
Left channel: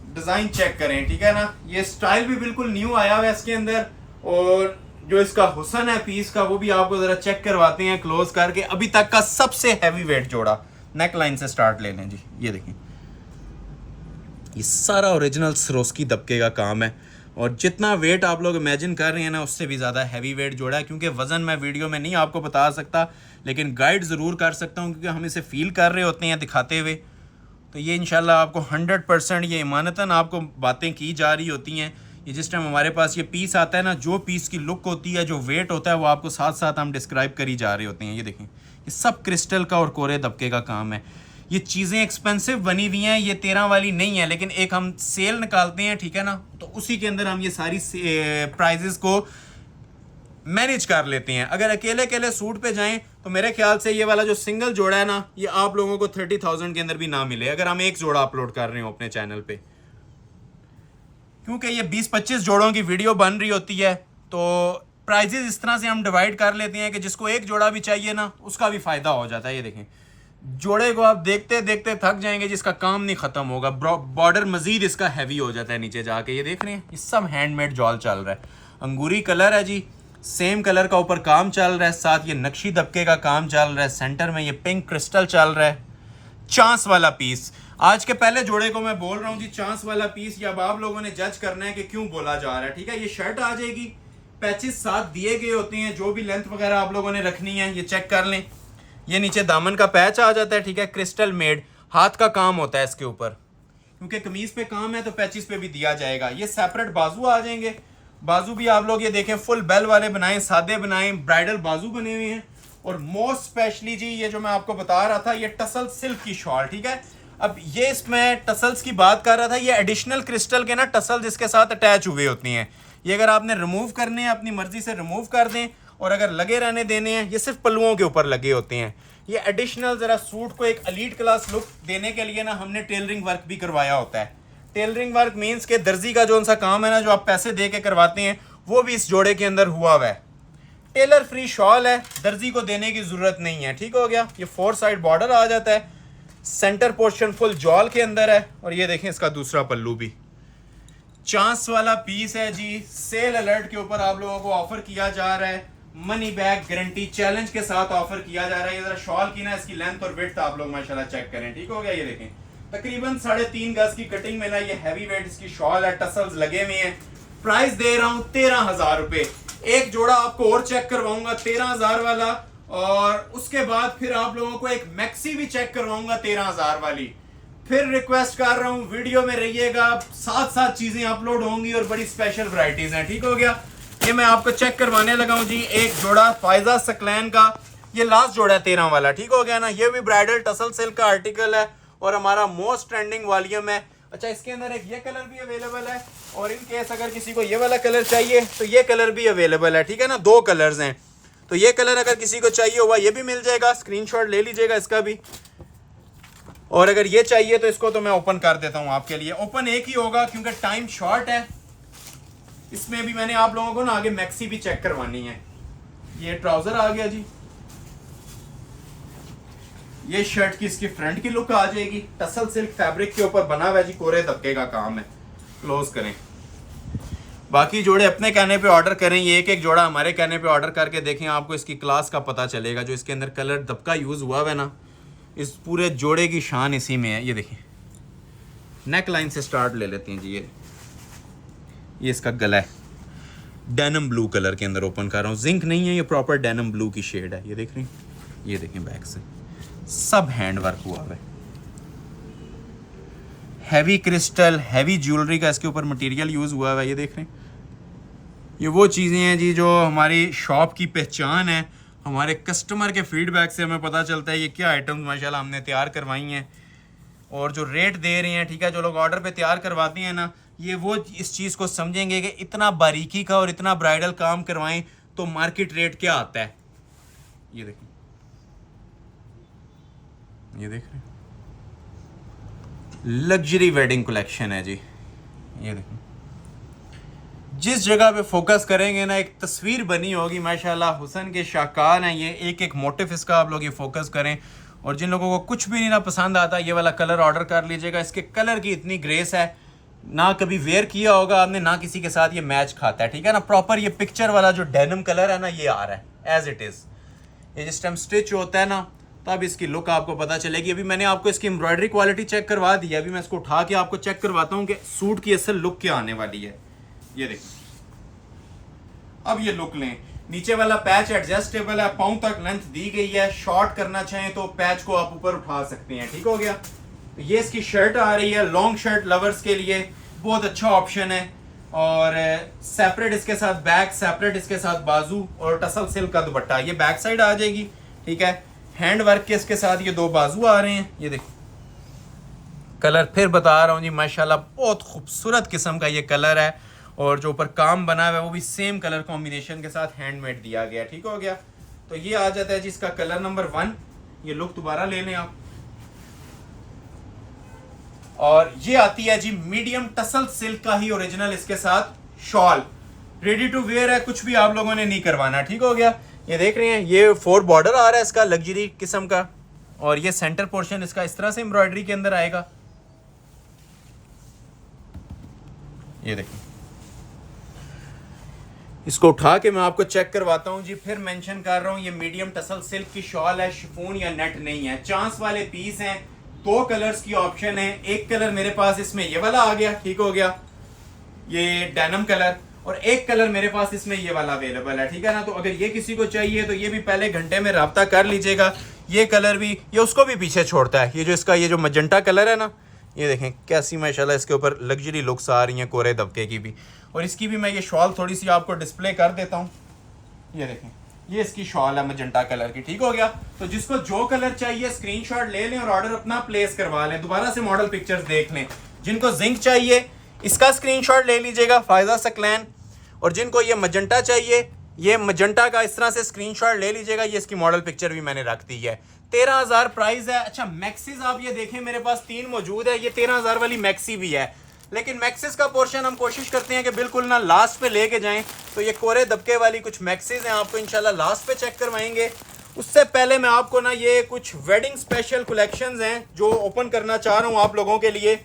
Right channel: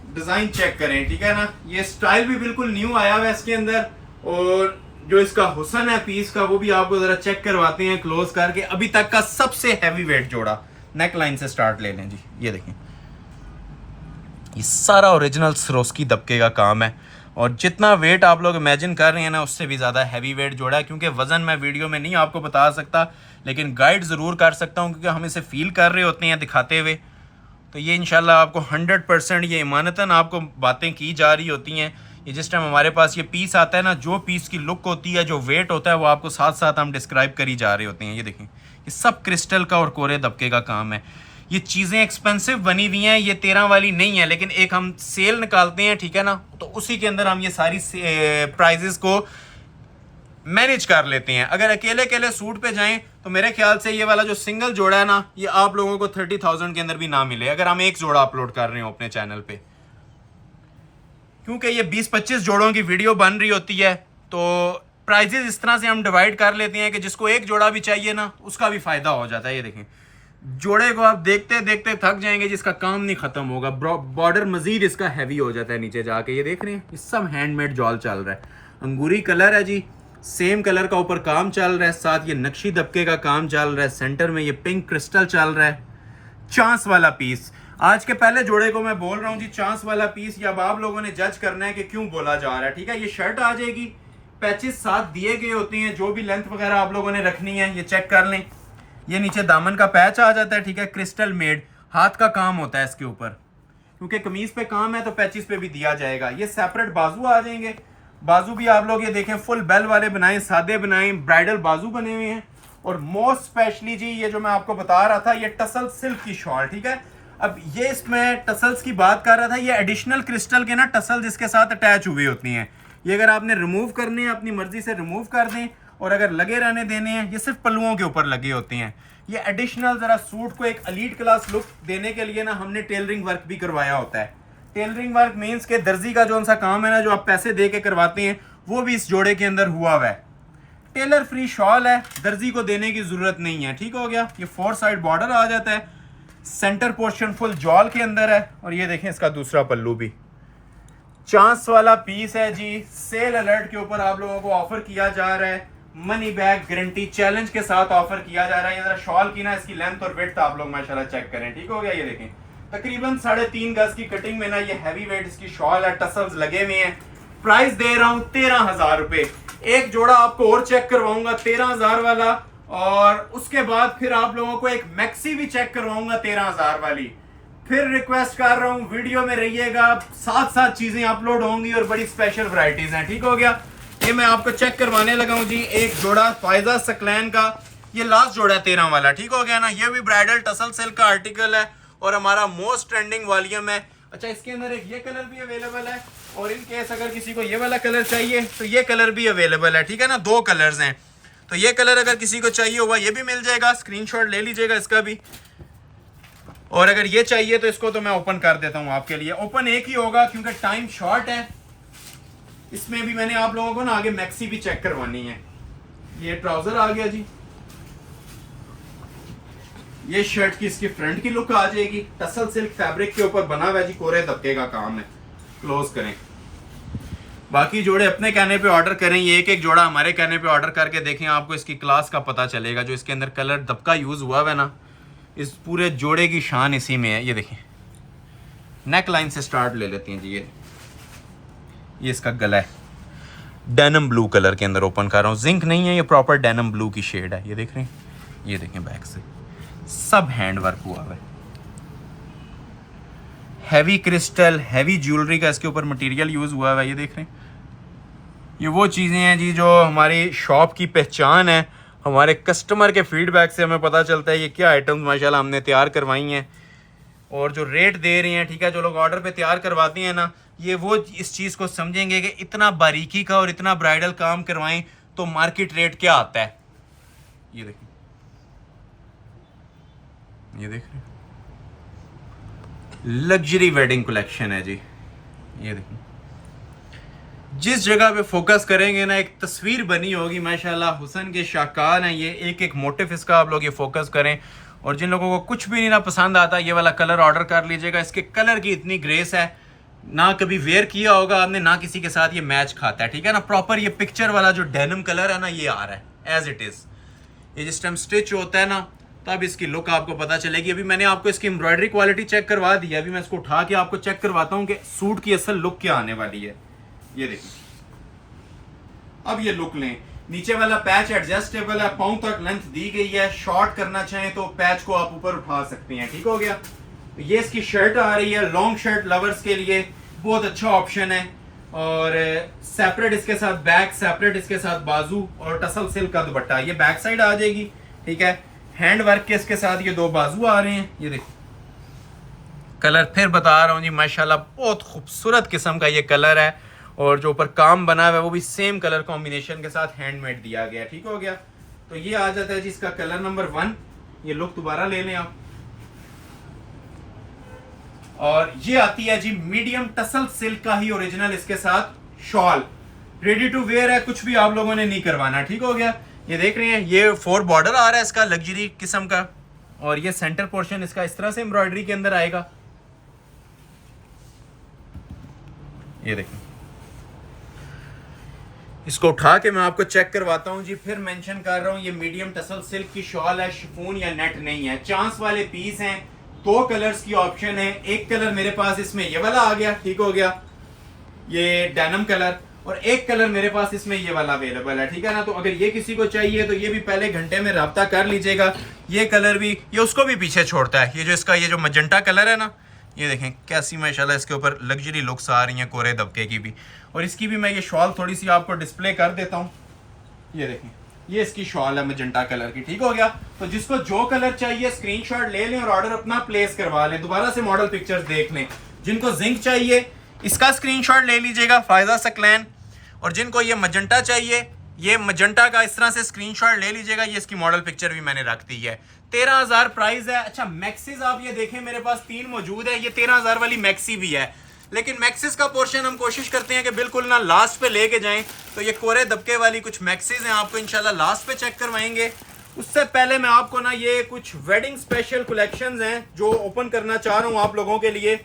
डिजाइन चेक करें, ठीक है ना। ये स्टाइल भी बिल्कुल न्यू आया हुआ है इसके अंदर, और जो इसका हुसन है पीस का वो भी आपको जरा चेक करवाते हैं क्लोज करके। अभी तक का सबसे हैवी वेट जोड़ा, नेक लाइन से स्टार्ट ले लें जी। ये देखें, ये सारा ओरिजिनल सरोस्की दबके का काम है, और जितना वेट आप लोग इमेजिन कर रहे हैं ना उससे भी ज़्यादा हैवी वेट जोड़ा है। क्योंकि वज़न मैं वीडियो में नहीं आपको बता सकता, लेकिन गाइड ज़रूर कर सकता हूँ, क्योंकि हम इसे फील कर रहे होते हैं दिखाते हुए। तो ये इंशाल्लाह आपको 100% ये ईमानतन आपको बातें की जा रही होती हैं। ये जिस टाइम हमारे पास ये पीस आता है ना, जो पीस की लुक होती है, जो वेट होता है, वो आपको साथ साथ हम डिस्क्राइब करी जा रहे होते हैं। ये देखें, ये सब क्रिस्टल का और कोरे दबके का काम है। ये चीज़ें एक्सपेंसिव बनी हुई हैं, ये 13 वाली नहीं है, लेकिन एक हम सेल निकालते हैं, ठीक है ना, तो उसी के अंदर हम ये सारी प्राइजेस को मैनेज कर लेते हैं। अगर अकेले अकेले सूट पे जाएं तो मेरे ख्याल से ये वाला जो सिंगल जोड़ा है ना, ये आप लोगों को 30,000 के अंदर भी ना मिले अगर हम एक जोड़ा अपलोड कर रहे हो अपने चैनल पे। क्योंकि ये 20-25 जोड़ों की वीडियो बन रही होती है, तो प्राइजेस इस तरह से हम डिवाइड कर लेते हैं कि जिसको एक जोड़ा भी चाहिए ना उसका भी फायदा हो जाता है। ये देखें, जोड़े को आप देखते देखते थक जाएंगे, जिसका काम नहीं खत्म होगा। बॉर्डर मजीद इसका हैवी हो जाता है नीचे जाके। ये देख रहे हैं, ये सब हैंडमेड जॉल चल रहा है। अंगूरी कलर है जी, सेम कलर का ऊपर काम चल रहा है, साथ ये नक्शी दबके का काम चल रहा है। सेंटर में ये पिंक क्रिस्टल चल रहा है। चांस वाला पीस आज के पहले जोड़े को मैं बोल रहा हूँ जी, चांस वाला पीस। या अब आप लोगों ने जज करना है कि क्यों बोला जा रहा है, ठीक है। ये शर्ट आ जाएगी, पैचेस साथ दिए गए होते हैं, जो भी लेंथ वगैरह आप लोगों ने रखनी है ये चेक कर लें। ये नीचे दामन का पैच आ जाता है, ठीक है, क्रिस्टल मेड, हाथ का काम होता है इसके ऊपर, क्योंकि कमीज पे काम है तो पैचेस पे भी दिया जाएगा। ये सेपरेट बाजू आ जाएंगे। बाजू भी आप लोग ये देखें फुल बेल वाले बनाएं, सादे बनाएं, ब्राइडल बाजू बने हुए हैं। और मोस्ट स्पेशली जी ये जो मैं आपको बता रहा था, ये टसल सिल्क की शॉल, ठीक है। अब ये इसमें टसल्स की बात कर रहा था, ये एडिशनल क्रिस्टल के ना टसल जिसके साथ अटैच हुए होती हैं। ये अगर आपने रिमूव करने हैं अपनी मर्जी से रिमूव कर दें, और अगर लगे रहने देने हैं, ये सिर्फ पल्लुओं के ऊपर लगे होते हैं। ये एडिशनल जरा सूट को एक एलीट क्लास लुक देने के लिए ना हमने टेलरिंग वर्क भी करवाया होता है। टेलरिंग वर्क मीन्स के दर्जी का जो उनका काम है ना, जो आप पैसे दे के करवाते हैं, वो भी इस जोड़े के अंदर हुआ हुआ है। टेलर फ्री शॉल है, दर्जी को देने की जरूरत नहीं है, ठीक हो गया। ये 4 साइड बॉर्डर आ जाता है, सेंटर पोर्शन फुल जॉल के अंदर है। और ये देखें इसका दूसरा पल्लू भी चांस वाला पीस है जी। सेल अलर्ट के ऊपर आप लोगों को ऑफर किया जा रहा है, मनी बैक गारंटी चैलेंज के साथ ऑफर किया जा रहा है। ये जरा शॉल की ना इसकी लेंथ और विड्थ आप लोग माशाल्लाह चेक करें, ठीक हो गया। ये देखें तकरीबन 3.5 गज की कटिंग में ना ये हैवी वेट इसकी शॉल है, टसल्स लगे हुए हैं। प्राइस दे रहा हूं 13,000 रुपए। एक जोड़ा आपको और चेक करवाऊंगा 13,000 वाला, और उसके बाद फिर आप लोगों को एक मैक्सी भी चेक करवाऊंगा 13,000 वाली। फिर रिक्वेस्ट कर रहा हूं वीडियो में रहिएगा, साथ साथ चीजें अपलोड होंगी और बड़ी स्पेशल वैरायटीज हैं, ठीक हो गया। ये मैं आपको चेक करवाने लगा हूं जी, एक जोड़ा फायजा सकलैन का, ये लास्ट जोड़ा है 13 वाला, ठीक हो गया ना। ये भी ब्राइडल टसल सिल्क का आर्टिकल है और हमारा मोस्ट ट्रेंडिंग वॉल्यूम है। अच्छा, इसके अंदर एक ये कलर भी अवेलेबल है, और इन केस अगर किसी को ये वाला कलर चाहिए तो ये कलर भी अवेलेबल है, ठीक है ना। 2 कलर्स हैं, तो ये कलर अगर किसी को चाहिए होगा ये भी मिल जाएगा, स्क्रीनशॉट ले लीजिएगा इसका भी। और अगर ये चाहिए तो इसको तो मैं ओपन कर देता हूं आपके लिए। ओपन एक ही होगा क्योंकि टाइम शॉर्ट है। इसमें भी मैंने आप लोगों को ना आगे मैक्सी भी चेक करवानी है। ये ट्राउजर आ गया जी। ये शर्ट की इसकी फ्रंट की लुक आ जाएगी, टसल सिल्क फैब्रिक के ऊपर बना हुआ है जी, कोरे दबके का काम है। क्लोज करें। बाकी जोड़े अपने कहने पे ऑर्डर करें, ये एक एक जोड़ा हमारे कहने पे ऑर्डर करके देखें, आपको इसकी क्लास का पता चलेगा। जो इसके अंदर कलर दबका यूज हुआ है ना, इस पूरे जोड़े की शान इसी में है। ये देखें, नेक लाइन से स्टार्ट ले लेते हैं जी। ये इसका गला है, डेनिम ब्लू कलर के अंदर ओपन कर रहा हूँ, जिंक नहीं है, ये प्रॉपर डेनिम ब्लू की शेड है। ये देख रहे हैं, ये देखें बैक से सब हैंड वर्क हुआ है। हैवी क्रिस्टल, हैवी ज्वेलरी का इसके ऊपर मटेरियल यूज हुआ है। ये देख रहे हैं, ये वो चीज़ें हैं जी जो हमारी शॉप की पहचान है। हमारे कस्टमर के फीडबैक से हमें पता चलता है ये क्या आइटम्स माशाल्लाह हमने तैयार करवाई हैं, और जो रेट दे रहे हैं, ठीक है, जो लोग ऑर्डर पे तैयार करवाते हैं ना, ये वो इस चीज़ को समझेंगे कि इतना बारीकी का और इतना ब्राइडल काम करवाएं तो मार्केट रेट क्या आता है। ये देखिए, ये देख रहे हैं, लग्जरी वेडिंग कलेक्शन है जी। ये देखिए, जिस जगह पे फोकस करेंगे ना एक तस्वीर बनी होगी माशाल्लाह। हुसन के शाहकार हैं ये, एक एक मोटिव इसका आप लोग ये फोकस करें। और जिन लोगों को कुछ भी नहीं ना पसंद आता, ये वाला कलर ऑर्डर कर लीजिएगा। इसके कलर की इतनी ग्रेस है, ना कभी वेयर किया होगा आपने, ना किसी के साथ ये मैच खाता है, ठीक है ना। प्रॉपर ये पिक्चर वाला जो डेनिम कलर है ना, ये आ रहा है एज इट इज़। ये जिस टाइम स्टिच होता है ना, तब इसकी लुक आपको पता चलेगी। अभी मैंने आपको इसकी एम्ब्रॉयडरी क्वालिटी चेक करवा दी है, अभी मैं इसको उठा के आपको चेक करवाता हूँ कि सूट की असल लुक क्या आने वाली है। ये देखिए, अब ये लुक लें। नीचे वाला पैच एडजस्टेबल है, पाँव तक लेंथ दी गई है। शॉर्ट करना चाहें तो पैच को आप ऊपर उठा सकते हैं, ठीक हो गया। तो ये इसकी शर्ट आ रही है, लॉन्ग शर्ट लवर्स के लिए बहुत अच्छा ऑप्शन है। और सेपरेट इसके साथ बैक, सेपरेट इसके साथ बाजू, और टसल सिल्क का दुपट्टा। ये बैक साइड आ जाएगी, ठीक है। हैंड वर्क के इसके साथ ये दो बाजू आ रहे हैं। ये देखो, कलर फिर बता रहा हूँ जी, माशाल्लाह बहुत खूबसूरत किस्म का ये कलर है। और जो ऊपर काम बना हुआ है वो भी सेम कलर कॉम्बिनेशन के साथ हैंडमेड दिया गया, ठीक हो गया। तो ये आ जाता है जी इसका कलर नंबर 1। ये लुक दोबारा ले लें आप। और ये आती है जी मीडियम टसल सिल्क का ही ओरिजिनल इसके साथ शॉल, रेडी टू वेयर है, कुछ भी आप लोगों ने नहीं करवाना, ठीक हो गया। ये देख रहे हैं, ये 4 बॉर्डर आ रहा है इसका, लग्जरी किस्म का। और ये सेंटर पोर्शन इसका इस तरह से एम्ब्रॉयडरी के अंदर आएगा। ये देखिए, इसको उठा के मैं आपको चेक करवाता हूँ जी। फिर मेंशन कर रहा हूँ, ये मीडियम टसल सिल्क की शॉल है, शिफॉन या नेट नहीं है। चांस वाले पीस हैं, 2 कलर्स की ऑप्शन है। एक कलर मेरे पास इसमें ये वाला आ गया, ठीक हो गया, ये डेनिम कलर। और एक कलर मेरे पास इसमें ये वाला अवेलेबल है, ठीक है ना। तो अगर ये किसी को चाहिए तो ये भी पहले घंटे में राब्ता कर लीजिएगा। ये कलर भी, ये उसको भी पीछे छोड़ता है। ये जो इसका ये जो मजेंटा कलर है ना, ये देखें कैसी माशाल्लाह इसके ऊपर लग्जरी लुक्स आ रही हैं, कोरे दबके की भी। और इसकी भी मैं ये शॉल थोड़ी सी आपको डिस्प्ले कर देता हूँ। ये देखें, ये इसकी शॉल है मजेंटा कलर की, ठीक हो गया। तो जिसको जो कलर चाहिए स्क्रीनशॉट ले लें और ऑर्डर अपना प्लेस करवा लें। दोबारा से मॉडल पिक्चर्स देख लें। जिनको जिंक चाहिए इसका स्क्रीनशॉट ले लीजिएगा, फायदा सकलैन। और जिनको ये मजेंटा चाहिए, ये मजेंटा का इस तरह से स्क्रीनशॉट ले लीजिएगा। ये इसकी मॉडल पिक्चर भी मैंने रख दी है। 13,000 प्राइस है। अच्छा, मैक्सिस आप ये देखें, मेरे पास 3 मौजूद है। ये 13,000 वाली मैक्सी भी है, लेकिन मैक्सिस का पोर्शन हम कोशिश करते हैं कि बिल्कुल ना लास्ट पे लेके जाएं। तो ये कोरे दबके वाली कुछ मैक्सिस हैं, आपको इंशाल्लाह लास्ट पे चेक करवाएंगे। उससे पहले मैं आपको ना ये कुछ वेडिंग स्पेशल कलेक्शंस हैं जो ओपन करना चाह रहा हूँ आप लोगों के लिए।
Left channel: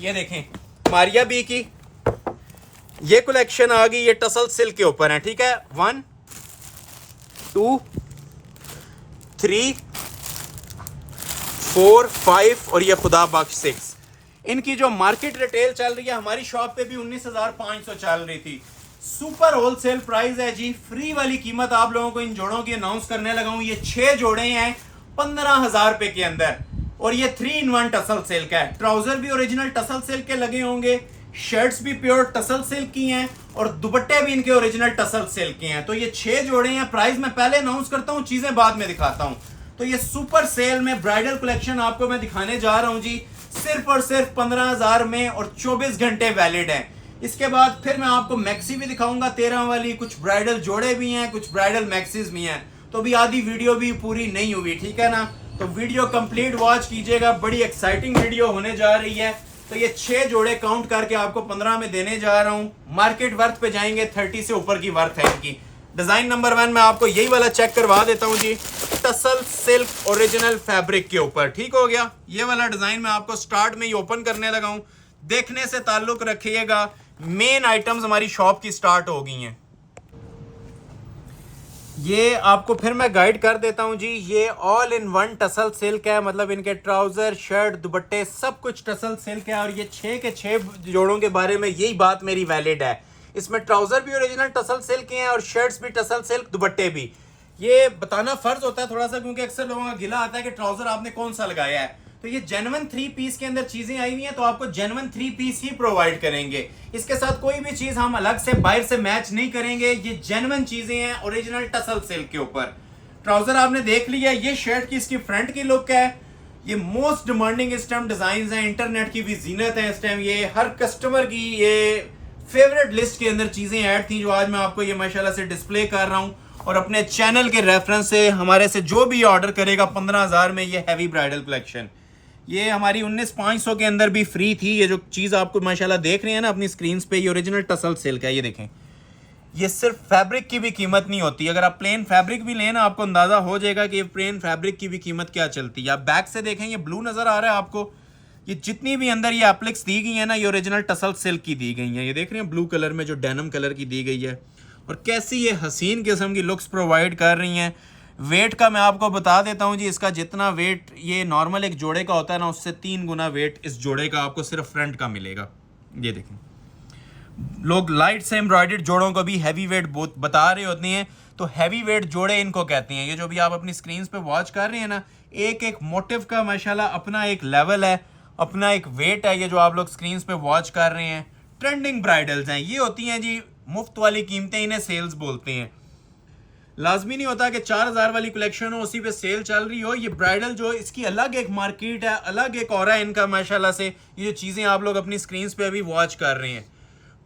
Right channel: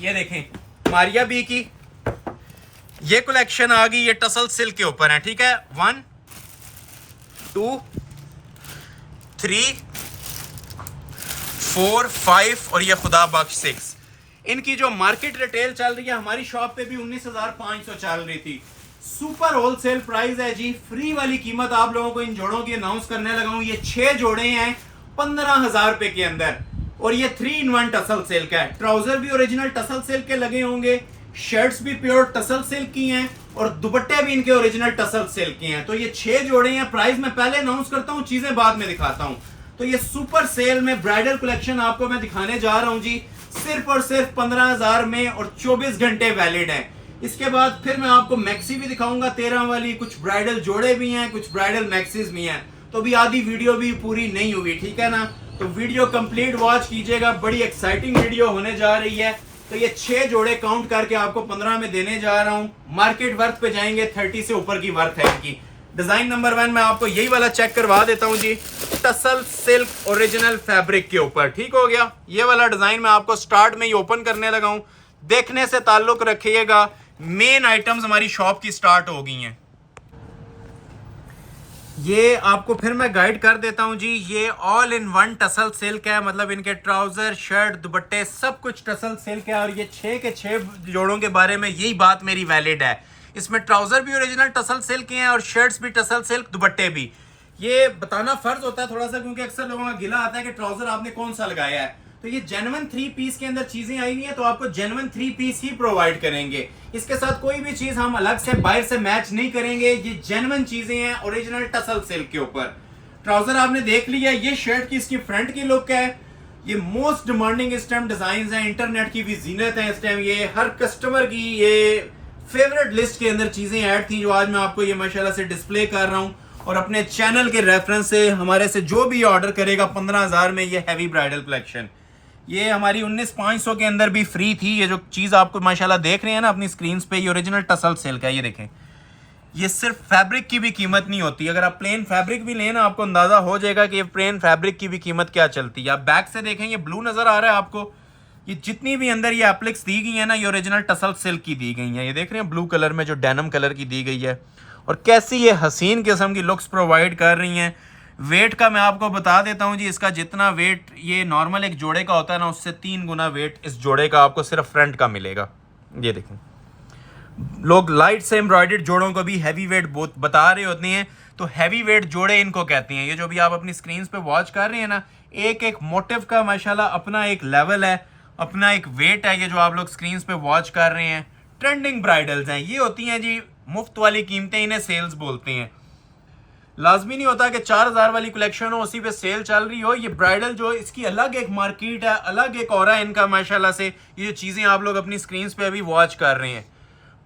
ये देखें, मारिया बी की ये कलेक्शन आ गई, ये टसल सिल्क के ऊपर है, ठीक है। 1 2 3 4 5 और ये खुदा बख्श 6। इनकी जो मार्केट रिटेल चल रही है, हमारी शॉप पे भी 19,500 चल रही थी। सुपर होलसेल प्राइस है जी। फ्री वाली कीमत आप लोगों को इन जोड़ों की अनाउंस करने लगा हूं। ये 6 जोड़े हैं 15,000 रुपए के अंदर, और ये 3 in 1 टसल सिल्क है। ट्राउजर भी ओरिजिनल टसल सिल्क के लगे होंगे, शर्ट्स भी प्योर टसल सिल्क की हैं, और दुपट्टे भी इनके ओरिजिनल टसल सिल्क के हैं। तो ये 6 जोड़े हैं। प्राइस मैं पहले अनाउंस करता हूँ, चीजें बाद में दिखाता हूँ। तो ये सुपर सेल में ब्राइडल कलेक्शन आपको मैं दिखाने जा रहा हूँ जी, सिर्फ और सिर्फ 15,000 में, और 24 घंटे वैलिड है। इसके बाद फिर मैं आपको मैक्सी भी दिखाऊंगा 13 वाली। कुछ ब्राइडल जोड़े भी हैं, कुछ ब्राइडल मैक्सीज भी हैं। तो भी आधी वीडियो भी पूरी नहीं हुई, ठीक है ना। तो वीडियो कंप्लीट वॉच कीजिएगा, बड़ी एक्साइटिंग वीडियो होने जा रही है। तो ये 6 जोड़े काउंट करके आपको 15 में देने जा रहा हूं। मार्केट वर्थ पे जाएंगे, 30 से ऊपर की वर्थ है इनकी। डिजाइन नंबर 1 मैं आपको यही वाला चेक करवा देता हूं जी, टसल सिल्क ओरिजिनल फैब्रिक के ऊपर। ठीक हो गया, ये वाला डिजाइन मैं आपको स्टार्ट में ही ओपन करने लगा हूं। देखने से ताल्लुक रखिएगा, मेन आइटम्स हमारी शॉप की स्टार्ट हो गई हैं। ये आपको फिर मैं गाइड कर देता हूं जी, ये all in one tussle silk है, मतलब इनके ट्राउजर, शर्ट, दुपट्टे सब कुछ टसल सिल्क है। और ये 6 के 6 जोड़ों के बारे में यही बात मेरी वैलिड है। इसमें ट्राउजर भी ओरिजिनल टसल सिल्क के हैं और शर्ट्स भी टसल सिल्क, दुपट्टे भी। ये बताना फर्ज होता है थोड़ा सा, क्योंकि अक्सर लोगों का गिला आता है कि ट्राउजर आपने कौन सा लगाया है। तो ये जेन्युइन 3 पीस के अंदर चीजें आई हुई हैं, तो आपको जेन्युइन 3 पीस ही प्रोवाइड करेंगे। इसके साथ कोई भी चीज हम अलग से बाहर से मैच नहीं करेंगे। ये जेन्युइन चीजें हैं ओरिजिनल टसल सिल्क के ऊपर। ट्राउजर आपने देख लिया, ये शर्ट की इसकी फ्रंट की लुक है। ये मोस्ट डिमांडिंग इस टाइम डिजाइन हैं, इंटरनेट की भी जीनत है इस टाइम। ये हर कस्टमर की ये फेवरेट लिस्ट के अंदर चीजें ऐड थी, जो आज मैं आपको ये माशाल्लाह से डिस्प्ले कर रहा हूं। और अपने चैनल के रेफरेंस से हमारे से जो भी ऑर्डर करेगा 15,000 में ये हैवी ब्राइडल कलेक्शन, ये हमारी 19,500 के अंदर भी फ्री थी। ये जो चीज आपको माशाल्लाह देख रहे हैं ना अपनी स्क्रीन पे, ये ओरिजिनल टसल सिल्क है। ये देखें, ये सिर्फ फैब्रिक की भी कीमत नहीं होती। अगर आप प्लेन फैब्रिक भी लेना, आपको अंदाजा हो जाएगा कि ये प्लेन फैब्रिक की भी कीमत क्या चलती है। आप बैक से देखें, ये ब्लू नजर आ रहा है आपको। ये जितनी भी अंदर ये एप्लिक्स दी गई है ना, ये ओरिजिनल टसल सिल्क की दी गई है। ये देख रहे हैं ब्लू कलर में जो डेनिम कलर की दी गई है, और कैसी ये हसीन किस्म की लुक्स प्रोवाइड कर रही हैं। वेट का मैं आपको बता देता हूं जी, इसका जितना वेट ये नॉर्मल एक जोड़े का होता है ना, उससे 3 गुना वेट इस जोड़े का आपको सिर्फ फ्रंट का मिलेगा। ये देखें, लोग लाइट से एम्ब्रॉयडर्ड जोड़ों को भी हैवी वेट बता रहे होते हैं, तो हैवी वेट जोड़े इनको कहते हैं। ये जो भी आप अपनी स्क्रीन पे वॉच कर रहे हैं ना, एक एक मोटिव का माशाल्लाह अपना एक लेवल है, अपना एक वेट है। ये जो आप लोग स्क्रीन पे वॉच कर रहे हैं, ट्रेंडिंग ब्राइडल्स हैं। ये होती हैं जी मुफ्त वाली कीमतें, इन्हें सेल्स बोलते हैं। लाजमी नहीं होता कि 4,000 वाली कलेक्शन हो, उसी पे सेल चल रही हो। ये ब्राइडल जो इसकी अलग एक मार्केट है, अलग एक ऑरा है इनका माशाल्लाह से। ये जो चीज़ें आप लोग अपनी स्क्रीन पे अभी वॉच कर रहे हैं,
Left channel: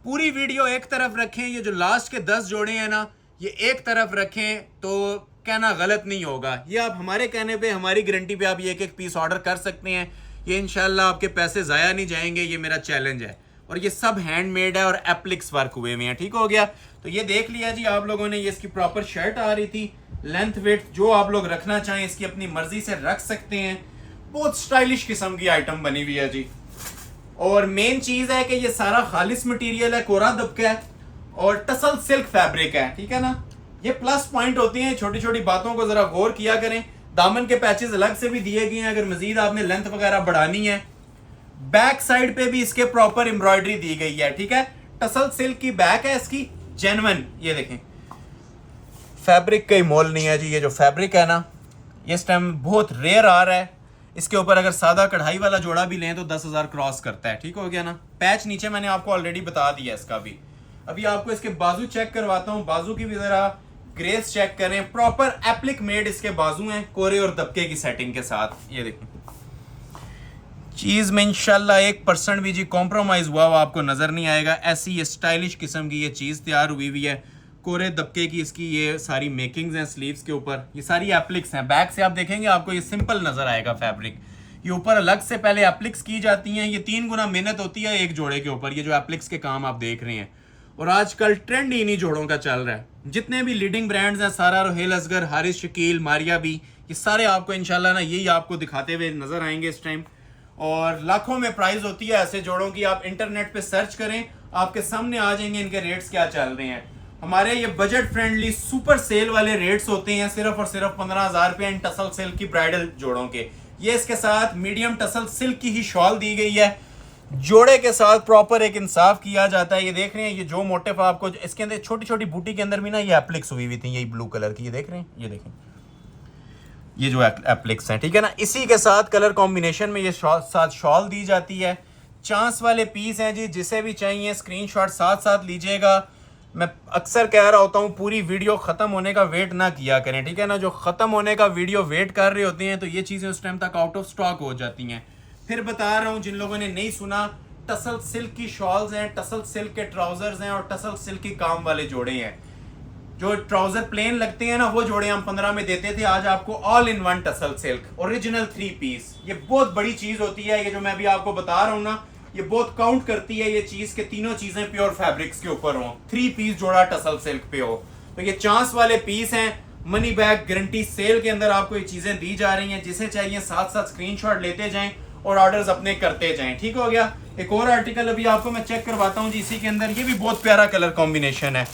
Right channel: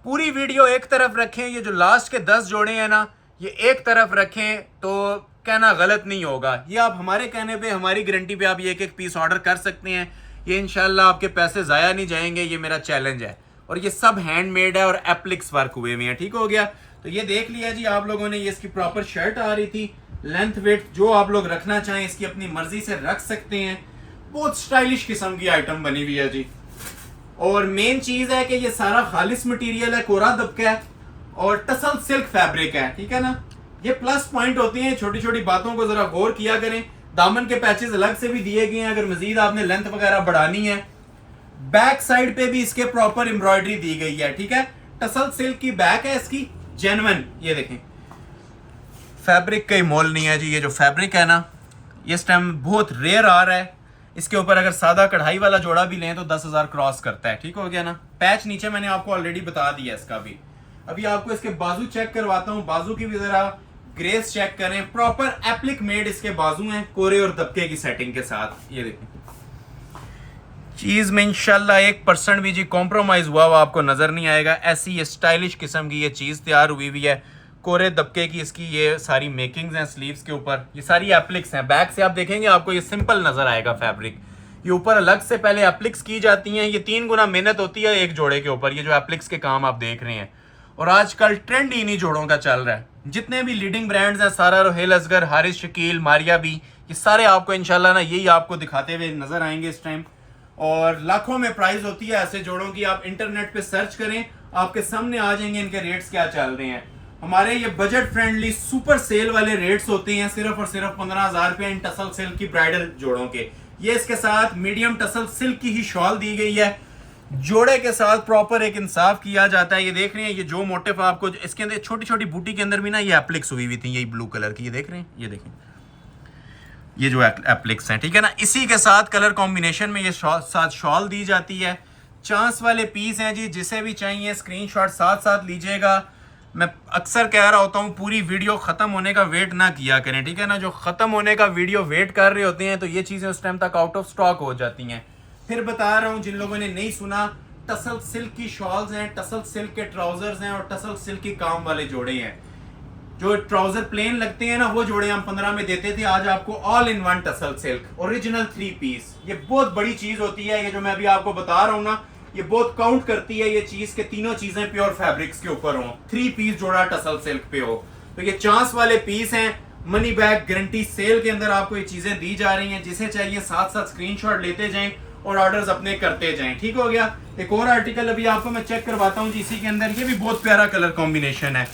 पूरी वीडियो एक तरफ रखें, ये जो लास्ट के 10 जोड़े हैं ना, ये एक तरफ रखें तो कहना गलत नहीं होगा। ये आप हमारे कहने पे, हमारी गारंटी पे आप ये एक एक पीस ऑर्डर कर सकते हैं। ये इंशाल्लाह आपके पैसे ज़ाया नहीं जाएंगे, ये मेरा चैलेंज है। और ये सब हैंडमेड है और एप्लिक्स वर्क हुए हुए हैं। ठीक हो गया, तो ये देख लिया जी आप लोगों ने। ये इसकी प्रॉपर शर्ट आ रही थी, लेंथ वेट जो आप लोग रखना चाहें इसकी अपनी मर्जी से रख सकते हैं। बहुत स्टाइलिश किस्म की आइटम बनी हुई है जी। और मेन चीज है कि ये सारा खालिस मटेरियल है, कोरा दबका है और टसल सिल्क फैब्रिक है। ठीक है ना, ये प्लस पॉइंट होते हैं। छोटी छोटी बातों को जरा गौर किया करें। दामन के पैचेस अलग से भी दिए गए हैं, अगर मजीद आपने लेंथ वगैरह बढ़ानी है। बैक साइड पे भी इसके प्रॉपर एम्ब्रॉयडरी दी गई है। ठीक है, टसल सिल्क की बैक है इसकी, जेन्युइन। ये देखें, फैब्रिक का ही मोल नहीं है जी। ये जो फैब्रिक है ना, ये इस टाइम बहुत रेयर आ रहा है। इसके ऊपर अगर सादा कढ़ाई वाला जोड़ा भी लें तो 10,000 क्रॉस करता है। ठीक हो गया ना। पैच नीचे मैंने आपको ऑलरेडी बता दिया इसका भी। अभी आपको इसके बाजू चेक करवाता हूँ, बाजू की भी जरा ग्रेस चेक करें। प्रॉपर एप्लिक मेड इसके बाजू हैं, कोरे और दबके की सेटिंग के साथ। ये देखें, चीज में इंशाल्लाह 1% भी जी कॉम्प्रोमाइज हुआ आपको नजर नहीं आएगा। ऐसी ये स्टाइलिश किस्म की ये चीज तैयार हुई हुई है, कोरे दबके की इसकी ये सारी मेकिंग्स हैं स्लीव्स के ऊपर। ये सारी एप्लिक्स हैं। बैक से आप देखेंगे आपको ये सिंपल नजर आएगा फैब्रिक। ये ऊपर अलग से पहले एप्लिक्स की जाती हैं। ये 3 गुना मेहनत होती है एक जोड़े के ऊपर, ये जो एप्लिक्स के काम आप देख रहे हैं। और आजकल ट्रेंड इन्हीं जोड़ों का चल रहा है। जितने भी लीडिंग ब्रांड्स हैं, सारा, रोहेल असगर, हारिस शकील, मारिया बी, ये सारे आपको इंशाल्लाह ना यही आपको दिखाते हुए नजर आएंगे इस टाइम। और लाखों में प्राइस होती है ऐसे जोड़ों की। आप इंटरनेट पे सर्च करें, आपके सामने आ जाएंगे इनके रेट्स क्या चल रहे हैं। हमारे ये बजट फ्रेंडली सुपर सेल वाले रेट्स होते हैं, सिर्फ और सिर्फ 15,000 रुपये इन टसल सिल्क की ब्राइडल जोड़ों के। ये इसके साथ मीडियम टसल सिल्क की ही शॉल दी गई है। जोड़े के साथ प्रॉपर एक इंसाफ किया जाता है। ये देख रहे हैं, ये जो मोटिव आपको इसके अंदर छोटी छोटी बूटी के अंदर भी ना ये एप्लिक्स हुई हुई थी, यही ब्लू कलर की। ये देख रहे हैं, ये देखें, ये जो एप्लिक्स हैं। ठीक है ना, इसी के साथ कलर कॉम्बिनेशन में ये साथ शॉल दी जाती है। चांस वाले पीस हैं जी, जिसे भी चाहिए स्क्रीनशॉट साथ साथ लीजिएगा। मैं अक्सर कह रहा होता हूँ, पूरी वीडियो खत्म होने का वेट ना किया करें। ठीक है ना, जो खत्म होने का वीडियो वेट कर रहे होते हैं तो ये चीजें उस टाइम तक आउट ऑफ स्टॉक हो जाती हैं। फिर बता रहा हूँ, जिन लोगों ने नहीं सुना, टसल सिल्क की शॉल्स हैं, टसल सिल्क के ट्राउजर्स हैं और टसल सिल्क की काम वाले जोड़े हैं। जो ट्राउजर प्लेन लगते हैं ना, वो जोड़े हम 15 में देते थे। आज आपको all in one tussle silk original 3 piece. ये बहुत बड़ी चीज होती है। ये जो मैं अभी आपको बता रहा हूँ ना, ये बहुत काउंट करती है ये चीज के तीनों चीजें प्योर फैब्रिक्स के ऊपर हो, 3 पीस जोड़ा टसल सिल्क पे हो। तो ये चांस वाले पीस हैं, मनी बैक गारंटी सेल के अंदर आपको ये चीजें दी जा रही हैं। जिसे चाहिए साथ साथ स्क्रीनशॉट लेते जाएं और ऑर्डर्स अपने करते जाएं। ठीक हो गया। एक और आर्टिकल अभी आपको मैं चेक करवाता हूँ जी इसी के अंदर। ये भी बहुत प्यारा कलर कॉम्बिनेशन है।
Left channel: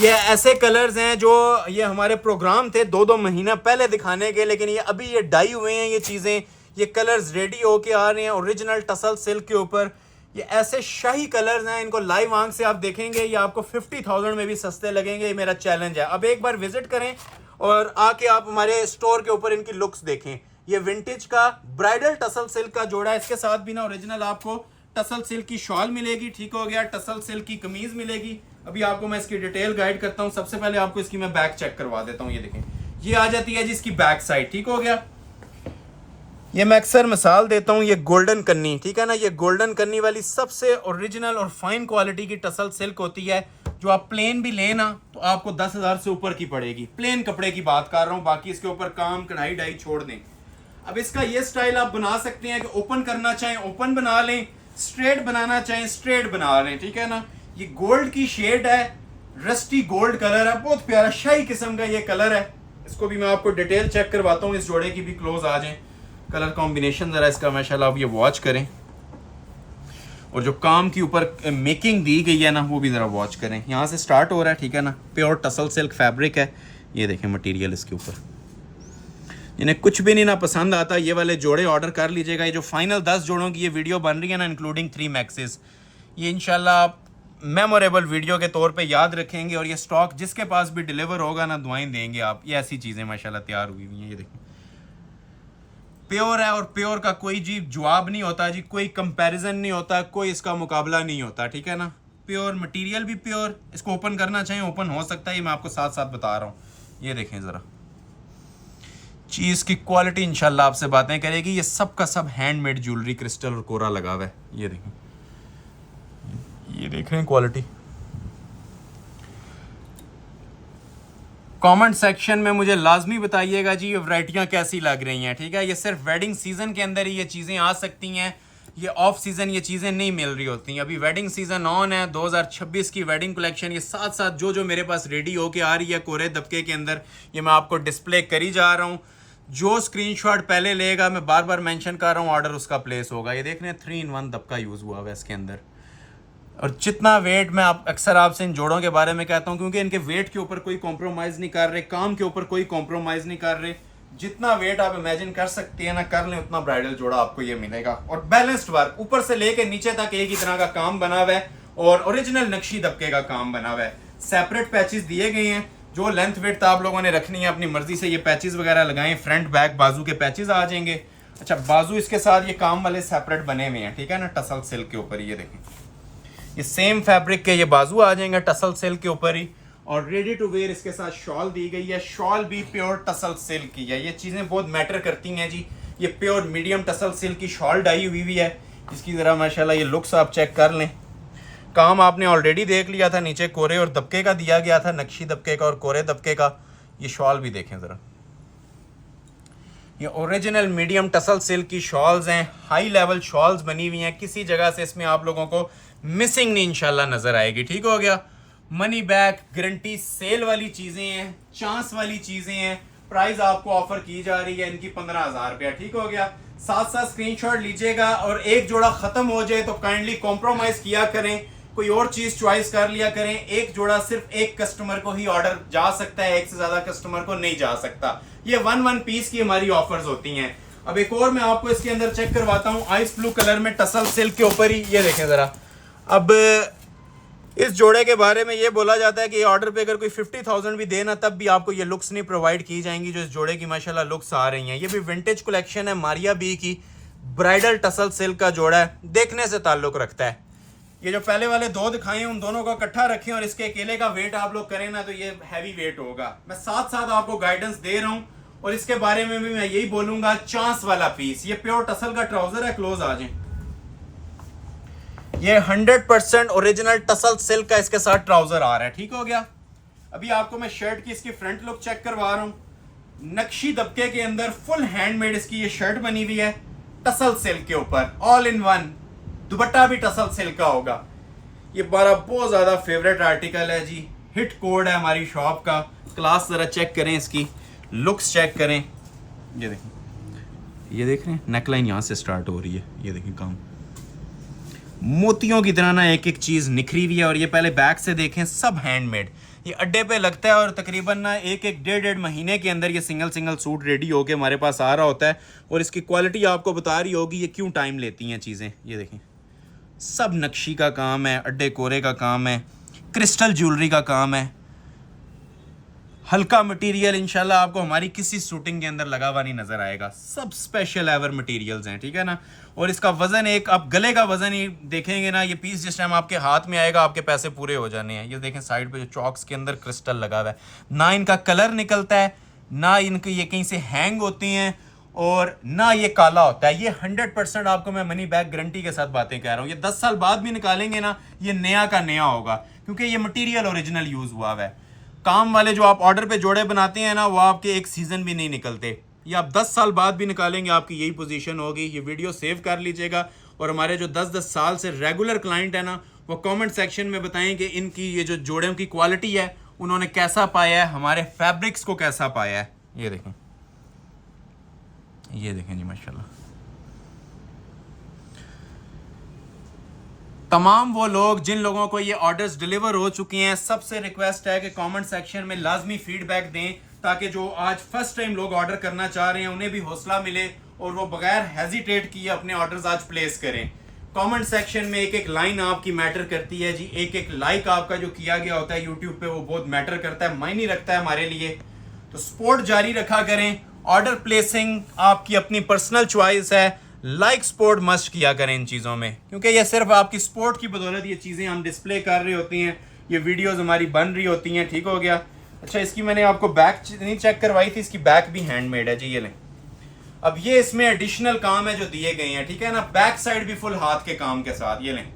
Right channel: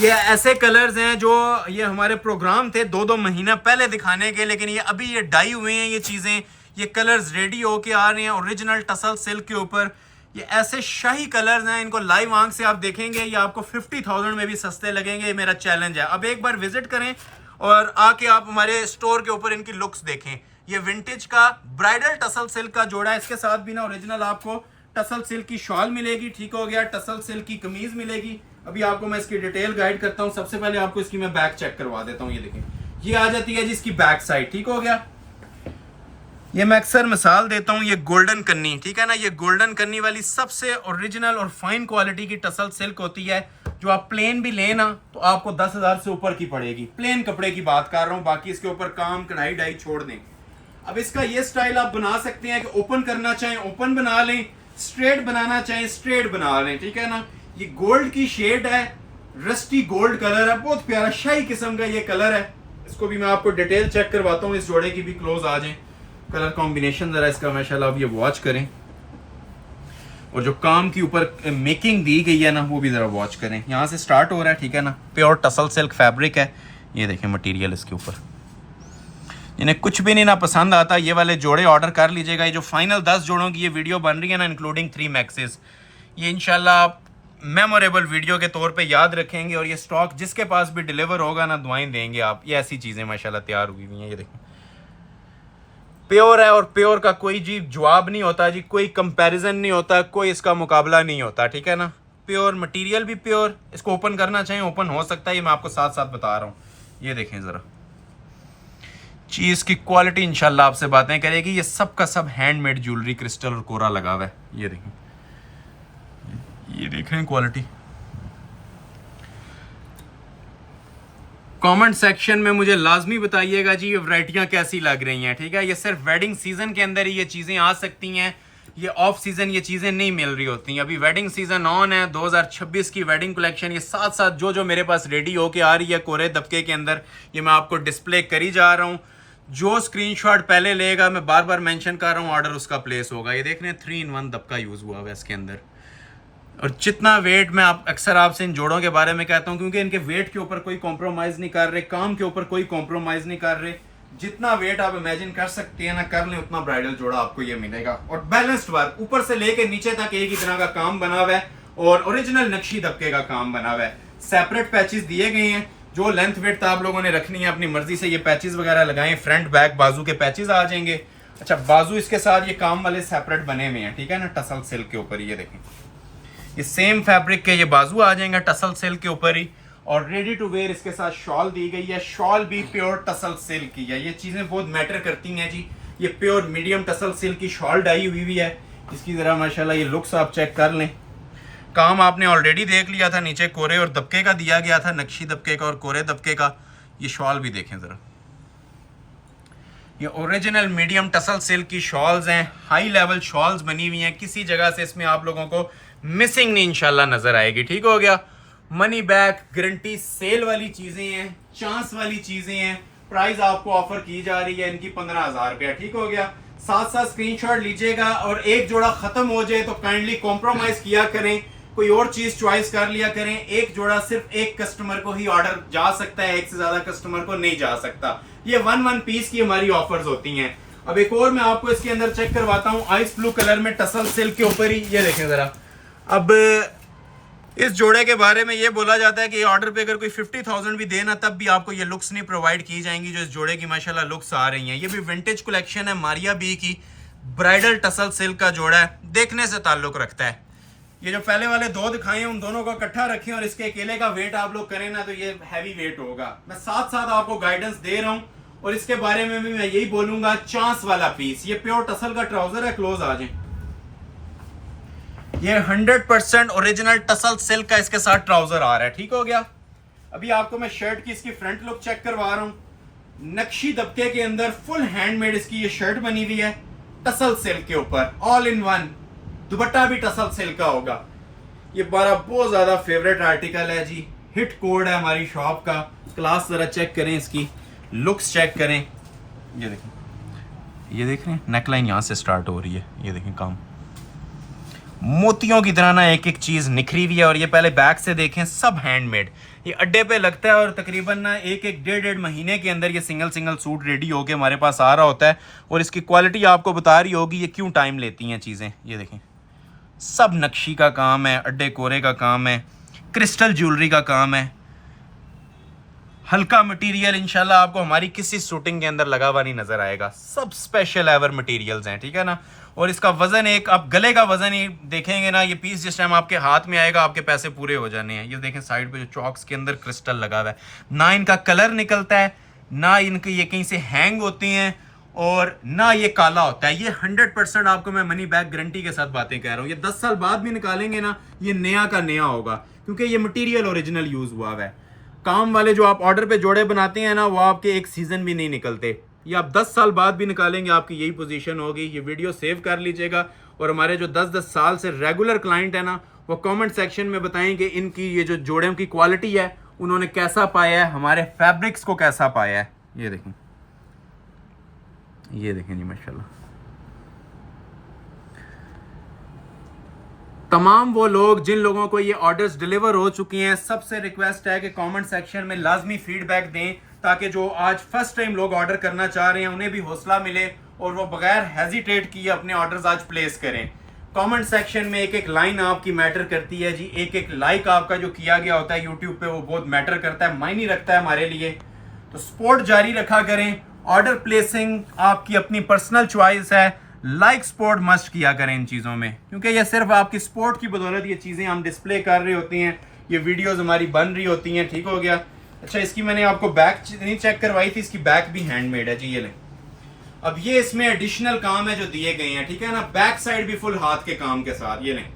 ये ऐसे कलर्स हैं जो ये हमारे प्रोग्राम थे 2-2 महीना पहले दिखाने के, लेकिन ये अभी ये डाई हुए हैं ये चीजें, ये कलर्स रेडी होके आ रहे हैं ओरिजिनल टसल सिल्क के ऊपर। ये ऐसे शाही कलर्स हैं, इनको लाइव आंख से आप देखेंगे ये आपको 50,000 में भी सस्ते लगेंगे। ये मेरा चैलेंज है। अब एक बार विजिट करें और आके आप हमारे स्टोर के ऊपर इनकी लुक्स देखें। ये विंटेज का ब्राइडल टसल सिल्क का जोड़ा है। इसके साथ भी ना ओरिजिनल आपको टसल सिल्क की शॉल मिलेगी। ठीक हो गया। टसल सिल्क की कमीज मिलेगी। अभी आपको मैं इसकी डिटेल गाइड करता हूँ। सबसे पहले आपको इसकी मैं बैक चेक करवा देता हूँ। ये देखें, ये आ जाती है जी इसकी बैक साइड। ठीक हो गया। ये मैं अक्सर मिसाल देता हूँ, ये गोल्डन कन्नी, ठीक है ना, ये गोल्डन कन्नी वाली सबसे ओरिजिनल और फाइन क्वालिटी की टसल सिल्क होती है, जो आप प्लेन भी लेना तो आपको 10,000 से ऊपर की पड़ेगी। प्लेन कपड़े की बात कर रहा हूँ, बाकी इसके ऊपर काम कढ़ाई डाई छोड़ दें। अब इसका ये स्टाइल आप बना सकते हैं कि ओपन करना चाहें ओपन बना लें, स्ट्रेट बनाना चाहें स्ट्रेट बना लें। ठीक है ना। ये गोल्ड की शेड है, रस्टी गोल्ड कलर है, बहुत प्यारा शाही किस्म का ये कलर है। इसको भी मैं आपको डिटेल चेक करवाता हूँ। इस जोड़े की भी क्लोज आ जाए। कलर कॉम्बिनेशन जरा इसका माशाल्लाह आप ये वॉच करें, और जो काम की ऊपर मेकिंग दी गई है ना वो भी जरा वॉच करें। यहाँ से स्टार्ट हो रहा है। ठीक है ना। प्योर टसल सिल्क फैब्रिक है। ये देखें मटेरियल इसके ऊपर। इन्हें कुछ भी नहीं ना पसंद आता, ये वाले जोड़े ऑर्डर कर लीजिएगा। ये जो फाइनल 10 जोड़ों की ये वीडियो बन रही है ना, इंक्लूडिंग 3 मैक्सेस, ये इंशाल्लाह आप मेमोरेबल वीडियो के तौर पे याद रखेंगे। और ये स्टॉक जिसके पास भी डिलीवर होगा ना, दुआएं देंगे आप। ये ऐसी चीज़ें माशाल्लाह तैयार हुई हुई हैं। ये देखें प्योर है, और प्योर का कोई जी जवाब नहीं होता जी, कोई कंपैरिजन नहीं होता, कोई इसका मुकाबला नहीं होता। ठीक है ना। प्योर मटेरियल भी प्योर। इसको ओपन करना चाहें ओपन हो सकता है, ये मैं आपको साथ साथ बता रहा हूँ। ये देखें ज़रा चीज़ की क्वालिटी इंशाल्लाह आपसे बातें करेगी। ये सब का सब हैंडमेड ज्वेलरी, क्रिस्टल और कोरा लगा हुआ है। ये देखें, ये देख रहे हैं क्वालिटी। कमेंट सेक्शन में मुझे लाजमी बताइएगा जी ये वैरायटियाँ कैसी लग रही हैं। ठीक है। ये सिर्फ वेडिंग सीजन के अंदर ही ये चीज़ें आ सकती हैं, ये ऑफ सीजन ये चीज़ें नहीं मिल रही होती। अभी वेडिंग सीजन ऑन है, 2026 की वेडिंग कलेक्शन। ये साथ साथ जो जो मेरे पास रेडी होके आ रही है कोरे दबके के अंदर, ये मैं आपको डिस्प्ले करी जा रहा हूँ। जो स्क्रीनशॉट पहले लेगा, मैं बार बार मेंशन कर रहा हूँ, ऑर्डर उसका प्लेस होगा। ये देख रहे हैं 3-in-1 दबका यूज़ हुआ है इसके अंदर। और जितना वेट मैं अक्सर आपसे इन जोड़ों के बारे में कहता हूं, क्योंकि इनके वेट के ऊपर कोई कॉम्प्रोमाइज़ नहीं कर रहे, काम के ऊपर कोई कॉम्प्रोमाइज़ नहीं कर रहे। जितना वेट आप इमेजिन कर सकते हैं ना, कर लें, उतना ब्राइडल जोड़ा आपको ये मिलेगा। और बैलेंस्ड वर्क ऊपर से लेके नीचे तक एक ही तरह का काम बना हुआ है, और ओरिजिनल नक्शी दबके का काम बना हुआ है। सेपरेट पैचेस दिए गए हैं, जो लेंथ वेट आप लोगों ने रखनी है अपनी मर्जी से। ये पैचेस वगैरह लगाएं, फ्रंट बैक बाजू के पैचेस आ जाएंगे। अच्छा, बाजू इसके साथ ये काम वाले सेपरेट बने हुए हैं। ठीक है ना। टसल सिल्क के ऊपर ये देखें, ये सेम फैब्रिक के ये बाजू आ जाएंगे टसल सिल्क के ऊपर ही। और रेडी टू वेयर इसके साथ शॉल दी गई है। शॉल भी प्योर टसल सिल्क की है। ये चीज़ें बहुत मैटर करती हैं जी। ये प्योर मीडियम टसल सिल्क की शॉल डाई हुई है। इसकी ज़रा माशाल्लाह ये लुक्स आप चेक कर लें। काम आपने ऑलरेडी देख लिया था, नीचे कोरे और दबके का दिया गया था, नक्शी दबके का और कोरे दबके का। ये शॉल भी देखें ज़रा, ये ओरिजिनल मीडियम टसल सिल्क की शॉल्स हैं। हाई लेवल शॉल्स बनी हुई हैं, किसी जगह से इसमें आप लोगों को मिसिंग नहीं इंशाल्लाह नजर आएगी। ठीक हो गया। मनी बैक गारंटी सेल वाली चीजें हैं, चांस वाली चीजें हैं। प्राइस आपको ऑफर की जा रही है इनकी 15,000 रुपया। ठीक हो गया। साथ साथ स्क्रीनशॉट लीजिएगा, और एक जोड़ा खत्म हो जाए तो काइंडली कॉम्प्रोमाइज किया करें, कोई और चीज चॉइस कर लिया करें। एक जोड़ा सिर्फ एक कस्टमर को ही ऑर्डर जा सकता है, एक से ज्यादा कस्टमर को नहीं जा सकता। ये 1 पीस की हमारी ऑफर्स होती हैं। अब एक और मैं आपको इसके अंदर चेक करवाता हूँ, आइस ब्लू कलर में टसल सिल्क के ऊपर ही। ये देखें जरा। अब इस जोड़े के बारे में ये बोला जाता है कि ऑर्डर पे अगर कोई 50,000 भी देना, तब भी आपको ये लुक्स नहीं प्रोवाइड की जाएंगी जो इस जोड़े की माशाल्लाह लुक्स आ रही हैं। ये भी विंटेज कलेक्शन है, मारिया बी की ब्राइडल टसल सिल्क का जोड़ा है, देखने से ताल्लुक रखता है। ये जो पहले वाले 2 दिखाए हैं, उन दोनों को इकट्ठा रखें और इसके अकेले का वेट आप लोग करें ना, तो ये हैवी वेट होगा। मैं साथ साथ आपको गाइडेंस दे रहा हूँ, और इसके बारे में भी मैं यही बोलूंगा। चांस वाला पीस, ये प्योर टसल का ट्राउजर है। क्लोज आ जाए। ये 100% ओरिजिनल टसल सिल्क का इसके साथ ट्राउजर आ रहा है। ठीक हो गया। अभी आपको मैं शर्ट की इसकी फ्रंट लुक चेक करवा रहा हूं। नक्शी दबके के अंदर फुल हैंडमेड इसकी ये शर्ट बनी हुई है, टसल सिल्क के ऊपर, ऑल इन वन। दुपट्टा भी टसल सिल्क का होगा। ये हमारा बहुत ज्यादा फेवरेट आर्टिकल है जी। हिट कोड है हमारी शॉप का। क्लास जरा चेक करें, इसकी लुक्स चेक करें। ये देखें, ये देख रहे हैं नेकलाइन यहाँ से स्टार्ट हो रही है। ये देखें काम मोतियों की तरह ना एक एक चीज़ निखरी हुई है। और ये पहले बैक से देखें, सब हैंडमेड। ये अड्डे पे लगता है और तकरीबन ना एक डेढ़ महीने के अंदर ये सिंगल सूट रेडी होके हमारे पास आ रहा होता है। और इसकी क्वालिटी आपको बता रही होगी ये क्यों टाइम लेती हैं चीज़ें। ये देखें सब नक्शी का काम है, अड्डे कोरे का काम है, क्रिस्टल ज्वेलरी का काम है, हल्का मटेरियल इंशाल्लाह आपको हमारी किसी शूटिंग के अंदर लगा हुआ नहीं नजर आएगा। सब स्पेशल एवर मटेरियल्स हैं, ठीक है ना। और इसका वजन एक, आप गले का वजन ही देखेंगे ना, ये पीस जिस टाइम आपके हाथ में आएगा आपके पैसे पूरे हो जाने हैं। ये देखें साइड पे जो चॉक्स के अंदर क्रिस्टल लगा हुआ है, ना इनका कलर निकलता है, ना इनके ये कहीं से हैंग होते हैं, और ना ये काला होता है। ये 100% आपको मैं मनी बैक गारंटी के साथ बातें कह रहा हूँ। ये 10 साल बाद भी निकालेंगे ना, ये नया का नया होगा, क्योंकि ये मटेरियल ओरिजिनल यूज हुआ है। काम वाले जो आप ऑर्डर पे जोड़े बनाते हैं ना, वो आपके एक सीजन भी नहीं निकलते। ये आप 10 साल बाद भी निकालेंगे, आपकी यही पोजीशन होगी। ये वीडियो सेव कर लीजिएगा। और हमारे जो 10-10 साल से रेगुलर क्लाइंट है ना, वो कमेंट सेक्शन में बताएं कि इनकी ये जो जोड़ों की क्वालिटी है उन्होंने कैसा पाया है, हमारे फैब्रिक्स को कैसा पाया है। ये देखें, ये देखें जी माशाल्लाह। तमाम वो लोग जिन लोगों को ये ऑर्डर्स डिलीवर हो चुके हैं, सबसे रिक्वेस्ट है कि कमेंट सेक्शन में लाजमी फीडबैक दें, ताकि जो आज फर्स्ट टाइम लोग ऑर्डर करना चाह रहे हैं उन्हें भी हौसला मिले और वो बगैर हेजिटेट किए अपने ऑर्डर्स आज प्लेस करें। कमेंट सेक्शन में एक एक लाइन आपकी मैटर करती है जी। एक एक लाइक आपका जो किया गया होता है यूट्यूब पे, वो बहुत मैटर करता है, मायने रखता है हमारे लिए। तो सपोर्ट जारी रखा करें। ऑर्डर प्लेसिंग आपकी अपनी पर्सनल चॉइस है। लाइक सपोर्ट मस्ट किया करें इन चीज़ों में, क्योंकि ये सिर्फ आपकी सपोर्ट की बदौलत ये चीज़ें हम डिस्प्ले कर रही होती हैं, ये वीडियोस हमारी बन रही होती हैं। ठीक हो गया। अच्छा, इसकी मैंने आपको बैक नहीं चेक करवाई थी, इसकी बैक भी हैंडमेड है जी। ये लें, अब ये इसमें एडिशनल काम है जो दिए गए हैं, ठीक है ना। बैक साइड भी फुल हाथ के काम के साथ। ये लें,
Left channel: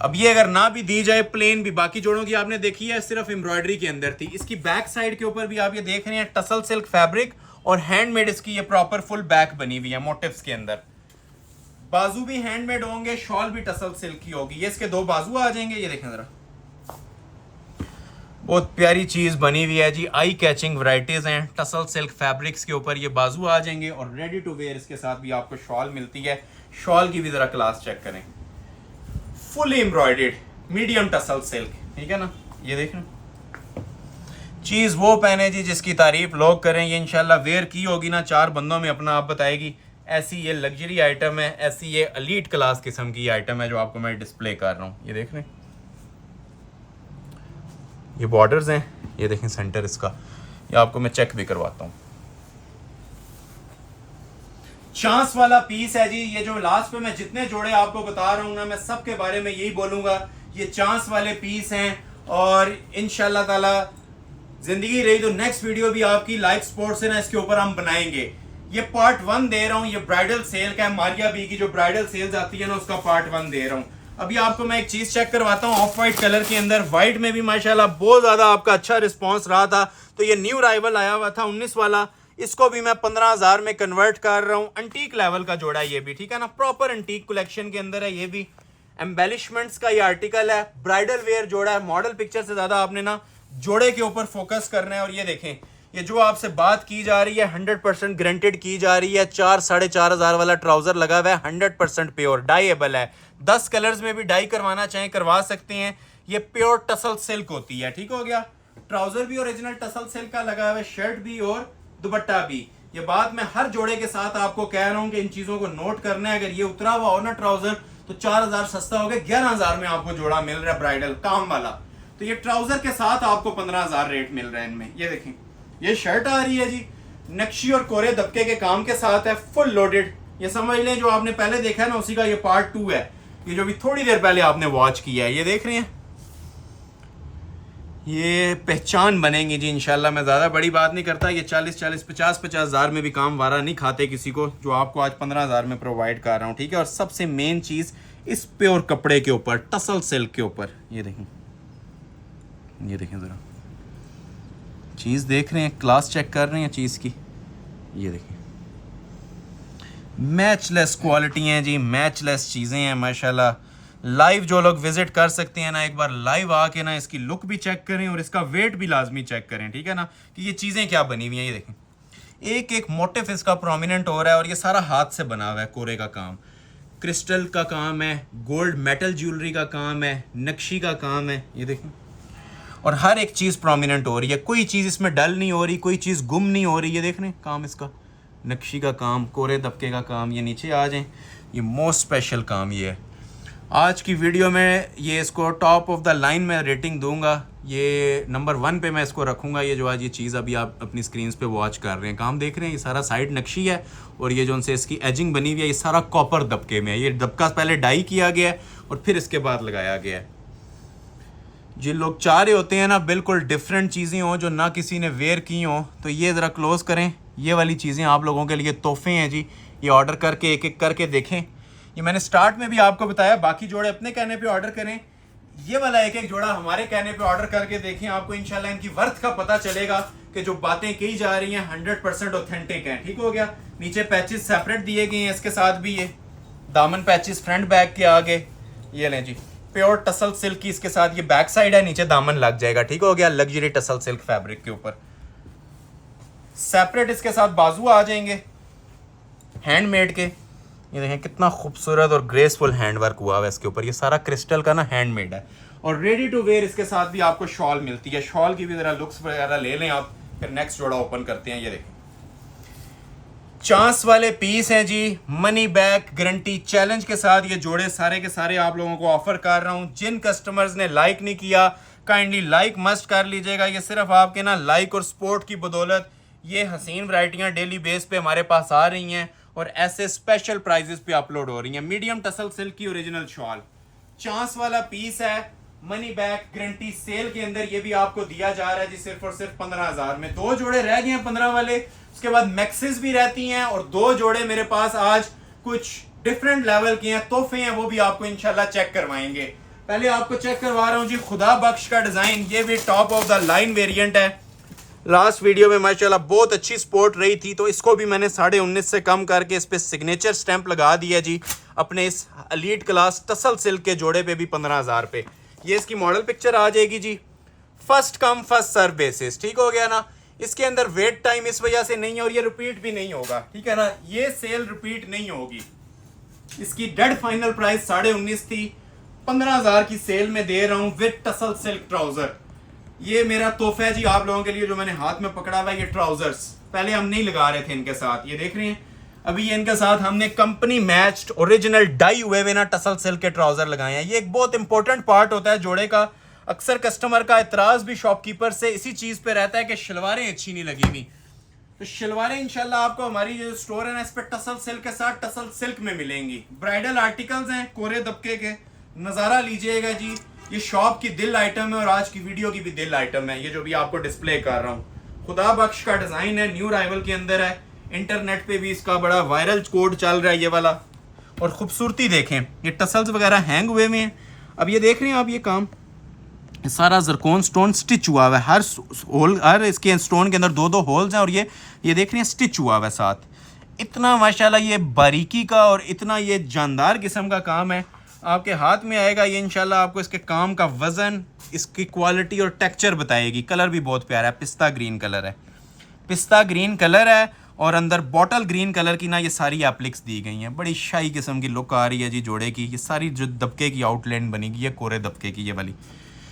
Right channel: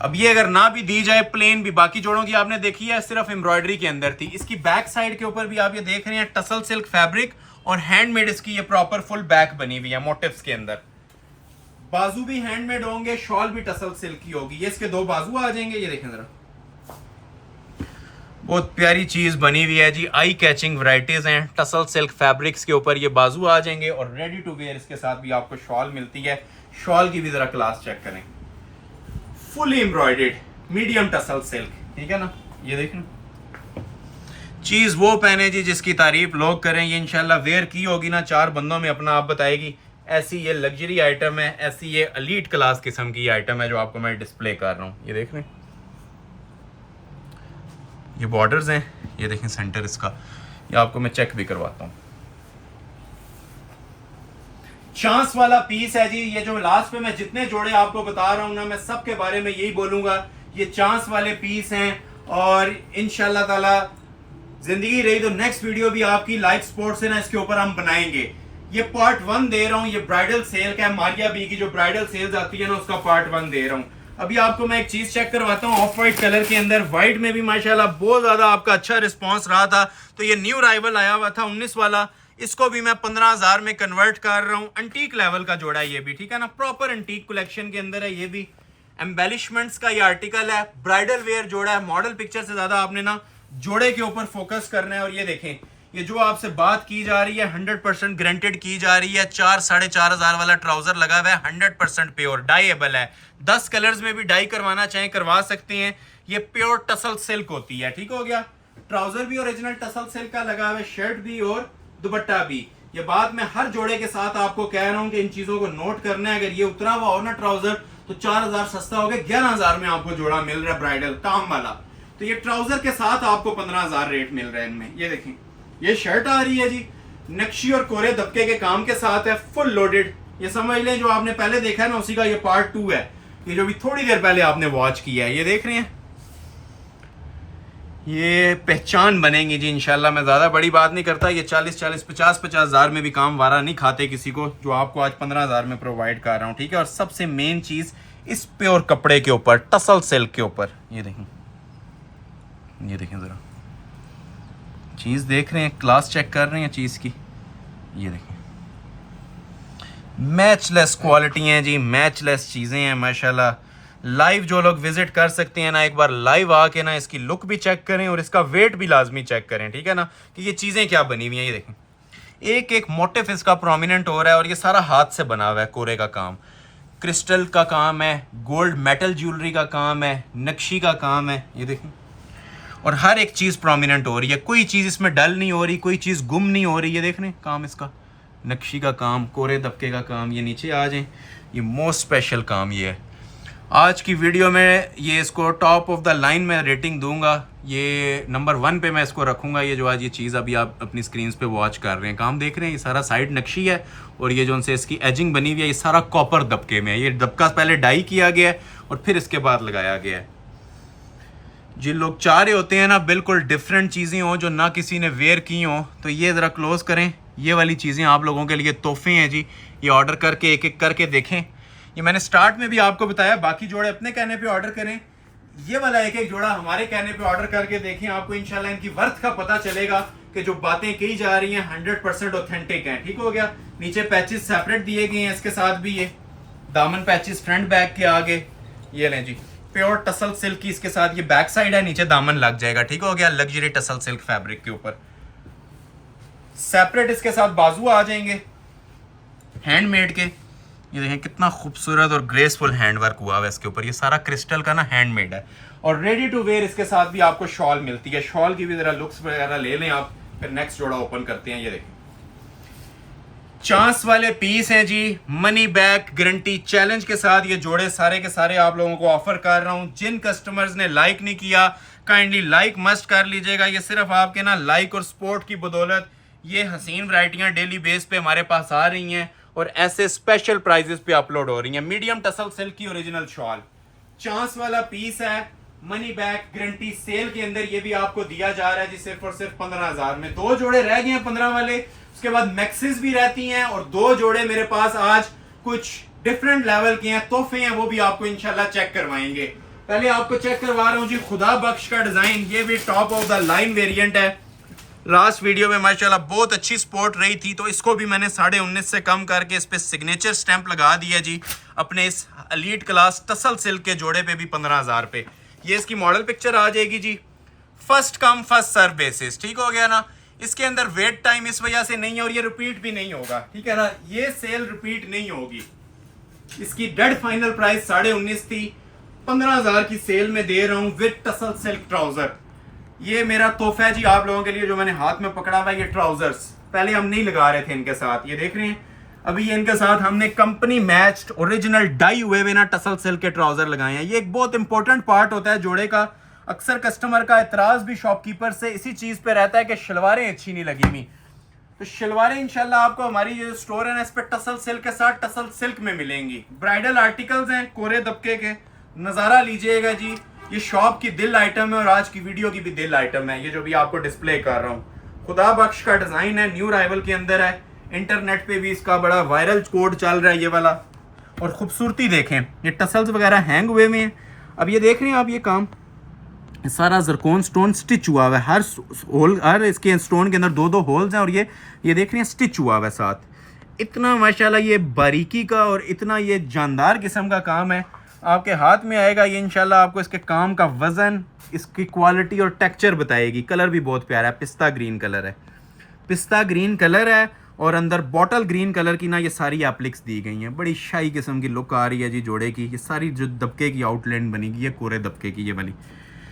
अब ये अगर ना भी दी जाए प्लेन भी, बाकी जोड़ों की आपने देखी है सिर्फ एम्ब्रॉयडरी के अंदर थी। इसकी बैक साइड के ऊपर भी आप ये देख रहे हैं टसल सिल्क फैब्रिक और हैंडमेड इसकी ये प्रॉपर फुल बैक बनी हुई है मोटिव्स के अंदर। बाजू भी हैंडमेड होंगे, शॉल भी टसल सिल्क की होगी। ये इसके 2 बाजू आ जाएंगे। ये देखें जरा, बहुत प्यारी चीज बनी हुई है जी। आई कैचिंग वैरायटीज हैं। टसल सिल्क फैब्रिक्स के ऊपर ये बाजू आ जाएंगे और रेडी टू वेयर इसके साथ भी आपको शॉल मिलती है। शॉल की भी जरा क्लास चेक करें, fully embroidered medium tussle silk, ठीक है ना। ये देखें, चीज वो पहने जी जिसकी तारीफ लोग करें। ये इंशाल्लाह वेयर की होगी ना, 4 बंदों में अपना आप बताएगी। ऐसी ये लग्जरी आइटम है, ऐसी ये एलीट क्लास किस्म की आइटम है जो आपको मैं डिस्प्ले कर रहा हूँ। ये देख रहे हैं, ये बॉर्डर्स हैं। ये देखें सेंटर इसका, ये आपको मैं चेक भी करवाता हूँ। चांस वाला पीस है जी। ये जो लास्ट पे मैं जितने जोड़े आपको बता रहा हूँ ना, मैं सबके बारे में यही बोलूंगा, ये चांस वाले पीस हैं। और इंशाल्लाह ताला जिंदगी रही तो नेक्स्ट वीडियो भी आपकी लाइक सपोर्ट से ना इसके ऊपर हम बनाएंगे। ये पार्ट 1 दे रहा हूँ, ये ब्राइडल सेल का है। मारिया बी की जो ब्राइडल सेल्स आती है ना, उसका पार्ट 1 दे रहा हूँ। अभी आपको मैं एक चीज चेक करवाता हूँ, ऑफ वाइट कलर के अंदर। व्हाइट में भी माशाल्लाह बहुत ज्यादा आपका अच्छा रिस्पॉन्स रहा था। तो ये न्यू राइवल आया हुआ था 19 वाला, इसको भी मैं 15,000 में कन्वर्ट कर रहा हूँ। अंटीक लेवल का जोड़ा है ये भी, ठीक है ना। प्रॉपर अंटीक कलेक्शन के अंदर है। ये भी एम्बेलिशमेंट्स का ये आर्टिकल है। ब्राइडल वेयर जोड़ा है। मॉडल पिक्चर से ज्यादा आपने ना जोड़े के ऊपर फोकस करना है। और ये देखें, ये जो आपसे बात की जा रही है 100% ग्रांटेड की जा रही है। 4-4,500 वाला ट्राउजर लगा हुआ है, 100% प्योर डाईएबल है। 10 कलर्स में भी डाई करवाना चाहें करवा सकते हैं। ये प्योर टसल सिल्क होती है, ठीक हो गया। ट्राउजर भी ओरिजिनल टसल सिल्क का लगा हुआ है, शर्ट भी और दुपट्टा भी। ये बात मैं हर जोड़े के साथ आपको कह रहा हूं कि इन चीजों को नोट करना है। अगर ये उतरा हुआ हो ना ट्राउजर, तो 4,000 सस्ता हो गया, 11,000 में आपको जोड़ा मिल रहा है ब्राइडल काम वाला। तो ये ट्राउजर के साथ आपको 15,000 रेट मिल रहा है इनमें। ये देखें, ये शर्ट आ रही है जी, नक्शी और कोरे दबके के काम के साथ है, फुल लोडेड। ये समझ लें जो आपने पहले देखा है ना, उसी का ये पार्ट 2 है। ये जो भी थोड़ी देर पहले आपने वॉच किया है, ये देख रहे हैं, ये पहचान बनेंगी जी इंशाल्लाह। मैं ज़्यादा बड़ी बात नहीं करता। ये 40-40, 50-50 हज़ार में भी काम वारा नहीं खाते किसी को, जो आपको आज 15,000 में प्रोवाइड कर रहा हूँ, ठीक है। और सबसे मेन चीज़ इस प्योर कपड़े के ऊपर, टसल सिल्क के ऊपर। ये देखें, ये देखें ज़रा, चीज़ देख रहे हैं, क्लास चेक कर रहे हैं चीज़ की। ये देखें, मैचलेस क्वालिटी हैं जी, मैचलेस चीज़ें हैं माशाल्लाह। लाइव जो लोग विजिट कर सकते हैं ना, एक बार लाइव आके ना इसकी लुक भी चेक करें और इसका वेट भी लाजमी चेक करें, ठीक है ना, कि ये चीज़ें क्या बनी हुई हैं। ये देखें, एक एक मोटिफ इसका प्रोमिनेंट हो रहा है और ये सारा हाथ से बना हुआ है, कोरे का काम, क्रिस्टल का काम है, गोल्ड मेटल ज्वेलरी का काम है, नक्शी का काम है। ये देखें, और हर एक चीज़ प्रोमिनेंट हो रही है, कोई चीज़ इसमें डल नहीं हो रही, कोई चीज़ गुम नहीं हो रही। ये देख रहे हैं काम इसका, नक्शी का काम, कोरे दबके का काम। ये नीचे आ जाएं, ये मोस्ट स्पेशल काम ये है। आज की वीडियो में ये इसको टॉप ऑफ द लाइन में रेटिंग दूंगा, ये नंबर 1 पे मैं इसको रखूंगा। ये जो आज ये चीज़ अभी आप अपनी स्क्रीन पे वॉच कर रहे हैं, काम देख रहे हैं, ये सारा साइड नक्शी है और ये जो उनसे इसकी एजिंग बनी हुई है, ये सारा कॉपर दबके में है। ये दबका पहले डाई किया गया है और फिर इसके बाद लगाया गया है। जिन लोग चाह रहे होते हैं ना बिल्कुल डिफरेंट चीज़ें हों जो ना किसी ने वेयर की हों, तो ये ज़रा क्लोज़ करें। ये वाली चीज़ें आप लोगों के लिए तोहफे हैं जी, ये ऑर्डर करके एक एक करके देखें। ये मैंने स्टार्ट में भी आपको बताया, बाकी जोड़े अपने कहने पे ऑर्डर करें, ये वाला एक एक जोड़ा हमारे कहने पे ऑर्डर करके देखें। आपको इंशाल्लाह इनकी वर्थ का पता चलेगा कि जो बातें कही जा रही हैं 100% ऑथेंटिक हैं। ठीक हो गया। नीचे पैचेस सेपरेट दिए गए हैं, इसके साथ भी ये दामन पैचेस फ्रंट बैक के आगे, ये लें जी, प्योर टसल सिल्क की इसके साथ ये बैक साइड है, नीचे दामन लग जाएगा। ठीक हो गया, लग्जरी टसल सिल्क फैब्रिक के ऊपर सेपरेट इसके साथ बाजू आ जाएंगे हैंडमेड के। ये देखें कितना खूबसूरत और ग्रेसफुल हैंडवर्क हुआ है इसके ऊपर, ये सारा क्रिस्टल का ना हैंडमेड है। और रेडी टू वेयर इसके साथ भी आपको शॉल मिलती है। शॉल की भी जरा लुक्स वगैरह ले लें आप, फिर नेक्स्ट जोड़ा ओपन करते हैं। ये देखें चांस वाले पीस हैं जी, मनी बैक गारंटी चैलेंज के साथ ये जोड़े सारे के सारे आप लोगों को ऑफर कर रहा हूं। जिन कस्टमर्स ने लाइक नहीं किया काइंडली लाइक मस्ट कर लीजिएगा। ये सिर्फ आपके ना लाइक और सपोर्ट की बदौलत ये हसीन वैरायटियां डेली बेस पे हमारे पास आ रही हैं और ऐसे स्पेशल प्राइजेस पे अपलोड हो रही हैं। मीडियम टसल सिल्क की ओरिजिनल शॉल, चांस वाला पीस है, मनी बैक गारंटी सेल के अंदर ये भी आपको दिया जा रहा है जी, सिर्फ और सिर्फ 15,000 में। 2 जोड़े रह गए हैं 15 वाले, उसके बाद मैक्सिस भी रहती हैं और 2 जोड़े मेरे पास आज कुछ डिफरेंट लेवल के हैं, तोहफे हैं, वो भी आपको इंशाल्लाह चेक करवाएंगे। पहले आपको चेक करवा रहा हूं जी खुदा बख्श का डिजाइन, ये भी top of the line variant है। लास्ट वीडियो में माशाल्लाह बहुत अच्छी सपोर्ट रही थी, तो इसको भी मैंने 19.5 से कम करके इस पे सिग्नेचर स्टैंप लगा दिया जी, अपने इस एलीट क्लास टसल सिल्क के जोड़े पे भी 15,000 पे। ये इसकी मॉडल पिक्चर आ जाएगी जी, first come first serve basis. ठीक हो गया ना। इसके अंदर वेट टाइम इस वजह से नहीं है और ये रिपीट भी नहीं होगा, ठीक है ना, ये सेल रिपीट नहीं होगी। इसकी डेड फाइनल प्राइस 19.5 थी, 15,000 की सेल में दे रहा हूं विद टसल सिल्क ट्राउजर। ये मेरा तोहफा है जी आप लोगों के लिए, जो मैंने हाथ में पकड़ा हुआ है। ये ट्राउजर्स पहले हम नहीं लगा रहे थे इनके साथ, ये देख रहे हैं, अभी ये इनके साथ हमने कंपनी मैच्ड ओरिजिनल डाई हुए ना टसल सिल्क के ट्राउजर लगाए हैं। ये एक बहुत इंपॉर्टेंट पार्ट होता है जोड़े का। अक्सर कस्टमर का एतराज भी शॉपकीपर से इसी चीज पे रहता है कि शलवारें अच्छी नहीं लगी हुई, तो शलवारें इंशाल्लाह आपको हमारी जो स्टोर है ना इस पे टसल सिल्क के साथ टसल सिल्क में मिलेंगी। ब्राइडल आर्टिकल्स हैं कोरे दबके के, नजारा लीजिएगा जी। ये शॉप की दिल आइटम है और आज की वीडियो की भी दिल आइटम है, ये जो भी आपको डिस्प्ले कर रहा हूँ। खुदा बख्श का डिजाइन है, न्यू राइवल के अंदर है, इंटरनेट पे भी इसका बड़ा वायरल कोड चल रहा है ये वाला। और खूबसूरती देखें, ये टसल्स वगैरह हैंग हुए में हैं। अब ये देख रहे हैं आप, ये काम सारा जरकोन स्टोन स्टिच हुआ हुआ है, हर होल, हर इसके स्टोन के अंदर 2-2 होल्स हैं और ये देख रहे हैं स्टिच हुआ हुआ है साथ। इतना माशाल्लाह ये बारीकी का और इतना ये जानदार किस्म का काम है, आपके हाथ में आएगा ये इंशाल्लाह आपको इसके काम का वजन, इसकी क्वालिटी और टेक्सचर बताएगी। कलर भी बहुत प्यारा है, पिस्ता ग्रीन कलर है, पिस्ता ग्रीन कलर है और अंदर बॉटल ग्रीन कलर की ना ये सारी एप्लिक्स दी गई हैं। बड़ी शाही किस्म की लुक आ रही है जी जोड़े की। ये सारी जो दबके की आउटलाइन बनेगी, ये कोरे दबके की ये वाली,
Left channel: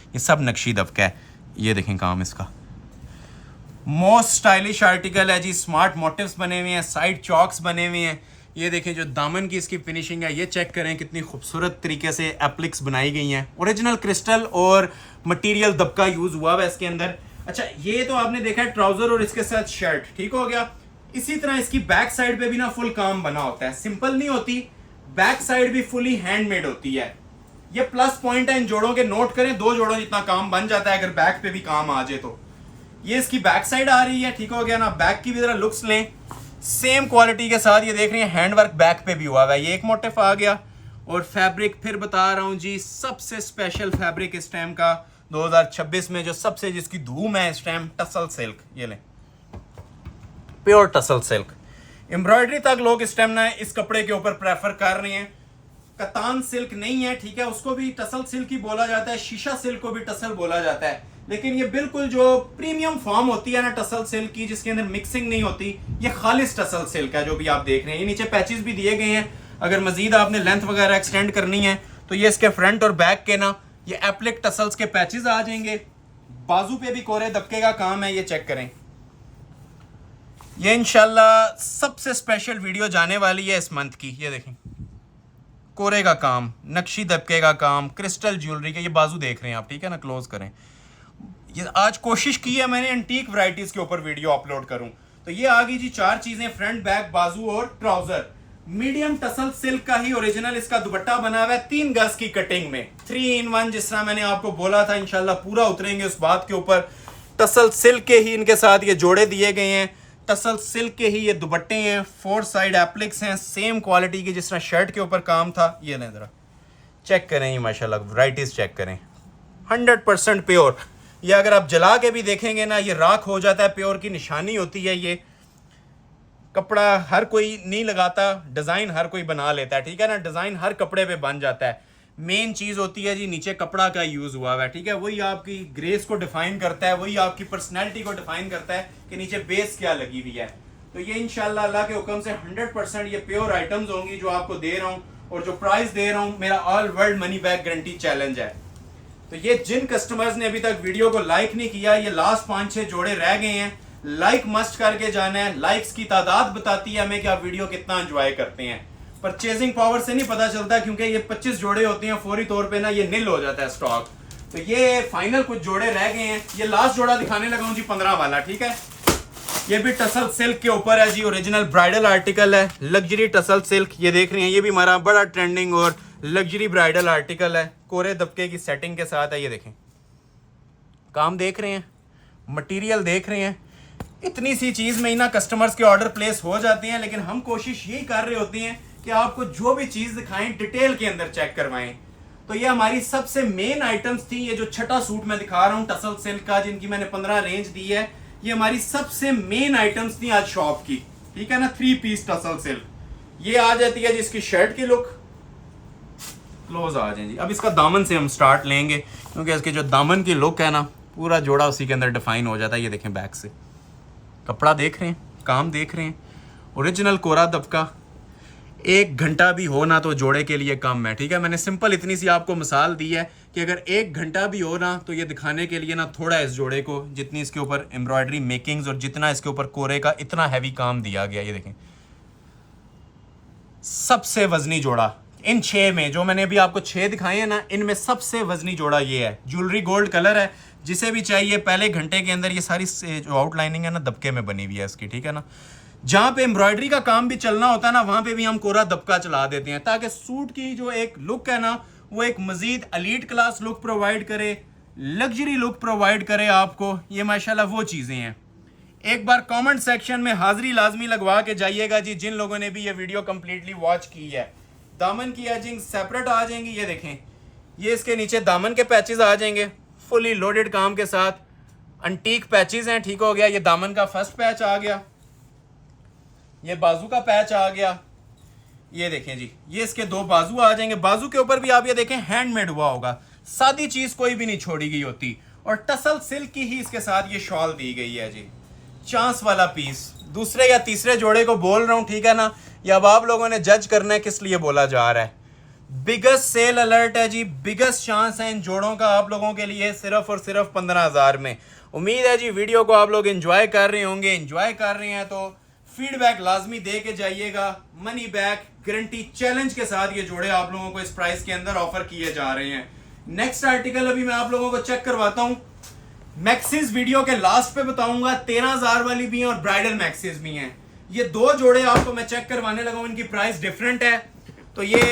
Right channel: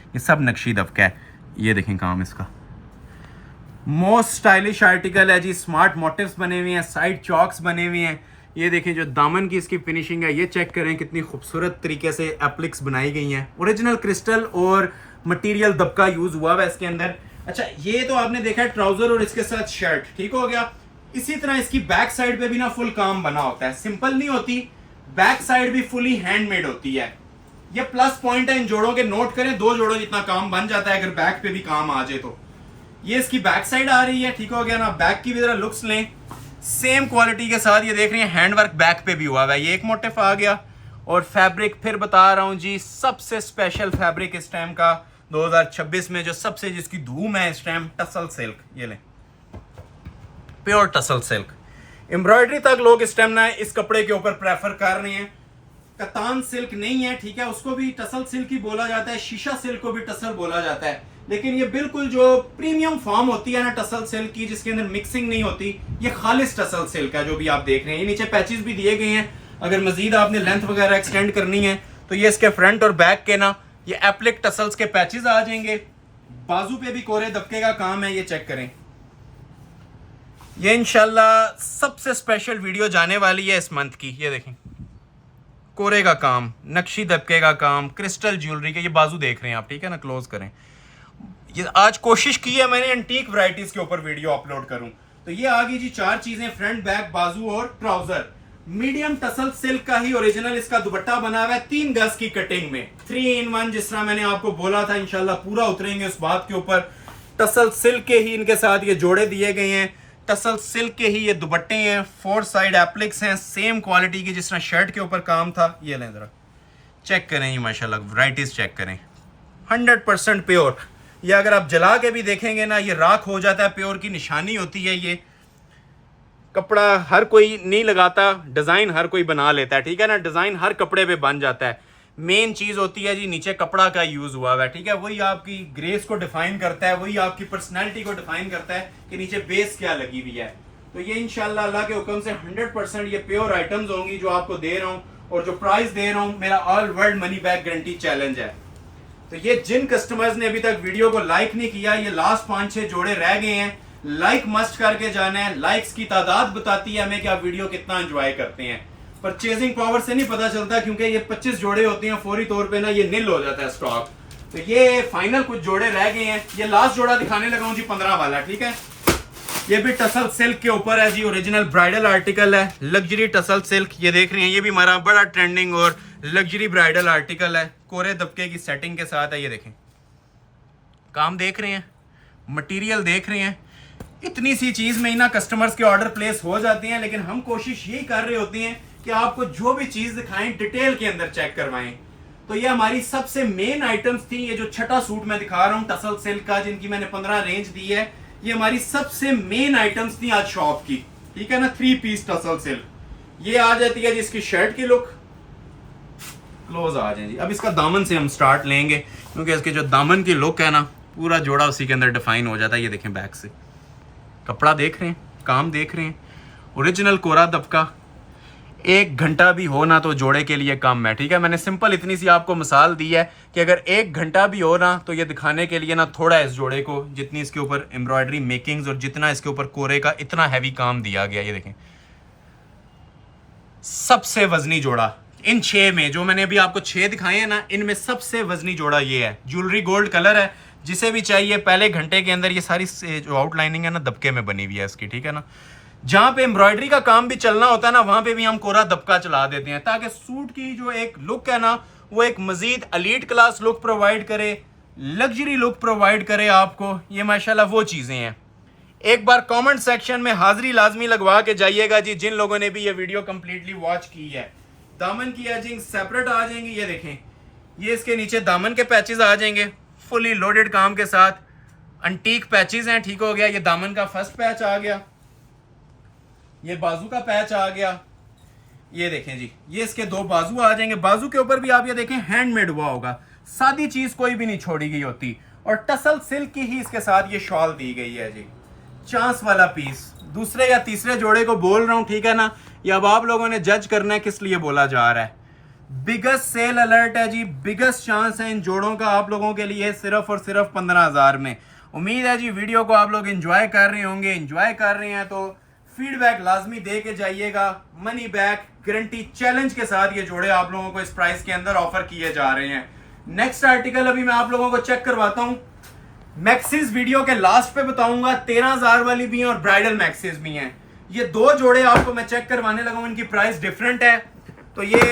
ये सब नक्शी दबका है। ये देखें काम इसका, मोस्ट स्टाइलिश आर्टिकल है जी। स्मार्ट मोटिव्स बने हुए हैं, साइड चॉक्स बने हुए हैं। ये देखें जो दामन की इसकी फिनिशिंग है, ये चेक करें कितनी खूबसूरत तरीके से एप्लिक्स बनाई गई हैं। ओरिजिनल क्रिस्टल और मटेरियल दबका यूज हुआ है इसके अंदर। अच्छा, ये तो आपने देखा है ट्राउजर और इसके साथ शर्ट, ठीक हो गया। इसी तरह इसकी बैक साइड पे भी ना फुल काम बना होता है, सिंपल नहीं होती, बैक साइड भी फुली हैंडमेड होती है। ये प्लस पॉइंट है इन जोड़ों के, नोट करें 2 जोड़ों जितना काम बन जाता है अगर बैक पे भी काम आ जाए तो। ये इसकी बैक साइड आ रही है, ठीक हो गया ना। बैक की भी जरा लुक्स लें, सेम क्वालिटी के साथ ये देख रहे हैं हैंडवर्क बैक पे भी हुआ है। ये एक मोटिफ आ गया और फैब्रिक फिर बता रहा हूं जी, सबसे स्पेशल फैब्रिक इस टाइम का 2026 में जो सबसे जिसकी धूम है इस टाइम, टसल सिल्क। ये लें प्योर टसल सिल्क, एम्ब्रॉयडरी तक लोग इस टाइम ना इस कपड़े के ऊपर प्रेफर कर रहे हैं। कतान सिल्क नहीं है, ठीक है, उसको भी टसल सिल्क ही बोला जाता है, शीशा सिल्क को भी टसल बोला जाता है, लेकिन ये बिल्कुल जो प्रीमियम फॉर्म होती है ना टसल सिल्क की, जिसके अंदर मिक्सिंग नहीं होती, ये खालिस टसल सिल्क है जो भी आप देख रहे हैं। ये नीचे पैचेस भी दिए गए हैं, अगर मजीद आपने लेंथ वगैरह एक्सटेंड करनी है तो ये इसके फ्रंट और बैक के ना ये एप्लिक टसल्स के पैचेस आ जाएंगे। बाजू पे भी कोरे दबके का काम है, ये चेक करें। ये इंशाल्लाह सबसे स्पेशल वीडियो जाने वाली है इस मंथ की। ये देखें कोरे का काम, नक्शी दबके का काम, क्रिस्टल ज्वेलरी के, ये बाजू देख रहे हैं आप, ठीक है ना, क्लोज करें। ये आज कोशिश की है मैंने एंटीक वैरायटीज के ऊपर वीडियो अपलोड करूं, तो ये आ गई जी 4 चीजें, फ्रंट बैक बाजू और ट्राउजर। मीडियम टसल सिल्क का ही ओरिजिनल इसका दुपट्टा बना हुआ है, 3 गज की कटिंग में, 3 in 1, जिस तरह मैंने आपको बोला था। इंशाल्लाह पूरा उतरेंगे उस बात के ऊपर। टसल सिल्क के ही इनके साथ ये जोड़े दिए गए हैं, टसल सिल्क के ही ये दुपट्टे हैं, 4 साइड एप्लिक्स हैं, सेम क्वालिटी की जिस तरह शर्ट के ऊपर काम था। ये लें जरा चेक करें, माशाल्लाह वैरायटीज चेक करें, 100% प्योर। ये अगर आप जला के भी देखेंगे ना, ये राख हो जाता है, प्योर की निशानी होती है। ये कपड़ा हर कोई नहीं लगाता, डिजाइन हर कोई बना लेता है, ठीक है ना, डिजाइन हर कपड़े पे बन जाता है। मेन चीज होती है जी नीचे कपड़ा का यूज हुआ है, ठीक है, वही आपकी ग्रेस को डिफाइन करता है, वही आपकी पर्सनैलिटी को डिफाइन करता है कि नीचे बेस क्या लगी हुई है। तो ये इंशाल्लाह अल्लाह के हुक्म से 100% ये प्योर आइटम्स होंगी जो आपको दे रहा हूँ, और जो प्राइस दे रहा हूँ मेरा all world money back guarantee challenge है। तो ये जिन कस्टमर्स ने अभी तक वीडियो को लाइक नहीं किया, ये लास्ट 5-6 जोड़े रह गए हैं, लाइक मस्ट करके जाना है। लाइक्स की तादाद बताती है हमें कि आप वीडियो कितना एंजॉय करते हैं। परचेजिंग पावर से नहीं पता चलता, क्योंकि ये 25 जोड़े होते हैं, फौरी तौर पे ना ये निल हो जाता है स्टॉक। तो ये फाइनल कुछ जोड़े रह गए हैं। ये लास्ट जोड़ा दिखाने लगा हूं जी 15 वाला, ठीक है। ये भी टसल सिल्क के ऊपर है जी, ओरिजिनल ब्राइडल आर्टिकल है, लग्जरी टसल सिल्क। ये देख रहे हैं, ये भी हमारा बड़ा ट्रेंडिंग और लग्जरी ब्राइडल आर्टिकल है, कोरे दबके की सेटिंग के साथ है। ये देखें काम देख रहे हैं, मटेरियल देख रहे हैं। इतनी सी चीज में ही ना कस्टमर्स के ऑर्डर प्लेस हो जाते हैं, लेकिन हम कोशिश यही कर रहे होते हैं कि आपको जो भी चीज दिखाएं डिटेल के अंदर चेक करवाएं। तो ये हमारी सबसे मेन आइटम्स थी। ये जो छठा सूट मैं दिखा रहा हूं टसल सिल्क का, जिनकी मैंने 15 रेंज दी है, ये हमारी सबसे मेन आइटम्स थी आज शॉप की, ठीक है ना। 3 पीस टसल सिल्क ये आ जाती है जिसकी शर्ट की लुक। क्लोज आ जाए जी। अब इसका दामन से हम स्टार्ट लेंगे, क्योंकि इसकी जो दामन की लुक है ना, पूरा जोड़ा उसी के अंदर डिफाइन हो जाता है। ये देखें बैक से कपड़ा देख रहे हैं, काम देख रहे हैं, ओरिजिनल कोरा दबका। 1 घंटा भी हो ना तो जोड़े के लिए कम है, ठीक है। मैंने सिंपल इतनी सी आपको मिसाल दी है कि अगर 1 घंटा भी हो ना तो ये दिखाने के लिए ना थोड़ा इस जोड़े को, जितनी इसके ऊपर एम्ब्रॉयडरी मेकिंग्स और जितना इसके ऊपर कोरे का इतना हैवी काम दिया गया। ये देखें सबसे वजनी जोड़ा इन 6 में, जो मैंने अभी आपको 6 दिखाए हैं ना, इनमें सबसे वजनी जोड़ा ये है। ज्वेलरी गोल्ड कलर है, जिसे भी चाहिए पहले घंटे के अंदर ये सारी जो आउटलाइनिंग है ना दबके में बनी हुई है इसकी, ठीक है ना। जहां पे एम्ब्रॉयडरी का काम भी चलना होता है ना, वहां पे भी हम कोरा दबका चला देते हैं, ताकि सूट की जो एक लुक है ना, वो एक मजीद एलीट क्लास लुक प्रोवाइड करे, लग्जरी लुक प्रोवाइड करे आपको। ये माशाल्लाह वो चीजें हैं। एक बार कमेंट सेक्शन में हाजिरी लाजमी लगवा के जाइएगा जी, जिन लोगों ने भी ये वीडियो कंप्लीटली वॉच की है। दामन की एजिंग सेपरेट आ जाएंगी। ये देखें, ये इसके नीचे दामन के पैचेस आ जाएंगे, फुली लोडेड काम के साथ। अंटीक पैचेस हैं, ठीक हो गया। ये दामन का फर्स्ट पैच आ गया, ये बाजू का पैच आ गया। ये देखें जी, ये इसके 2 बाजू आ जाएंगे। बाजू के ऊपर भी आप ये देखें हैंडमेड हुआ होगा, सादी चीज कोई भी नहीं छोड़ी गई होती। और टसल सिल्क की ही इसके साथ ये शॉल दी गई है जी, चांस वाला पीस। दूसरे या तीसरे जोड़े को बोल रहा हूं, ठीक है ना। या अब आप लोगों ने जज करना है किस लिए बोला जा रहा है। बिगेस्ट सेल अलर्ट है जी, बिगेस्ट चांस है इन जोड़ों का आप लोगों के लिए, सिर्फ और सिर्फ 15,000 में। उम्मीद है जी वीडियो को आप लोग एंजॉय कर रहे होंगे। एंजॉय कर रहे हैं तो फीडबैक लाजमी दे के जाइएगा। मनी बैक गारंटी चैलेंज के साथ ये जोड़े आप लोगों को इस प्राइस के अंदर ऑफर किए जा रहे हैं। नेक्स्ट आर्टिकल अभी मैं आप लोगों को चेक करवाता हूं। मैक्सिस वीडियो के लास्ट पे बताऊंगा, 13,000 वाली भी हैं और ब्राइडल मैक्सिस भी हैं। ये 2 जोड़े आपको मैं चेक करवाने लगा हूं, इनकी प्राइस डिफरेंट है। तो ये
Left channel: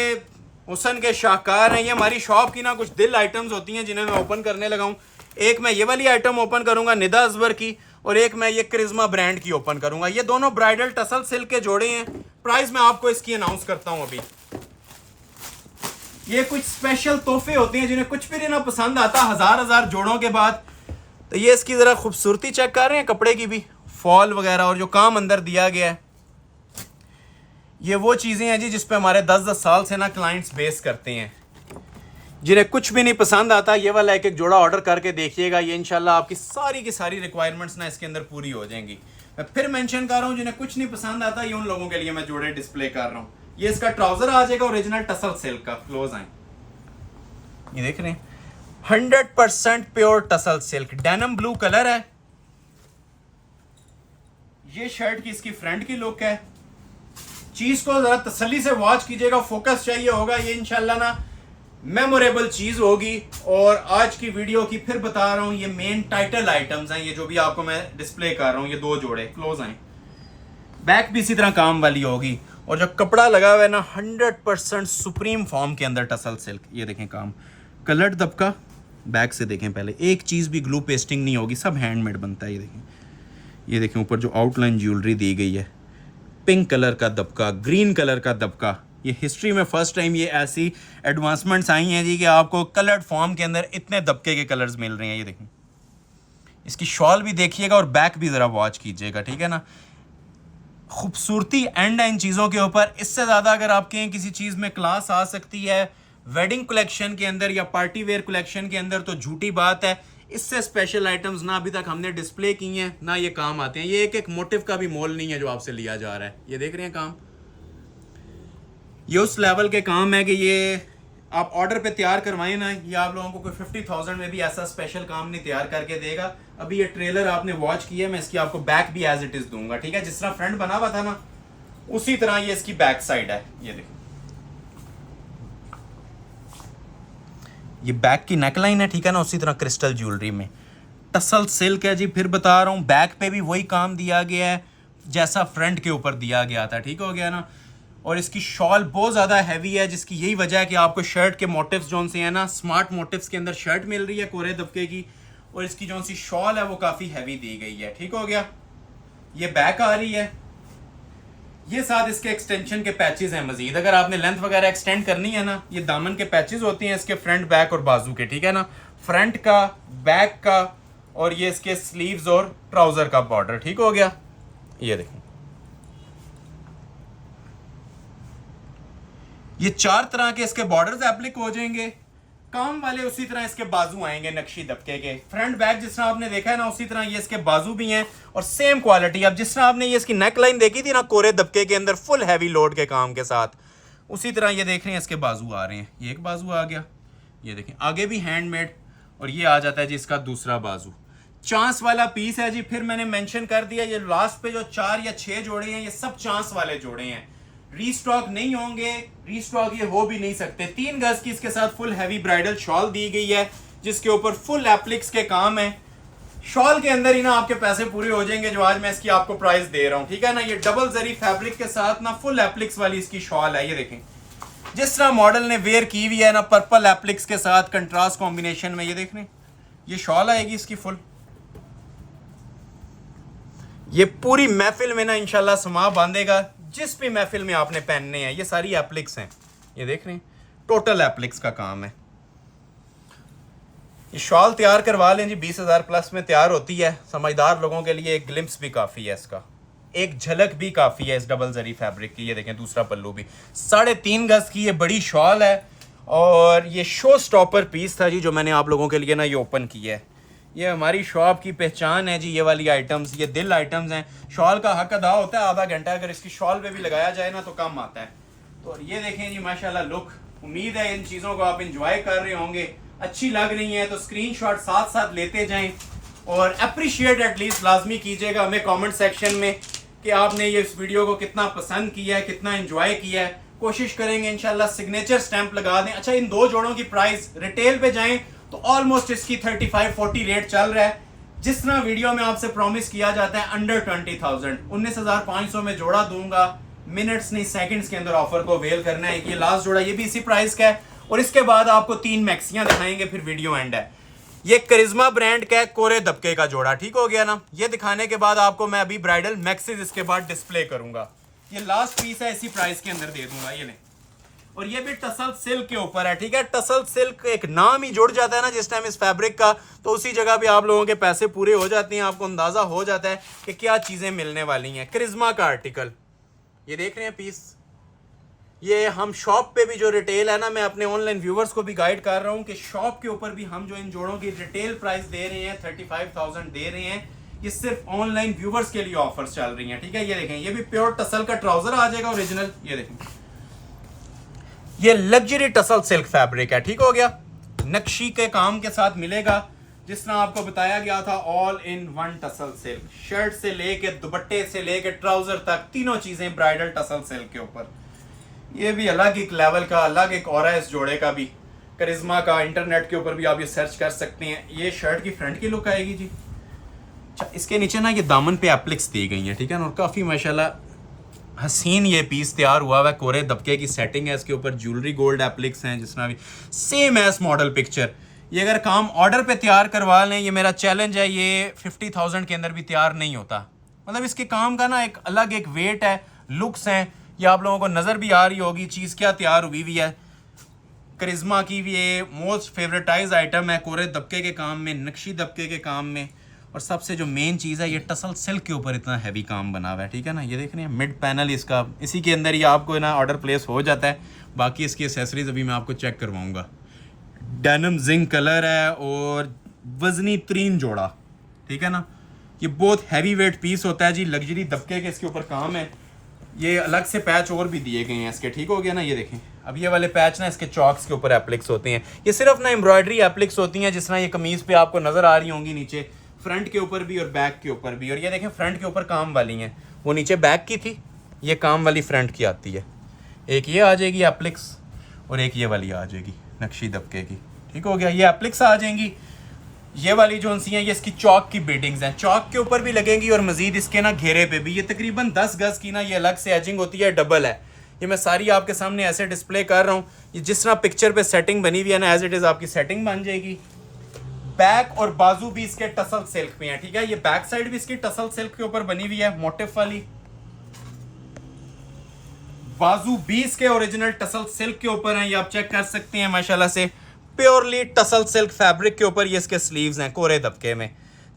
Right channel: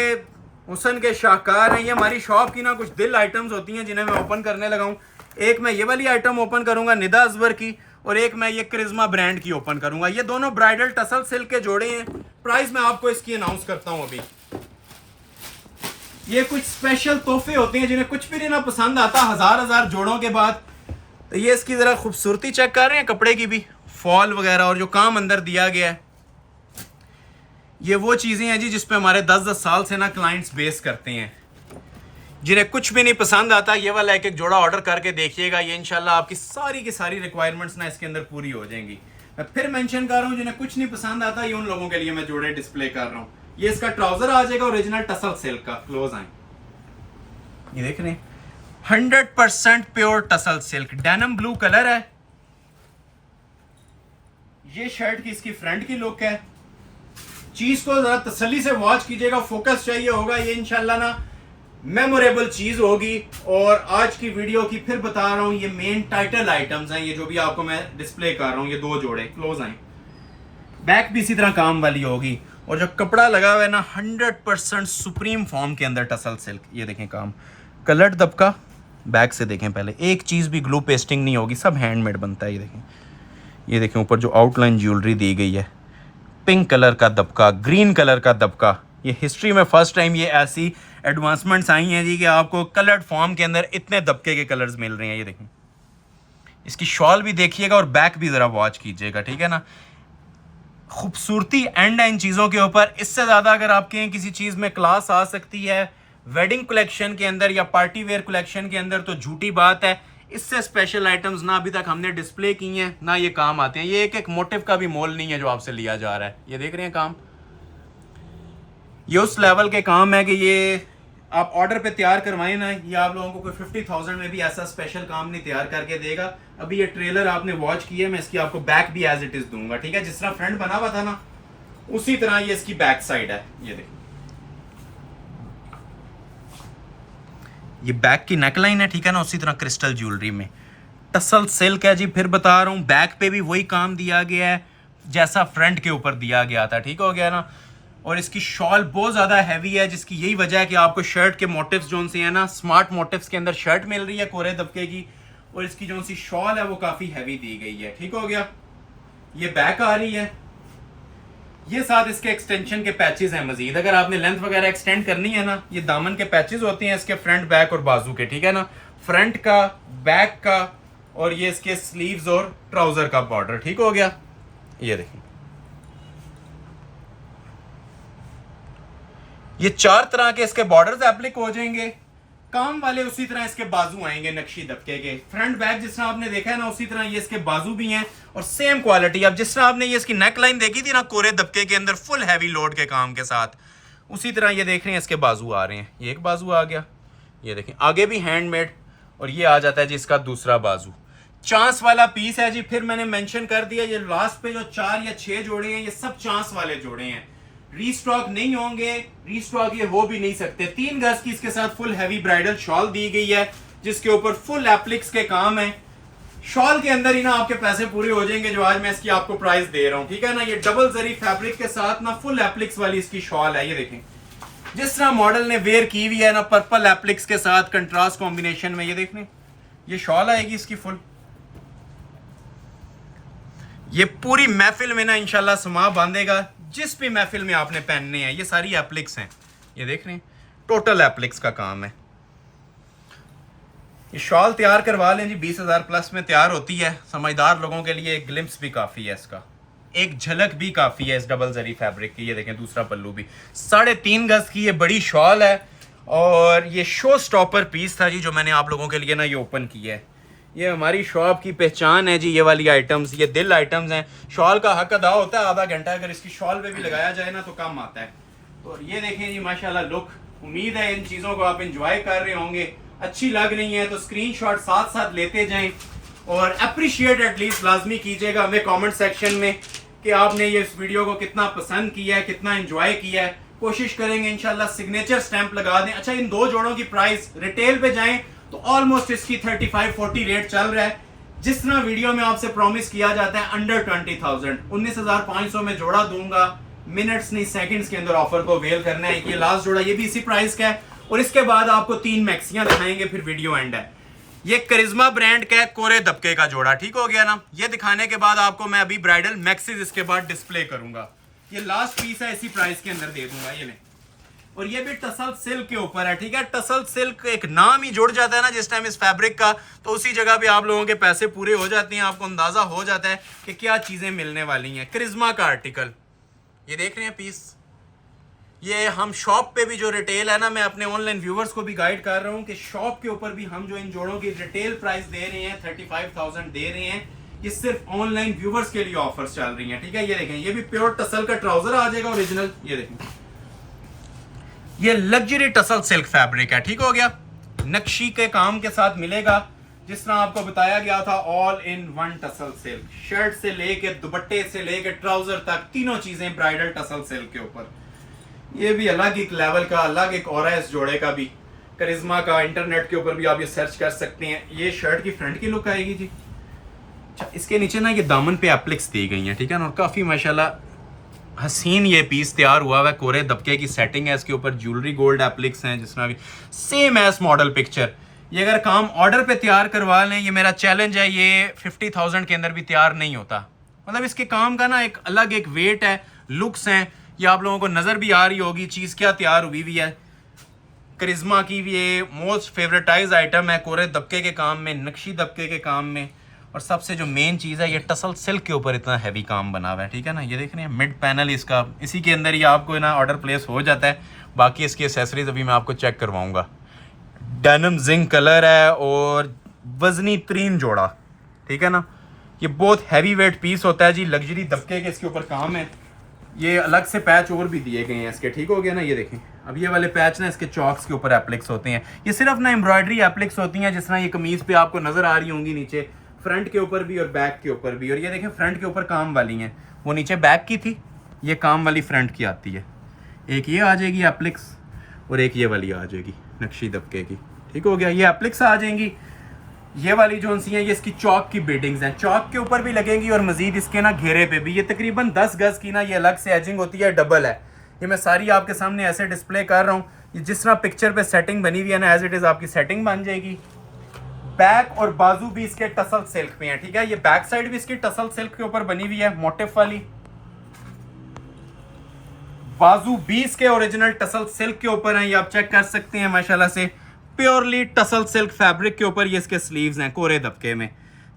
हुसन के शाहकार हैं। ये हमारी शॉप की ना कुछ दिल आइटम्स होती हैं जिन्हें मैं ओपन करने लगा हूँ। एक मैं ये वाली आइटम ओपन करूंगा निदा अजवर की, और एक मैं ये करिश्मा ब्रांड की ओपन करूंगा। ये दोनों ब्राइडल टसल सिल्क के जोड़े हैं। प्राइस मैं आपको इसकी अनाउंस करता हूं अभी। ये कुछ स्पेशल तोहफे होते हैं जिन्हें कुछ भी ना पसंद आता हजार जोड़ों के बाद। तो ये इसकी जरा खूबसूरती चेक कर रहे हैं, कपड़े की भी फॉल वगैरह और जो काम अंदर दिया गया है। ये वो चीज़ें हैं जी जिस पे हमारे 10-10 साल से ना क्लाइंट्स बेस करते हैं। जिन्हें कुछ भी नहीं पसंद आता, ये वाला एक एक जोड़ा ऑर्डर करके देखिएगा, ये इंशाल्लाह आपकी सारी की सारी रिक्वायरमेंट्स ना इसके अंदर पूरी हो जाएंगी। मैं फिर मेंशन कर रहा हूँ, जिन्हें कुछ नहीं पसंद आता, ये उन लोगों के लिए मैं जोड़े डिस्प्ले कर रहा हूँ। ये इसका ट्राउजर आ जाएगा ओरिजिनल टसल सिल्क का, क्लोज आए, ये देख रहे हैं 100% pure tussle silk, denim blue colour है। ये शर्ट की इसकी फ्रंट की लुक है। चीज को जरा तसल्ली से वॉच कीजिएगा, फोकस चाहिए होगा, ये इंशाल्लाह ना मेमोरेबल चीज होगी। और आज की वीडियो की फिर बता रहा हूं, ये मेन टाइटल आइटम्स हैं, ये जो भी आपको मैं डिस्प्ले कर रहा हूं, ये 2 जोड़े, क्लोज आए। बैक भी इसी तरह काम वाली होगी, और जो कपड़ा लगा हुआ है ना 100% सुप्रीम फॉर्म के अंदर टसल सिल्क। ये देखें काम, कलर्ड दबका, बैक से देखें पहले, एक चीज भी ग्लू पेस्टिंग नहीं होगी, सब हैंडमेड बनता है। ये देखें ऊपर जो आउटलाइन ज्वेलरी दी गई है, पिंक कलर का दबका, ग्रीन कलर का दबका। ये हिस्ट्री में फर्स्ट टाइम ये ऐसी एडवांसमेंट्स आई हैं जी कि आपको कलर्ड फॉर्म के अंदर इतने दबके के कलर्स मिल रहे हैं। ये देखें, इसकी शॉल भी देखिएगा और बैक भी ज़रा वॉच कीजिएगा, ठीक है ना। खूबसूरती एंड है इन चीज़ों के ऊपर। इससे ज़्यादा अगर आपके किसी चीज़ में क्लास आ सकती है वेडिंग कलेक्शन के अंदर या पार्टी वेयर कलेक्शन के अंदर, तो झूठी बात है। इससे स्पेशल आइटम्स ना अभी तक हमने डिस्प्ले की हैं, ना ये काम आते हैं। ये एक एक मोटिव का भी मोल नहीं है जो आपसे लिया जा रहा है। ये देख रहे हैं काम, ये उस लेवल के काम है कि ये आप ऑर्डर पे तैयार करवाएं ना, ये आप लोगों को कोई 50,000 में भी ऐसा स्पेशल काम नहीं तैयार करके देगा। अभी ये ट्रेलर आपने वॉच किया, मैं इसकी आपको बैक भी एज इट इज दूंगा, ठीक है। जिस तरह फ्रंट बना हुआ था ना, उसी तरह ये इसकी बैक साइड है। ये देखिए, ये बैक की नेकलाइन है, ठीक है ना, उसी तरह क्रिस्टल ज्वेलरी में टसल सिल्क है जी। फिर बता रहा हूँ, बैक पे भी वही काम दिया गया है जैसा फ्रंट के ऊपर दिया गया था, ठीक हो गया ना। और इसकी शॉल बहुत ज़्यादा हैवी है, जिसकी यही वजह है कि आपको शर्ट के मोटिव्स जो से हैं ना, स्मार्ट मोटिव्स के अंदर शर्ट मिल रही है कोरे दबके की, और इसकी जो सी शॉल है वो काफ़ी हैवी दी गई है, ठीक हो गया। ये बैक आ रही है, ये साथ इसके एक्सटेंशन के पैचेस हैं मजीद। अगर आपने लेंथ वगैरह एक्सटेंड करनी है ना, ये दामन के पैचेस होते हैं इसके फ्रंट, बैक और बाजू के, ठीक है ना। फ्रंट का, बैक का, और ये इसके स्लीव्स और ट्राउजर का बॉर्डर, ठीक हो गया। ये देखें, ये 4 तरह के इसके बॉर्डर्स एप्लिक हो जाएंगे। काम वाले उसी तरह इसके बाजू आएंगे नक्शी दबके के। फ्रंट बैक जिस तरह आपने देखा है ना, उसी तरह ये इसके बाजू भी हैं और सेम क्वालिटी। अब जिस तरह आपने ये इसकी नेक लाइन देखी थी ना कोरे दबके के अंदर फुल हैवी लोड के काम के साथ, उसी तरह ये देख रहे हैं इसके बाजू आ रहे हैं। ये एक बाजू आ गया, ये देखें आगे भी हैंडमेड, और ये आ जाता है जी इसका दूसरा बाजू। चांस वाला पीस है जी। फिर मैंने मेंशन कर दिया, ये लास्ट पे जो 4 या 6 जोड़े हैं, ये सब चांस वाले जोड़े हैं, रीस्टॉक नहीं होंगे, रीस्टॉक ये हो भी नहीं सकते। 3 गज की इसके साथ फुल हैवी ब्राइडल शॉल दी गई है, जिसके ऊपर फुल एप्लिक्स के काम है। शॉल के अंदर ही ना आपके पैसे पूरे हो जाएंगे जो आज मैं इसकी आपको प्राइस दे रहा हूं, ठीक है ना। ये डबल जरी फैब्रिक के साथ ना फुल एप्लिक्स वाली इसकी शॉल है। ये देखें जिस तरह मॉडल ने वेयर की हुई है ना, पर्पल एप्लिक्स के साथ कंट्रास्ट कॉम्बिनेशन में, ये देख रहे ये शॉल आएगी इसकी फुल। ये पूरी महफिल में ना इंशाल्लाह समा बांधेगा, जिस भी महफिल में आपने पहनने हैं। ये सारी एप्लिक्स हैं, ये देख रहे हैं टोटल एप्लिक्स का काम है। ये शॉल तैयार करवा लें जी, 20,000 प्लस में तैयार होती है। समझदार लोगों के लिए एक ग्लिम्स भी काफ़ी है, इसका एक झलक भी काफ़ी है इस डबल जरी फैब्रिक की। ये देखें दूसरा पल्लू भी 3.5 गज की ये बड़ी शॉल है, और ये शो स्टॉपर पीस था जी जो मैंने आप लोगों के लिए ना ये ओपन किया है। ये हमारी शॉप की पहचान है जी, ये वाली आइटम्स, ये दिल आइटम्स हैं। शॉल का हक अदा होता है आधा घंटा, अगर इसकी शॉल पे भी लगाया जाए ना तो कम आता है। और ये देखें जी माशाल्लाह लुक, उम्मीद है इन चीज़ों को आप इंजॉय कर रहे होंगे। अच्छी लग रही है तो स्क्रीनशॉट साथ साथ लेते जाएं, और अप्रिशिएट एटलीस्ट लाजमी कीजिएगा हमें कमेंट सेक्शन में कि आपने ये इस वीडियो को कितना पसंद किया है, कितना एंजॉय किया है। कोशिश करेंगे इंशाल्लाह सिग्नेचर स्टैंप लगा दें। अच्छा, इन 2 जोड़ों की प्राइस रिटेल पे जाएं तो ऑलमोस्ट इसकी 35-40 रेट चल रहा है। जिस तरह वीडियो में आपसे प्रॉमिस किया जाता है अंडर 20,000, 19,500 में जोड़ा दूंगा। मिनट्स नहीं सेकंड्स के अंदर ऑफर को अवेल करना है। ये लास्ट जोड़ा ये भी इसी प्राइस का है, और इसके बाद आपको 3 मैक्सियां दिखाएंगे, फिर वीडियो एंड है। ये करिश्मा ब्रांड का कोरे दबके का जोड़ा, ठीक हो गया ना। ये दिखाने के बाद आपको मैं अभी ब्राइडल मैक्सीज इसके बाद डिस्प्ले करूंगा। ये लास्ट पीस है, इसी प्राइस के अंदर दे दूंगा। ये नहीं, और ये भी टसल सिल्क के ऊपर है, ठीक है। टसल सिल्क एक नाम ही जुड़ जाता है ना जिस टाइम इस फैब्रिक का, तो उसी जगह पे आप लोगों के पैसे पूरे हो जाते हैं। आपको अंदाजा हो जाता है कि क्या चीजें मिलने वाली हैं। करिश्मा का आर्टिकल, ये देख रहे हैं पीस, ये हम शॉप पे भी जो रिटेल है ना, मैं अपने ऑनलाइन व्यूवर्स को भी गाइड कर रहा हूँ कि शॉप के ऊपर भी हम जो इन जोड़ों की रिटेल प्राइस दे रहे हैं 35,000 दे रहे हैं, ये सिर्फ ऑनलाइन व्यूवर्स के लिए ऑफर्स चल रही हैं। ठीक है, ये देखें, ये भी प्योर टसल का ट्राउजर आ जाएगा ओरिजिनल। ये देखें, ये लग्जरी टसल सिल्क फैब्रिक है। ठीक हो गया, नक्शी के काम के साथ मिलेगा, जिस तरह आपको बताया गया था, all in one tussle silk. Shirt से लेके दुपट्टे से लेके ट्राउजर तक तीनों चीजें ब्राइडल टसल सिल्क के ऊपर। ये भी अलग एक लेवल का, अलग एक और है इस जोड़े का भी, करिश्मा का। इंटरनेट के ऊपर भी आप ये सर्च कर सकते हैं। ये शर्ट की फ्रंट की लुक आएगी जी। अच्छा, इसके नीचे ना ये दामन पे एप्लिक्स दी गई हैं, ठीक है ना, और काफी माशाल्लाह हसीन ये पीस तैयार हुआ है। कोरे दबके की सेटिंग है, इसके ऊपर ज्वेलरी गोल्ड एप्लिक्स हैं, जिस तरह भी सेम एस मॉडल पिक्चर। ये अगर काम ऑर्डर पे तैयार करवा लें, ये मेरा चैलेंज है, ये 50,000 के अंदर भी तैयार नहीं होता। मतलब इसके काम का ना एक अलग एक वेट है, लुक्स हैं। ये आप लोगों को नजर भी आ रही होगी चीज क्या तैयार हुई हुई है। करिश्मा की भी ये मोस्ट फेवरेटाइज आइटम है, कोरे दबके के काम में, नक्शी दबके के काम में, और सबसे जो मेन चीज़ है, ये टसल सिल्क के ऊपर इतना हैवी काम बना हुआ है। ठीक है ना, ये देख रहे हैं मिड पैनल इसका, इसी के अंदर ही आपको ना ऑर्डर प्लेस हो जाता है। बाकी इसकी एसेसरीज अभी मैं आपको चेक करवाऊंगा। डेनिम जिंक कलर है और वजनी तरीन जोड़ा। ठीक है ना, ये बहुत हैवी वेट पीस होता है जी, लग्जरी दबके के इसके ऊपर काम है। ये अलग से पैच और भी दिए गए हैं इसके। ठीक हो गया ना, ये देखें, अब ये वाले पैच ना इसके चॉक्स के ऊपर एप्लिक्स होते हैं। ये सिर्फ ना एम्ब्रॉयडरी एप्लिक्स होती हैं, जिस तरह ये कमीज पे आपको नजर आ रही होंगी नीचे, फ्रंट के ऊपर भी और बैक के ऊपर भी। और ये देखें, फ्रंट के ऊपर काम वाली हैं, वो नीचे बैक की थी, ये काम वाली फ्रंट की आती है। एक ये आ जाएगी एप्लिक्स और एक ये वाली आ जाएगी नक्शी दबके की। ठीक हो गया, ये एप्लिक्स आ जाएंगी। ये वाली जो सी हैं, ये इसकी चौक की बीडिंग्स हैं, चौक के ऊपर भी लगेंगी और मजीद इसके ना घेरे पे भी। ये तकरीबन 10 गज की ना ये अलग से एजिंग होती है, डबल है। ये मैं सारी आपके सामने ऐसे डिस्प्ले कर रहा हूँ। ये जिस तरह पिक्चर पे सेटिंग बनी हुई है ना, एज इट इज आपकी सेटिंग बन जाएगी। बैक और बाजू भी इसके टसल सिल्क पे हैं। ठीक है, ये बैक साइड भी इसकी टसल सिल्क के ऊपर बनी हुई है, मोटिफ वाली। बाजू भी इसके ओरिजिनल टसल सिल्क के ऊपर हैं, ये आप चेक कर सकते हैं माशाल्लाह से। प्योरली टसल सिल्क फैब्रिक के ऊपर ये इसके स्लीव्स हैं, कोरे दबके में।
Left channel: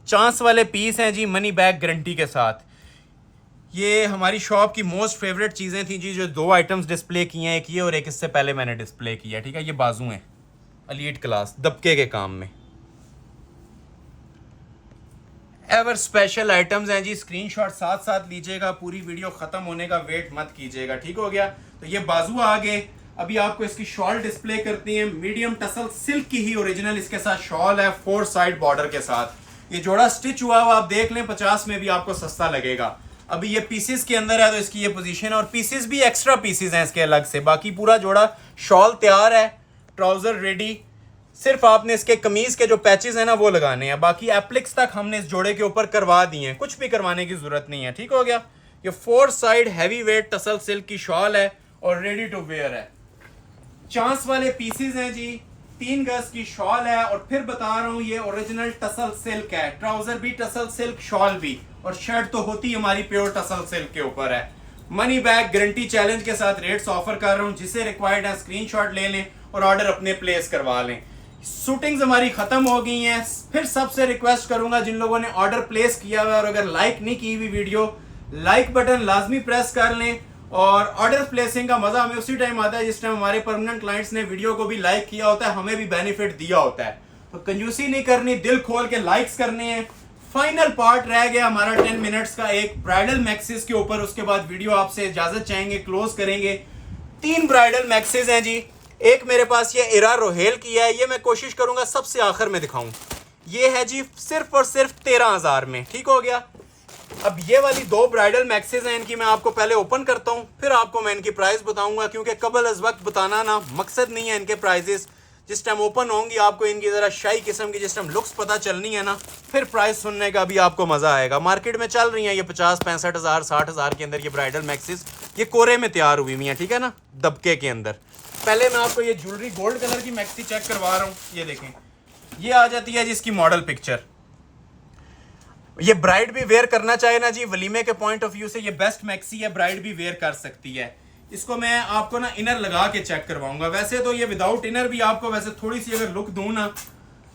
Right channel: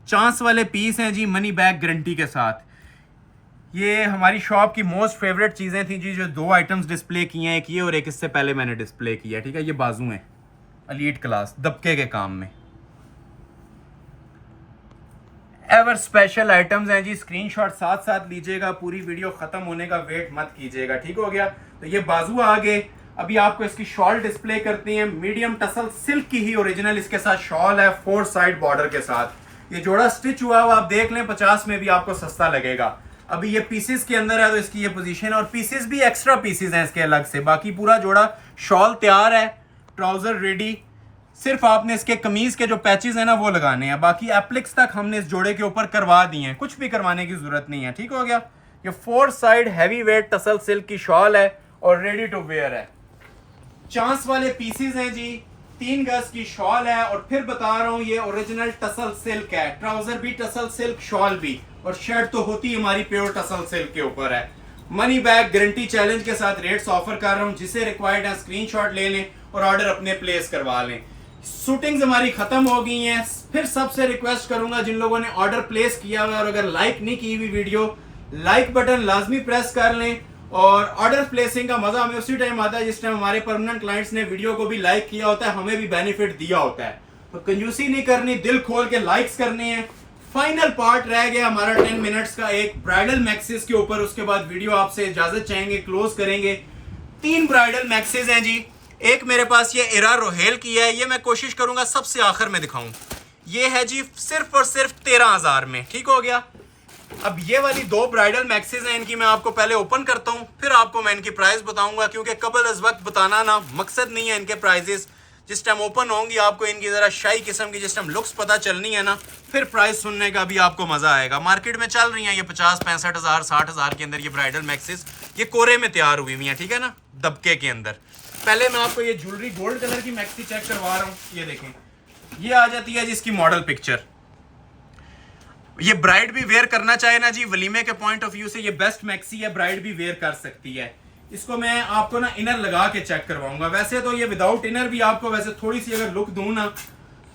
चांस वाले पीस हैं जी, मनी बैक गारंटी के साथ। ये हमारी शॉप की मोस्ट फेवरेट चीज़ें थी जी, जो 2 आइटम्स डिस्प्ले किए हैं, एक ये और एक इससे पहले मैंने डिस्प्ले किया। ठीक है, ये बाजू हैं एलीट क्लास दबके के काम में, एवर स्पेशल आइटम्स हैं जी। स्क्रीनशॉट साथ साथ लीजिएगा, पूरी वीडियो खत्म होने का वेट मत कीजिएगा। ठीक हो गया, तो ये बाजू आ गए। अभी आपको इसकी शॉल डिस्प्ले करते हैं, मीडियम टसल सिल्क की ही ओरिजिनल इसके साथ शॉल है, 4 साइड बॉर्डर के साथ। ये जोड़ा स्टिच हुआ हुआ आप देख लें, 50 में भी आपको सस्ता लगेगा। अभी ये पीसेस के अंदर है, तो इसकी ये पोजीशन है, और पीसेस भी एक्स्ट्रा पीसेस हैं इसके अलग से। बाकी पूरा जोड़ा शॉल तैयार है, ट्राउजर रेडी। सिर्फ आपने इसके कमीज के जो पैचेस हैं ना, वो लगाने हैं। बाकी एप्लिक्स तक हमने इस जोड़े के ऊपर करवा दिए हैं, कुछ भी करवाने की जरूरत नहीं है। ठीक हो गया, ये 4 side heavy weight tussle silk की शॉल है और रेडी टू वेयर है। चांस वाले पीसेस हैं जी, 3 गज की शॉल है, और फिर बता रहा हूं ये ओरिजिनल टसल सिल्क है। ट्राउजर भी टसल सिल्क, शॉल भी, और शर्ट तो होती हमारी प्योर टसल सिल्क के ऊपर है। मनी बैक गारंटी चैलेंज के साथ रेट्स ऑफर कर रहा हूं, जिसे रिक्वायर्ड है स्क्रीनशॉट ले लें और ऑर्डर अपने प्लेस करवा लें। शूटिंग्स हमारी खत्म हो गई हैं। फिर सबसे रिक्वेस्ट करूंगा, जिन लोगों ने ऑर्डर प्लेस किया हुआ और अगर लाइक नहीं की हुई वीडियो, लाइक बटन लाजमी प्रेस कर लें। और ऑर्डर प्लेसिंग का मजा हमें उसी टाइम आता है जिस टाइम हमारे परमानेंट क्लाइंट्स ने वीडियो को भी लाइक किया होता है, हमें भी बेनिफिट दिया होता है। तो कंजूसी नहीं करनी, दिल खोल के लाइक्स करने हैं। फाइनल पार्ट रह गया हमारा 10 मिनट्स का, एक ब्राइडल मैक्सिस के ऊपर। उसके बाद वीडियो आपसे इजाजत चाहेंगे, क्लोज करेंगे। 3 ब्राइडल मैक्सिस हैं जी। एक मेरे पास ये इरा रोहेल की है, ये मैं कोशिश करूंगा सबसे आखिर में दिखाऊं। ये है जी सिर्फ और सिर्फ 13,000 में। ठीक हो गया, अब ये वाली 2 ब्राइडल मैक्सिस हैं, इनकी मैं आपको पहले ओपन करता हूं, फिर आपको मैं इनकी प्राइस बताऊंगा, क्योंकि कबल अज वक्त बताना ना मकसद नहीं है इनके प्राइजेस। जिस टाइम ओपन होंगी आपको इनकी जरा शाही किस्म की जिस टाइम लुक्स पता चलनी है ना, फिर प्राइस सुनने का भी आपको मजा आएगा। मार्केट में चल रही है ये 50, 65,000, 60,000 के अंदर ये ब्राइडल मैक्सिस, ये कोरे में तैयार हुई हुई है। ठीक है ना, दबके के अंदर। पहले मैं आपको ये ज्वेलरी गोल्ड कलर की मैक्सी चेक करवा रहा हूँ। ये देखें, ये आ जाती है जिसकी मॉडल पिक्चर। ये ब्राइड भी वेयर करना चाहे ना जी, वलीमे के पॉइंट ऑफ व्यू से ये बेस्ट मैक्सी है, ब्राइड भी वेयर कर सकती है। इसको मैं आपको ना इनर लगा के चेक करवाऊंगा। वैसे तो ये विदाउट इनर भी आपको वैसे थोड़ी सी अगर लुक दूं ना,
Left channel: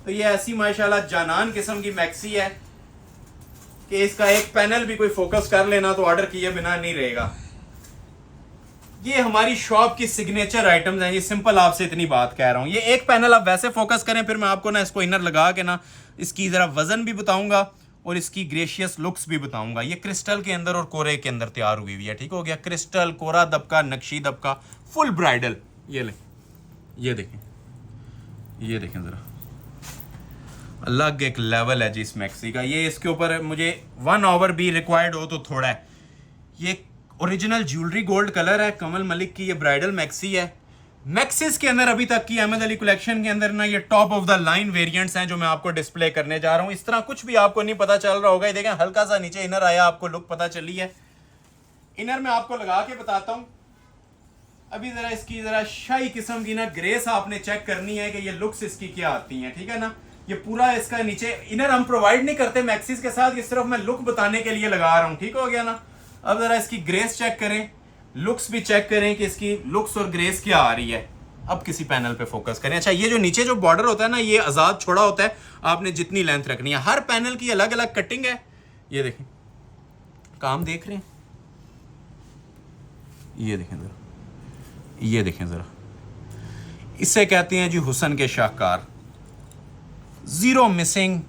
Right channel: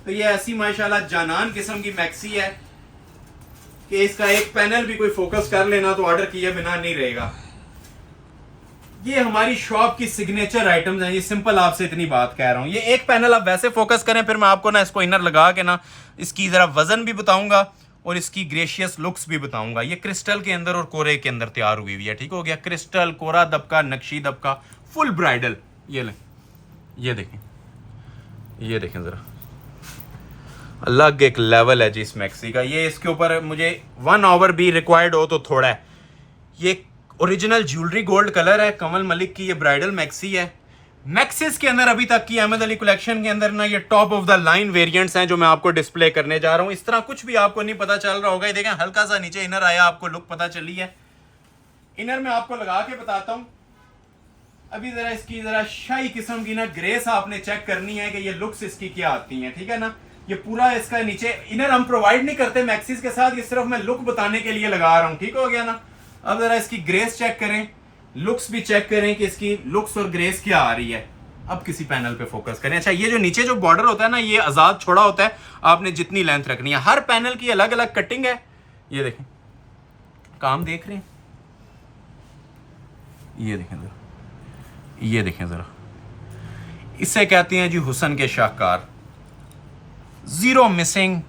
तो ये ऐसी माशाल्लाह जानान किस्म की मैक्सी है कि इसका एक पैनल भी कोई फोकस कर लेना तो ऑर्डर किए बिना नहीं रहेगा। ये हमारी शॉप की सिग्नेचर आइटम्स हैं। ये सिंपल आपसे इतनी बात कह रहा हूँ। ये एक पैनल आप वैसे फोकस करें, फिर मैं आपको ना इसको इनर लगा के ना इसकी जरा वजन भी बताऊंगा और इसकी ग्रेशियस लुक्स भी बताऊंगा। ये क्रिस्टल के अंदर और कोरे के अंदर तैयार हुई हुई है, ठीक हो गया। क्रिस्टल, कोरा दबका, नक्शी दबका, फुल ब्राइडल। ये लें, ये देखें, ये देखें जरा, अलग एक लेवल है जी इस मैक्सी का। ये इसके ऊपर मुझे 1 आवर भी रिक्वायर्ड हो तो थोड़ा है। ये ओरिजिनल ज्वेलरी गोल्ड कलर है, कमल मलिक की ये ब्राइडल मैक्सी है। मैक्सिस के अंदर अभी तक की अहमद अली कलेक्शन के अंदर ना ये top of the line variants हैं जो मैं आपको डिस्प्ले करने जा रहा हूं। इस तरह कुछ भी आपको नहीं पता चल रहा होगा। ये देखें, हल्का सा नीचे इनर आया, आपको लुक पता चली है। इनर में आपको लगा के बताता हूं। अभी जरा इसकी जरा शाही किस्म की ना ग्रेस आपने चेक करनी है कि ये लुक्स इसकी क्या आती हैं, ठीक है ना। ये पूरा इसका नीचे इनर हम प्रोवाइड नहीं करते मैक्सिस के साथ, ये सिर्फ मैं लुक बताने के लिए लगा रहा हूं, ठीक हो गया ना। अब जरा इसकी ग्रेस चेक करें, लुक्स भी चेक करें कि इसकी लुक्स और ग्रेस क्या आ रही है। अब किसी पैनल पे फोकस करें। अच्छा, ये जो नीचे जो बॉर्डर होता है ना, ये आजाद छोड़ा होता है, आपने जितनी लेंथ रखनी है। हर पैनल की अलग अलग कटिंग है। ये देखें, काम देख रहे हैं, ये देखें जरा, ये देखें जरा, इसे कहते हैं जी हुस्न के शाहकार। जीरो मिसिंग,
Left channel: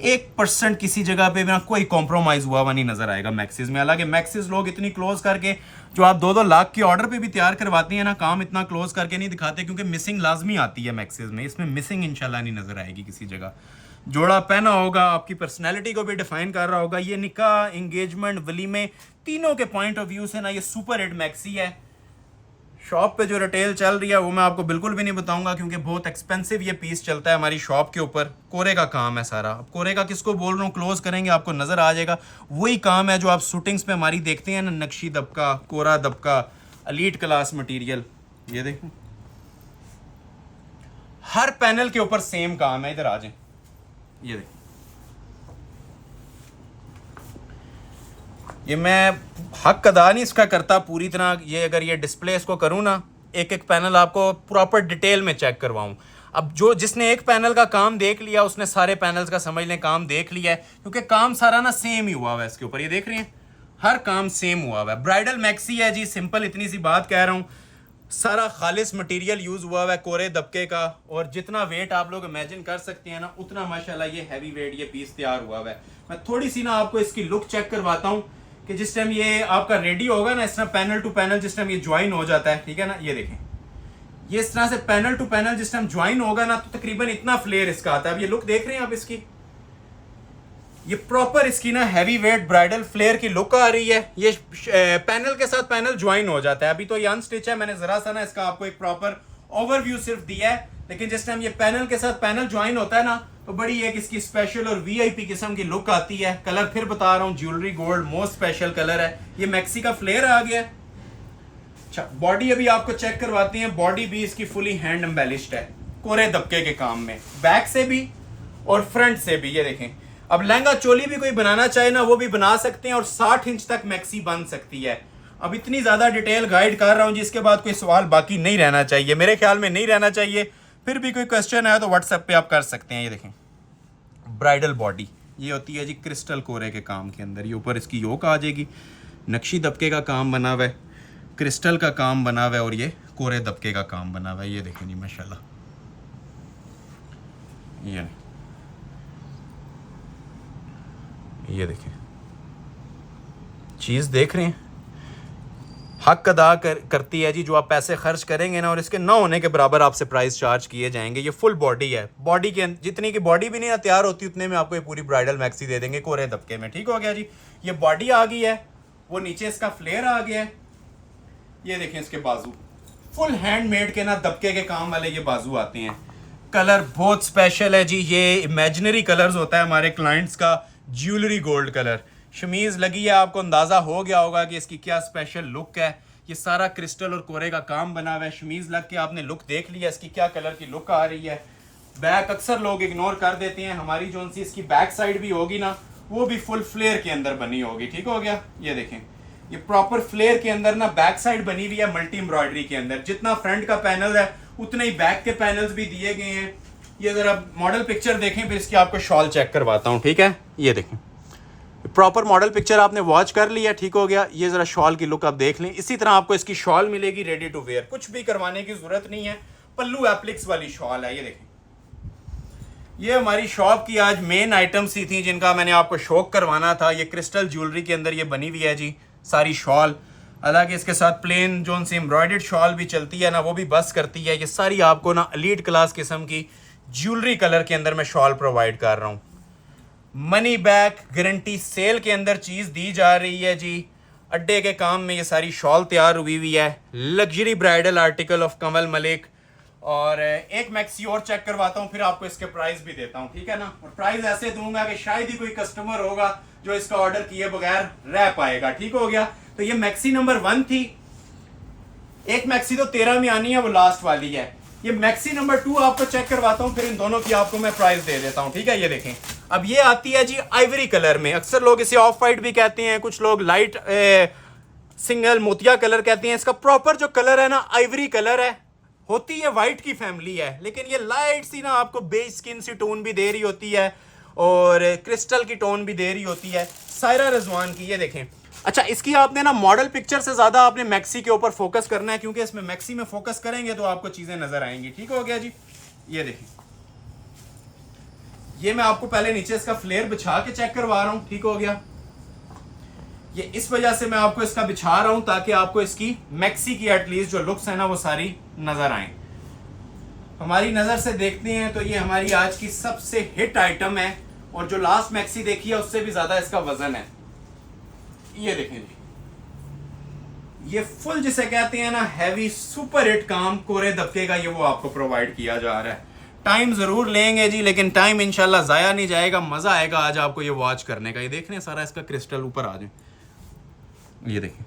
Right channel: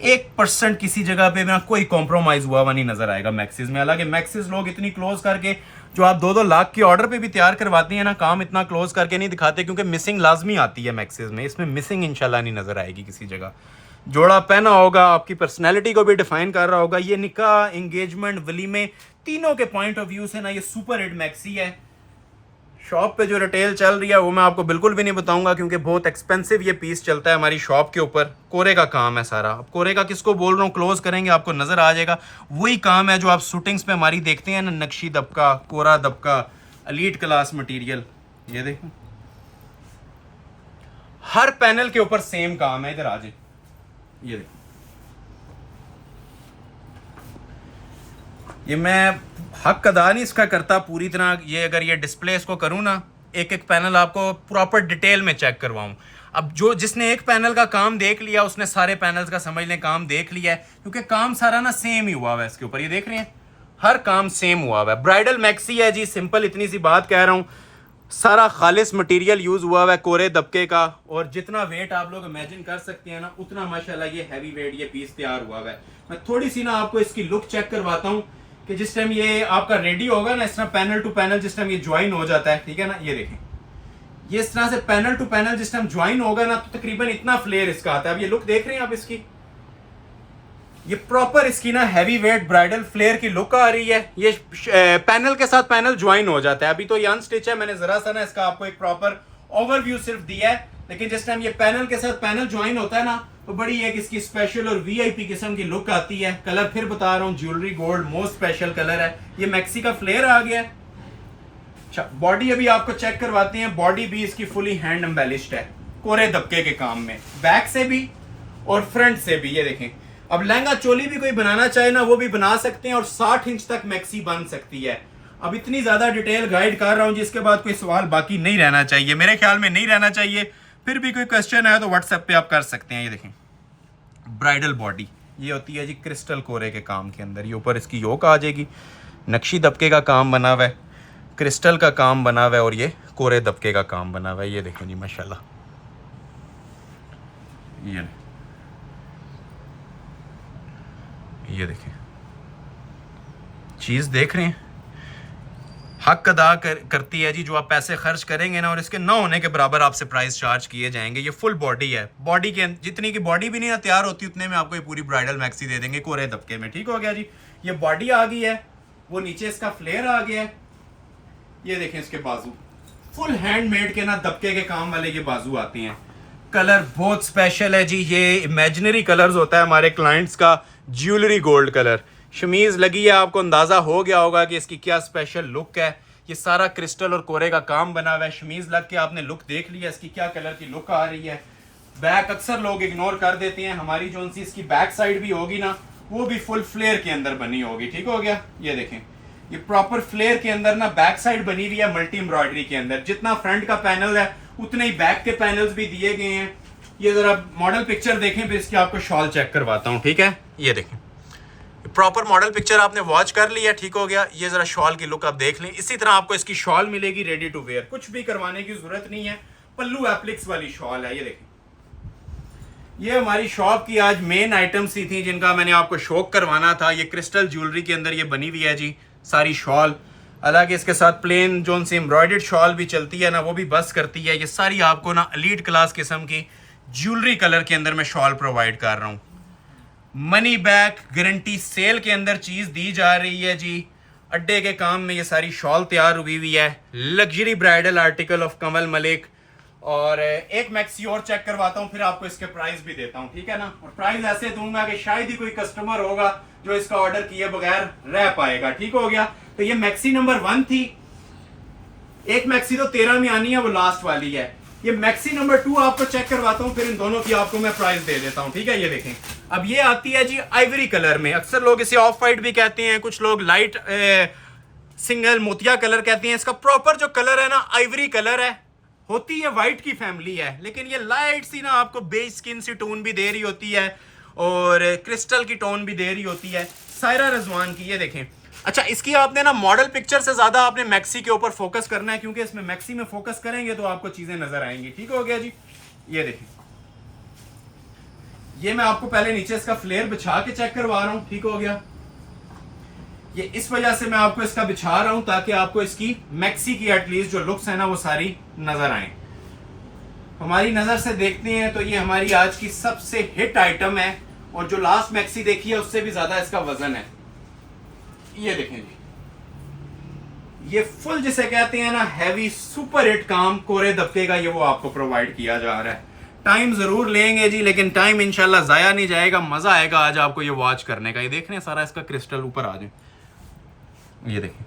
1% किसी जगह पे ना कोई कॉम्प्रोमाइज हुआ हुआ नहीं नजर आएगा मैक्सिस में। हालांकि मैक्सिस लोग इतनी क्लोज करके जो आप 2-2 लाख के ऑर्डर पे भी तैयार करवाती हैं ना, काम इतना क्लोज करके नहीं दिखाते क्योंकि मिसिंग लाजमी आती है मैक्सिस में। इसमें मिसिंग इंशाल्लाह नहीं नजर आएगी किसी जगह। जोड़ा पहना होगा, आपकी पर्सनैलिटी को भी डिफाइन कर रहा होगा। ये निकाह, एंगेजमेंट, वलीमे, तीनों के पॉइंट ऑफ व्यू से ना ये सुपर हिट मैक्सी है। शॉप पे जो रिटेल चल रही है वो मैं आपको बिल्कुल भी नहीं बताऊंगा क्योंकि बहुत एक्सपेंसिव ये पीस चलता है हमारी शॉप के ऊपर। कोरे का काम है सारा। अब कोरे का किसको बोल रहा हूँ, क्लोज करेंगे आपको नजर आ जाएगा। वही काम है जो आप शूटिंग्स पे हमारी देखते हैं ना, नक्शी दबका, कोरा दबका, एलीट क्लास मटेरियल। ये देखें, हर पैनल के ऊपर सेम काम है। इधर आ जाए, ये देखें, ये मैं हक अदा नहीं इसका करता पूरी तरह। ये अगर ये डिस्प्ले इसको करूँ ना, एक एक पैनल आपको प्रॉपर डिटेल में चेक करवाऊँ। अब जो जिसने एक पैनल का काम देख लिया उसने सारे पैनल्स का समझ लें काम देख लिया है, क्योंकि काम सारा ना सेम ही हुआ हुआ है इसके ऊपर। ये देख रहे हैं, हर काम सेम हुआ हुआ है। ब्राइडल मैक्सी है जी, सिंपल इतनी सी बात कह रहा हूँ। सारा खालिस मटेरियल यूज हुआ हुआ है कोरे दबके का, और जितना वेट आप लोग इमेजिन कर सकते हैं ना उतना माशाल्लाह ये हैवी वेट ये पीस तैयार हुआ हुआ है। मैं थोड़ी सी ना आपको इसकी लुक चेक करवाता हूँ कि जिस टाइम ये आपका रेडी होगा ना, इस तरह पैनल टू पैनल जिस टाइम ये ज्वाइन हो जाता है, ठीक है ना। ये देखें, ये इस तरह से पैनल टू पैनल जिस टाइम ज्वाइन होगा ना तो तकरीबन इतना फ्लेयर इसका आता है। अब ये लुक देख रहे हैं आप इसकी, ये प्रॉपर इसकी ना हैवी वेट ब्राइडल फ्लेयर की लुक आ रही है। ये पैनल के साथ पैनल ज्वाइन हो जाता है। अभी तो ये अनस्टिच है, मैंने जरा सा ना इसका आपको एक प्रॉपर ओवरव्यू सिर्फ दिया है, लेकिन जिस टाइम ये पैनल के साथ पैनल ज्वाइन होता है ना तो बड़ी एक इसकी स्पेशल और वीआईपी किस्म की लुक आती है। कलर फिर बता रहा हूँ, jewellery gold most special colour है। ये मैक्सी का फ्लेयर आ गया है। अच्छा, बॉडी अभी आपको चेक करवाते हैं। बॉडी भी इसकी फुली हैंड एम्बेलिश्ड है कोरे दबके के काम में, बैक से भी और फ्रंट से भी। ये देखें, अब लहंगा चोली भी कोई बनाना चाहे ना वो भी बना सकते हैं, और 60 इंच तक मैक्सी बन सकती है। अब इतनी ज्यादा डिटेल गाइड कर रहा हूं जिसके बाद कोई सवाल बाकी नहीं रहना चाहिए, मेरे ख्याल में नहीं रहना चाहिए। फिर भी कोई क्वेश्चन है तो व्हाट्सएप पे आप कर सकते हैं। ये देखें, ब्राइडल बॉडी ये होती है जी क्रिस्टल कोरे के काम के अंदर। ये ऊपर इसकी योक आ जाएगी, नक्शी दबके का काम बना हुआ है, क्रिस्टल का काम बना हुआ है, और ये कोरे दबके का काम बना हुआ है। ये देखें जी माशाल्लाह, ये देखें, चीज देख रहे हैं, हक अदा करती है जी। जो आप पैसे खर्च करेंगे ना और इसके ना होने के बराबर आपसे प्राइस चार्ज किए जाएंगे। ये फुल बॉडी है, बॉडी के जितनी की बॉडी भी नहीं तैयार होती उतने में आपको ये पूरी ब्राइडल मैक्सी दे देंगे कोरे दबके में, ठीक हो गया जी। ये बॉडी आ गई है, वो नीचे इसका फ्लेयर आ गया है। ये देखें इसके बाजू, फुल हैंडमेड के ना दबके के काम वाले ये बाजू आते हैं। कलर बहुत स्पेशल है जी, ये इमेजिनरी कलर्स होता है हमारे क्लाइंट्स का, ज्वेलरी गोल्ड कलर। शमीज लगी है, आपको अंदाजा हो गया होगा कि इसकी क्या स्पेशल लुक है। ये सारा क्रिस्टल और कोरे का काम बना हुआ है। शमीज लग के आपने लुक देख लिया इसकी क्या कलर की लुक आ रही है। बैक अक्सर लोग इग्नोर कर देते हैं, हमारी जो सी इसकी बैक साइड भी होगी ना वो भी फुल फ्लेयर के अंदर बनी होगी, ठीक हो गया। ये देखें, ये प्रॉपर फ्लेयर के अंदर ना बैक साइड बनी हुई है मल्टी एम्ब्रॉयडरी के अंदर। जितना फ्रंट का पैनल है उतने ही बैक के पैनल्स भी दिए गए हैं। ये जरा मॉडल पिक्चर देखें, फिर इसकी आपको शॉल चेक करवाता हूँ, ठीक है। ये देखें, प्रॉपर मॉडल पिक्चर आपने वॉच कर लिया, ठीक हो गया। ये ज़रा शॉल की लुक आप देख लें। इसी तरह आपको इसकी शॉल मिलेगी रेडी टू वेयर, कुछ भी करवाने की ज़रूरत नहीं है। पल्लू एप्लिक्स वाली शॉल है। ये देखें, ये हमारी शॉप की आज मेन आइटम्स ही थी जिनका मैंने आपको शौक करवाना था। ये क्रिस्टल ज्वेलरी के अंदर ये बनी हुई है जी सारी शॉल। हालांकि इसके साथ प्लेन जो सी एम्ब्रॉयडर्ड शॉल भी चलती है ना, वो भी बस करती है। ये सारी आपको ना एलीट क्लास किस्म की ज्वेलरी कलर के अंदर मैं शॉल प्रोवाइड कर रहा हूँ। मनी बैक गारंटी सेल के अंदर चीज़ दी जा रही है जी। अड्डे के काम में ये सारी शॉल तैयार हुई हुई है। लग्जरी ब्राइडल आर्टिकल ऑफ कमल मलिक। और एक मैक्सी और चेक करवाता हूँ, फिर आपको इसके प्राइस भी देता हूँ, ठीक है ना। और प्राइस ऐसे दूंगा कि शायद ही कोई कस्टमर होगा जो इसका ऑर्डर किए बगैर रह पाएगा, ठीक हो गया। तो ये मैक्सी नंबर 1 थी। एक मैक्सी तो 13 में आनी है, वो लास्ट वाली है। ये मैक्सी नंबर 2 आपको चेक करवाता हूँ, फिर इन दोनों की आपको मैं प्राइस दे देता हूँ, ठीक है। ये देखें, अब ये आती है जी आइवरी कलर में। अक्सर लोग इसे ऑफ वाइट भी कहते हैं, कुछ लोग लाइट सिंगल मोतिया कलर कहते हैं। इसका प्रॉपर जो कलर है ना आइवरी कलर है। होती है वाइट की फैमिली है, लेकिन ये लाइट सी ना आपको बेज स्किन सी टोन भी दे रही होती है और क्रिस्टल की टोन भी दे रही होती है। सायरा रजवान की। ये देखें, अच्छा इसकी आपने ना मॉडल पिक्चर से ज्यादा आपने मैक्सी के ऊपर फोकस करना है, क्योंकि इसमें मैक्सी में फोकस करेंगे तो आपको चीजें नजर आएंगी, ठीक हो गया जी। ये देखें, ये मैं आपको पहले नीचे इसका फ्लेयर बिछा के चेक करवा रहा हूं, ठीक हो गया। ये इस वजह से मैं आपको इसका बिछा रहा हूं ताकि आपको इसकी मैक्सी की एटलीस्ट जो लुक्स है ना वो सारी नजर आए। हमारी नजर से देखते हैं तो ये हमारी आज की सबसे हिट आइटम है, और जो लास्ट मैक्सी देखी है उससे भी ज्यादा इसका वजन है। ये देखें जी, ये फुल जिसे कहते हैं ना हैवी सुपर हिट काम कोरे दबके का, ये वो आपको प्रोवाइड किया जा रहा है। टाइम जरूर लेंगे जी, लेकिन टाइम इंशाल्लाह जाया नहीं जाएगा। मजा आएगा आज आपको ये वॉच करने का। ये देख रहे हैं सारा इसका क्रिस्टल ऊपर आ जाए। ये देखें,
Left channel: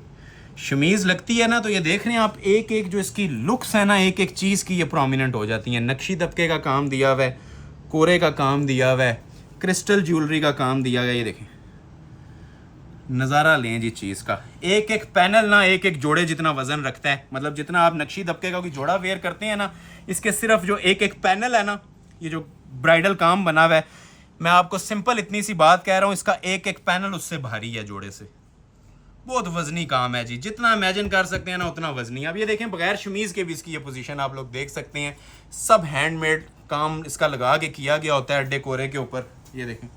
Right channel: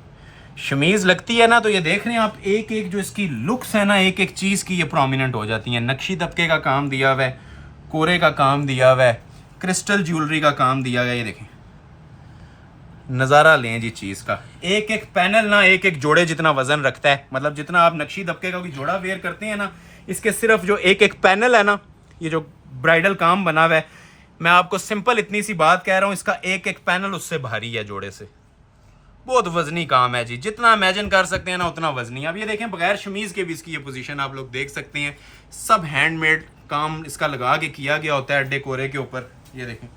शमीज लगती है ना तो ये देख रहे हैं आप, एक एक जो इसकी लुक्स है ना, एक एक चीज की ये प्रोमिनेंट हो जाती है। नक्शी दबके का काम दिया हुआ है, कोरे का काम दिया हुआ है, क्रिस्टल ज्वेलरी का काम दिया गया। ये देखें, नज़ारा लें जी चीज़ का। एक एक पैनल ना एक एक जोड़े जितना वजन रखता है। मतलब जितना आप नक्शी दबके का कोई जोड़ा वेयर करते हैं ना, इसके सिर्फ जो एक एक पैनल है ना, ये जो ब्राइडल काम बना हुआ है, मैं आपको सिंपल इतनी सी बात कह रहा हूँ, इसका एक एक पैनल उससे भारी है जोड़े से। बहुत वजनी काम है जी, जितना इमेजिन कर सकते हैं ना उतना वजनी। अब ये देखें, बगैर शमीज़ के भी इसकी ये पोजीशन आप लोग देख सकते हैं। सब हैंडमेड काम इसका लगा के किया गया होता है अड्डे कोरे के ऊपर। ये देखें,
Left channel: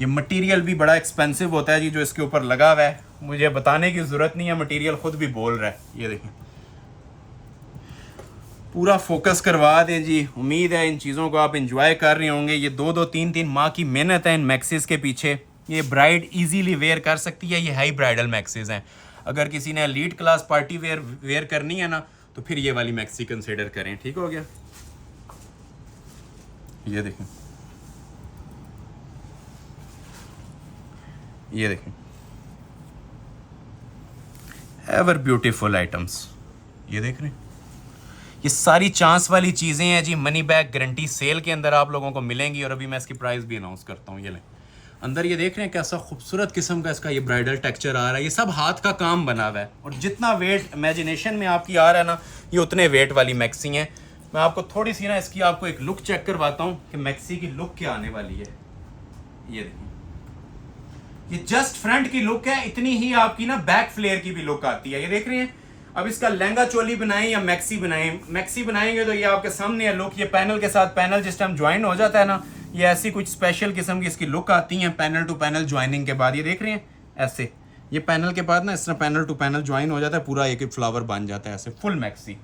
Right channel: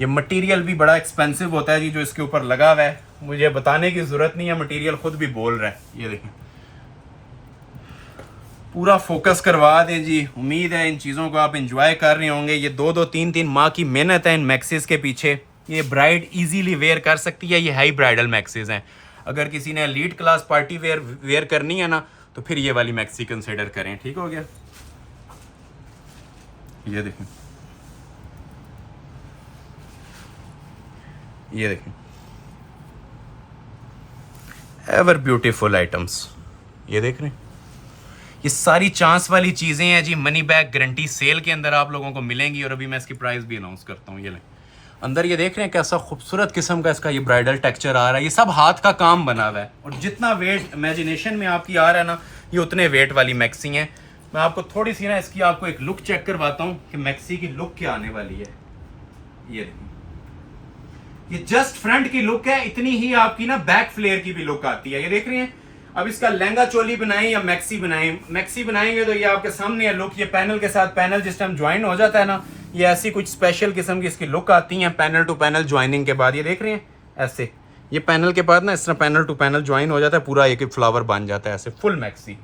ये मटेरियल भी बड़ा एक्सपेंसिव होता है जी जो इसके ऊपर लगा हुआ है। मुझे बताने की जरूरत नहीं है, मटेरियल खुद भी बोल रहा है। ये देखें, पूरा फोकस करवा दें जी। उम्मीद है इन चीज़ों को आप इंजॉय कर रहे होंगे। ये 2-2, 3-3 माह की मेहनत है इन मैक्सीज के पीछे। ये ब्राइड इजीली वेयर कर सकती है। ये हाई ब्राइडल मैक्सीज हैं। अगर किसी ने लीड क्लास पार्टी वेयर करनी है ना, तो फिर ये वाली मैक्सी कंसिडर करें, ठीक हो गया। ये देखें, ये देखें, एवर ब्यूटीफुल आइटम्स। ये देख रहे हैं, ये सारी चांस वाली चीज़ें हैं जी। मनी बैक गारंटी सेल के अंदर आप लोगों को मिलेंगी, और अभी मैं इसकी प्राइस भी अनाउंस करता हूँ। ये लें, अंदर ये देख रहे हैं कैसा खूबसूरत किस्म का इसका ये ब्राइडल टेक्सचर आ रहा है। ये सब हाथ का काम बना हुआ है, और जितना वेट इमेजिनेशन में आपकी आ रहा है ना, ये उतने वेट वाली मैक्सी हैं। मैं आपको थोड़ी सी ना इसकी आपको एक लुक चेक करवाता हूँ कि मैक्सी की लुक क्या आने वाली है। ये देखिए, ये जस्ट फ्रंट की लुक है, इतनी ही आपकी ना बैक फ्लेयर की भी लुक आती है। ये देख रहे हैं, अब इसका लहंगा चोली बनाएं या मैक्सी बनाएं, मैक्सी बनाएंगे तो ये आपके सामने है लुक। ये पैनल के साथ पैनल जिस टाइम ज्वाइन हो जाता है ना, ये ऐसी कुछ स्पेशल किस्म की इसकी लुक आती है पैनल टू पैनल ज्वाइनिंग के बाद। ये देख रहे हैं ऐसे, ये पैनल के बाद ना इस तरह पैनल टू पैनल ज्वाइन हो जाता है, पूरा एक फ्लावर बन जाता है ऐसे फुल मैक्सी।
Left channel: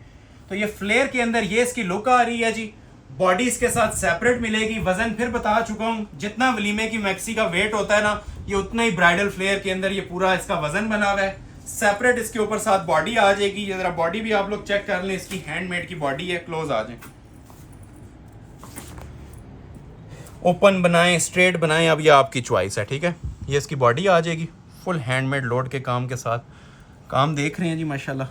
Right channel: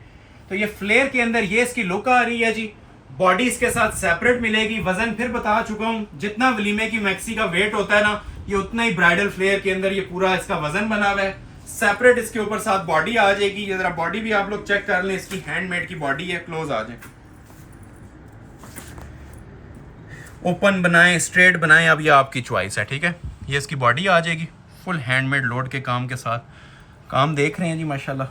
तो ये फ्लेयर के अंदर ये इसकी लुक आ रही है जी। बॉडी इसके साथ सेपरेट मिलेगी। वजन फिर बता चुका हूँ, जितना वलीमे की मैक्सी का वेट होता है ना, ये उतना ही ब्राइडल फ्लेयर के अंदर ये पूरा इसका वजन बना हुआ है। सेपरेट इसके ऊपर साथ बॉडी आ जाएगी। ये जरा बॉडी भी आप लोग चेक कर लें, इसकी हैंडमेड की बॉडी है। क्लोज आ जाए, ओपन बनाएं, स्ट्रेट बनाएं, अब ये आपकी चॉइस है, ठीक है। ये इसकी बॉडी आ जाएगी फुल हैंडमेड लोड के काम के साथ। काम देख रहे हैं जी माशाल्लाह,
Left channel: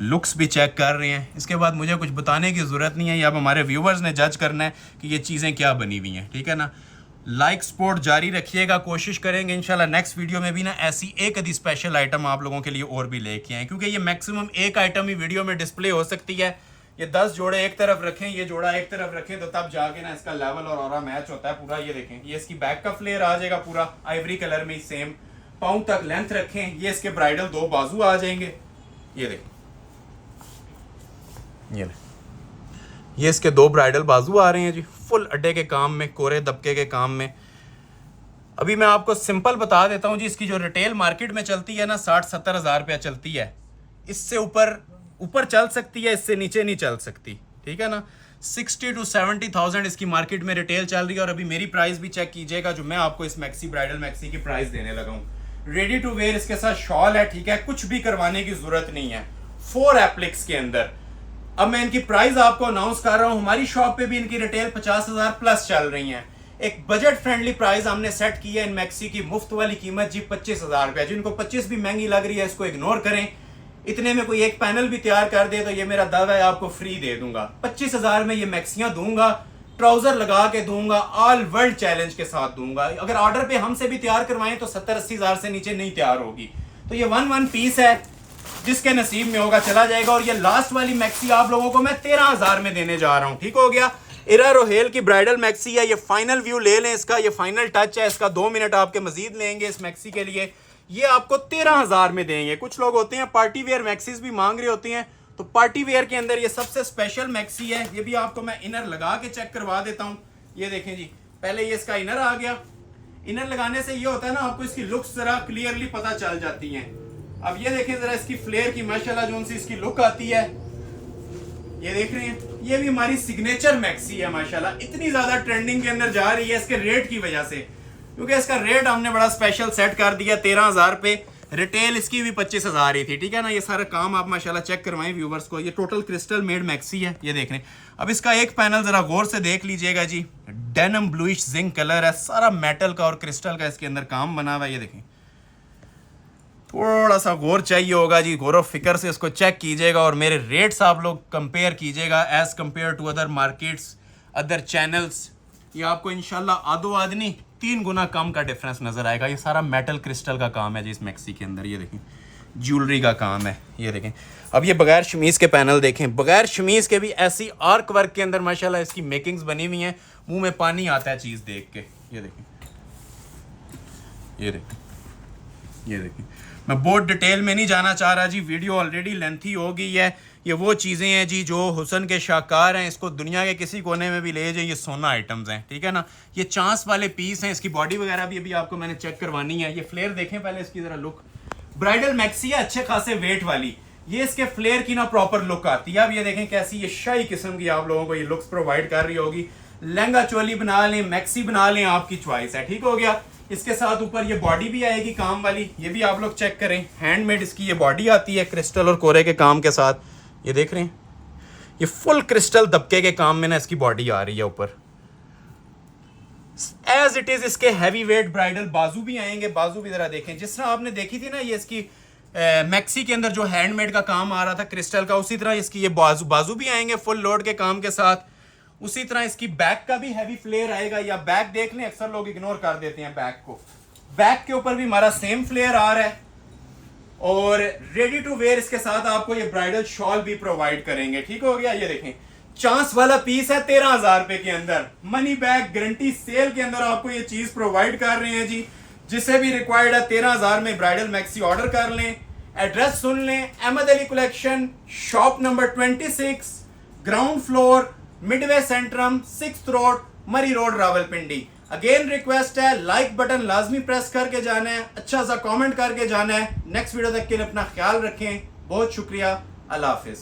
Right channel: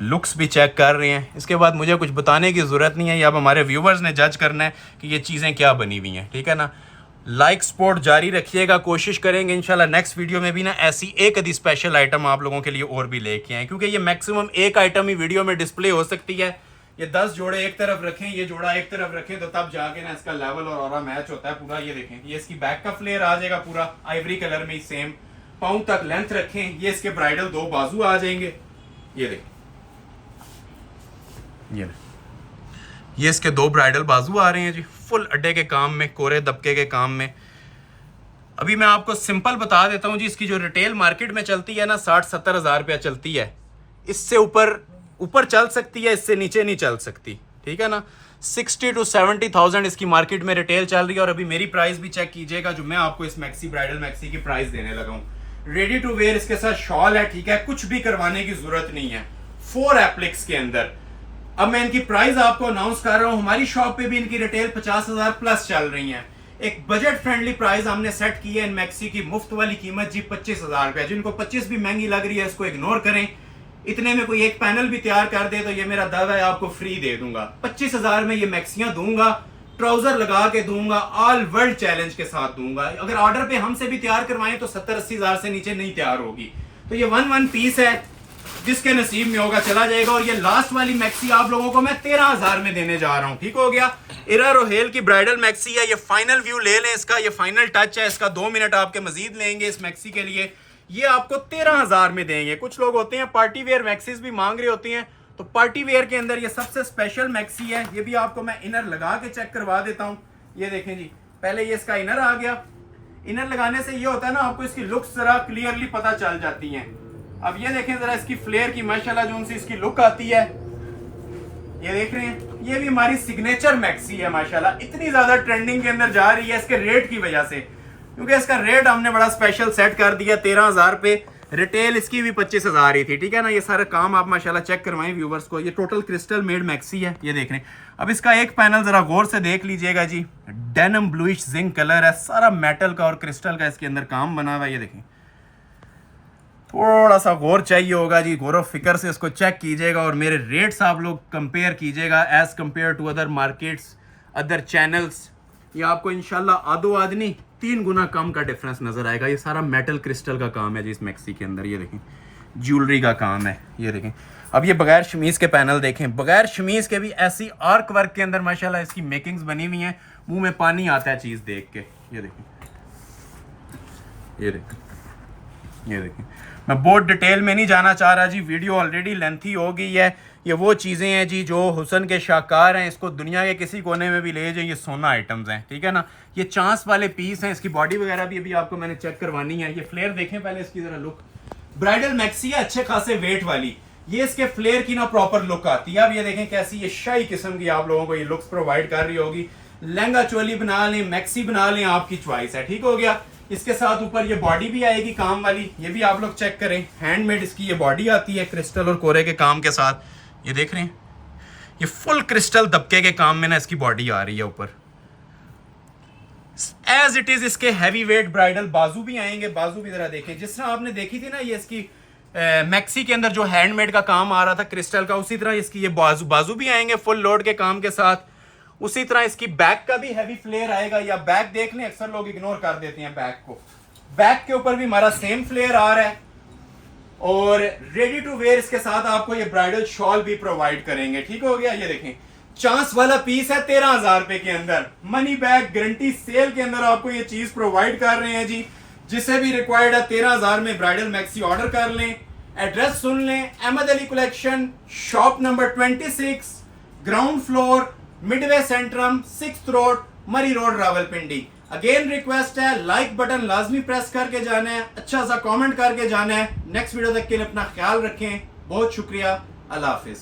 लुक्स भी चेक कर रहे हैं। इसके बाद मुझे कुछ बताने की ज़रूरत नहीं है, ये अब हमारे व्यूवर्स ने जज करना है कि ये चीज़ें क्या बनी हुई हैं, ठीक है ना। लाइक सपोर्ट जारी रखिएगा, कोशिश करेंगे इंशाल्लाह नेक्स्ट वीडियो में भी ना ऐसी एक आधी स्पेशल आइटम आप लोगों के लिए और भी लेके आए, क्योंकि ये मैक्सिमम एक आइटम ही वीडियो में डिस्प्ले हो सकती है। ये 10 जोड़े एक तरफ रखें, ये जोड़ा एक तरफ रखें, तो तब जाके ना इसका लेवल और ऑरा मैच होता है पूरा। ये देखें, ये इसकी बैक का फ्लेयर आ जाएगा पूरा आइवरी कलर में सेम। पाँव तक लेंथ रखें, ये इसके ब्राइडल 2 बाजू आ जाएंगे। ये देखें, ये इसके 2 ब्राइडल बाजू आ रहे हैं जी, फुल अड्डे के काम में, कोरे दबके के काम में। अभी मैं आपको सिंपल बता देता हूँ जी, इसकी जो रिटेल मार्केट में चलती है ना 60-70 हज़ार रुपया चलती है। इससे ऊपर चल सकती है, इससे नीचे नहीं चल सकती, ठीक है ना। 60 to 70,000 इसकी मार्केट में रिटेल चल रही है। और अभी मेरी प्राइस भी चेक कीजिएगा जो मैं आपको इस मैक्सी ब्राइडल मैक्सी की प्राइस देने लगा हूँ। रेडी टू वेयर इसके साथ शॉल है, ठीक है, कुछ भी करवाने की जरूरत नहीं है, 4 एप्लिक्स के अंदर। अब मैं इनकी प्राइस आपको अनाउंस कर रहा हूं। हमारी शॉप पे भी इनकी रिटेल 50,000 प्लस चल रही है। एक बजट फ्रेंडली प्राइस हमने सेट की है इन मैक्सी की। मुफ्त वाली कीमत जी 25,000 रुपए। जिनको 25 भी महंगी लग रही है इसको इग्नोर करें। इतने में कोई एक पैनल भी तैयार कर दे तो ये मेरा दावा है आपको फ्री दे दूंगा। 25,000 में ये मैक्सियां दूंगा, ट्राउजर लगा के दूंगा, ऑल वर्ल्ड चैलेंज के साथ दूंगा। अगर ऑर्डर पे हमसे भी तैयार करवाएं तो 70-80 हज़ार से नीचे नहीं तैयार होगी। तो ये 1 पीस है, जिसके नसीब में होगा चला जाएगा। और ये लास्ट वाली मैक्सी आप लोगों को मैं 13,000 में देने जा रहा हूं, ठीक हो गया। इरा रोहेल की ब्राइडल मैक्सी है, ये फाइनल व्यू ले लें इसका, ये फाइनल टच है इसका। 2 मिनट आपके मजीद लेंगे इस मैक्सी के लिए, ये आपको 13,000 में देंगे। कुछ लोग होते हैं पार्टी वेयर मैक्सीज भी मांग रहे होते हैं, तो पार्टी वेयर के अंदर ये सबसे स्पेशल मैक्सी है। ये भी आपको मैं इनर लगा के चेक करवा देता हूँ। ये देखें जी, पहले ये इसका इनर आ गया। इनर लगाने से ये होता है ना, आपको इसकी लुक्स जरा क्लियरली पता चल जाती है। अब ये देखें जरा इसकी फ्लेयर की माशाल्लाह जो उनसे इसकी लुक आती है, ये देख रहे हैं। ये भी हमारी सिग्नेचर मैक्सी है माशाल्लाह, इतनी ज्यादा ट्रेंडिंग के अंदर जा रही है इसके रेट की वजह से, क्योंकि इसका रेट हमने बड़ा स्पेशल सेट कर दिया 13,000 पे। रिटेल इसकी भी 25,000 ही थी, ठीक है ना। ये सारा काम आप माशाल्लाह चेक करवाएं व्यूवर्स को। ये टोटल क्रिस्टल मेड मैक्सी है, ये देख रहे हैं। अब इसका एक पैनल जरा गौर से देख लीजिएगा जी, डेनिम ब्लूइश जिंक कलर है, सारा मेटल का और क्रिस्टल का इसके अंदर काम बना हुआ है। ये देखें, थोड़ा सा गौर चाहिए होगा जी, गौर फिक्र से इसको चेक कीजिएगा और मेरे रेट्स आप लोग कंपेयर कीजिएगा as compare to other markets, other channels. ये आपको इंशाल्लाह आधो आदमी 3 गुना कम का डिफरेंस नजर आएगा। ये सारा मेटल क्रिस्टल का काम है जी इस मैक्सी के अंदर। ये देखें, ज्वेलरी का काम है, ये देखें। अब ये बगैर शमीज के पैनल देखें, बगैर शमीज के भी ऐसी आर्क वर्क के अंदर माशाल्लाह इसकी मेकिंग्स बनी हुई हैं। मुंह में पानी आता है चीज देख के। ये देखें, ये देखें, ये देखें। मैं बहुत डिटेल में नहीं जाना चाह रहा जी, वीडियो ऑलरेडी लेंथी हो गई है। ये वो चीज़ें हैं जी जो हुसन के शाहकार हैं, इसको दुनिया के किसी कोने में भी ले जाइए, ये सोना आइटम्स हैं, ठीक है ना। ये चांस वाले पीस हैं, इसकी बॉडी वगैरह भी अभी आपको मैंने चेक करवानी है। ये फ्लेयर देखें पहले इसकी जरा लुक, ब्राइडल मैक्सी है अच्छे खासे वेट वाली। ये इसके फ्लेयर की ना प्रॉपर लुक आती है। अब ये देखें कैसी ये शाही किस्म की आप लोगों को ये लुक्स प्रोवाइड कर रही होगी। लहंगा चोली बना लें, मैक्सी बना लें, आपकी चॉइस है, ठीक हो गया। इसके साथ ऊपर ये बॉडी भी आएगी काम वाली, ये भी आप लोग चेक करें। हैंडमेड इसकी ये बॉडी आती है क्रिस्टल और कोरे के काम के साथ। ये देख रहे हैं, ये फुल क्रिस्टल दबके के काम में ना इसकी बॉडी आ रही है ऊपर एज इट इज। इसके हैवी वेट ब्राइडल बाजू भी आएंगे, बाजू भी जरा देखें। जिस तरह आपने देखी थी ना ये इसकी मैक्सी के अंदर जो हैंडमेड का काम आ रहा था क्रिस्टल का, उसी तरह इसकी ये बाजू भी आएंगे फुल लोड के काम के साथ। उसी तरह इसकी बैक का भी हैवी फ्लेयर आएगा। या बैक देख लें, अक्सर लोग इग्नोर कर देते हैं बैक को। बैक के ऊपर भी हमारा सेम फ्लेयर आ रहा है। और रेडी टू वेयर इसके साथ आपको ये ब्राइडल शॉल भी प्रोवाइड करेंगे, ठीक हो गया। ये देखें, चांस वाला पीस है 13,000 रुपए के अंदर। मनी बैक गारंटी सेल के अंदर आपको ये चीज प्रोवाइड कर रहे हैं जी। जिसे भी रिक्वायर्ड है 13,000 में ब्राइडल मैक्सी ऑर्डर कर लें। एड्रेस सुन लें, Ahmad Ali collection, shop number 26, ground floor, midway centrum, 6th road, Murree road, Rawalpindi. Again request है, लाइक बटन लाजमी प्रेस करके जाना है, अच्छा सा कमेंट करके जाना है। नेक्स्ट वीडियो तक के लिए अपना ख्याल रखें। बहुत शुक्रिया, अल्लाह हाफिज।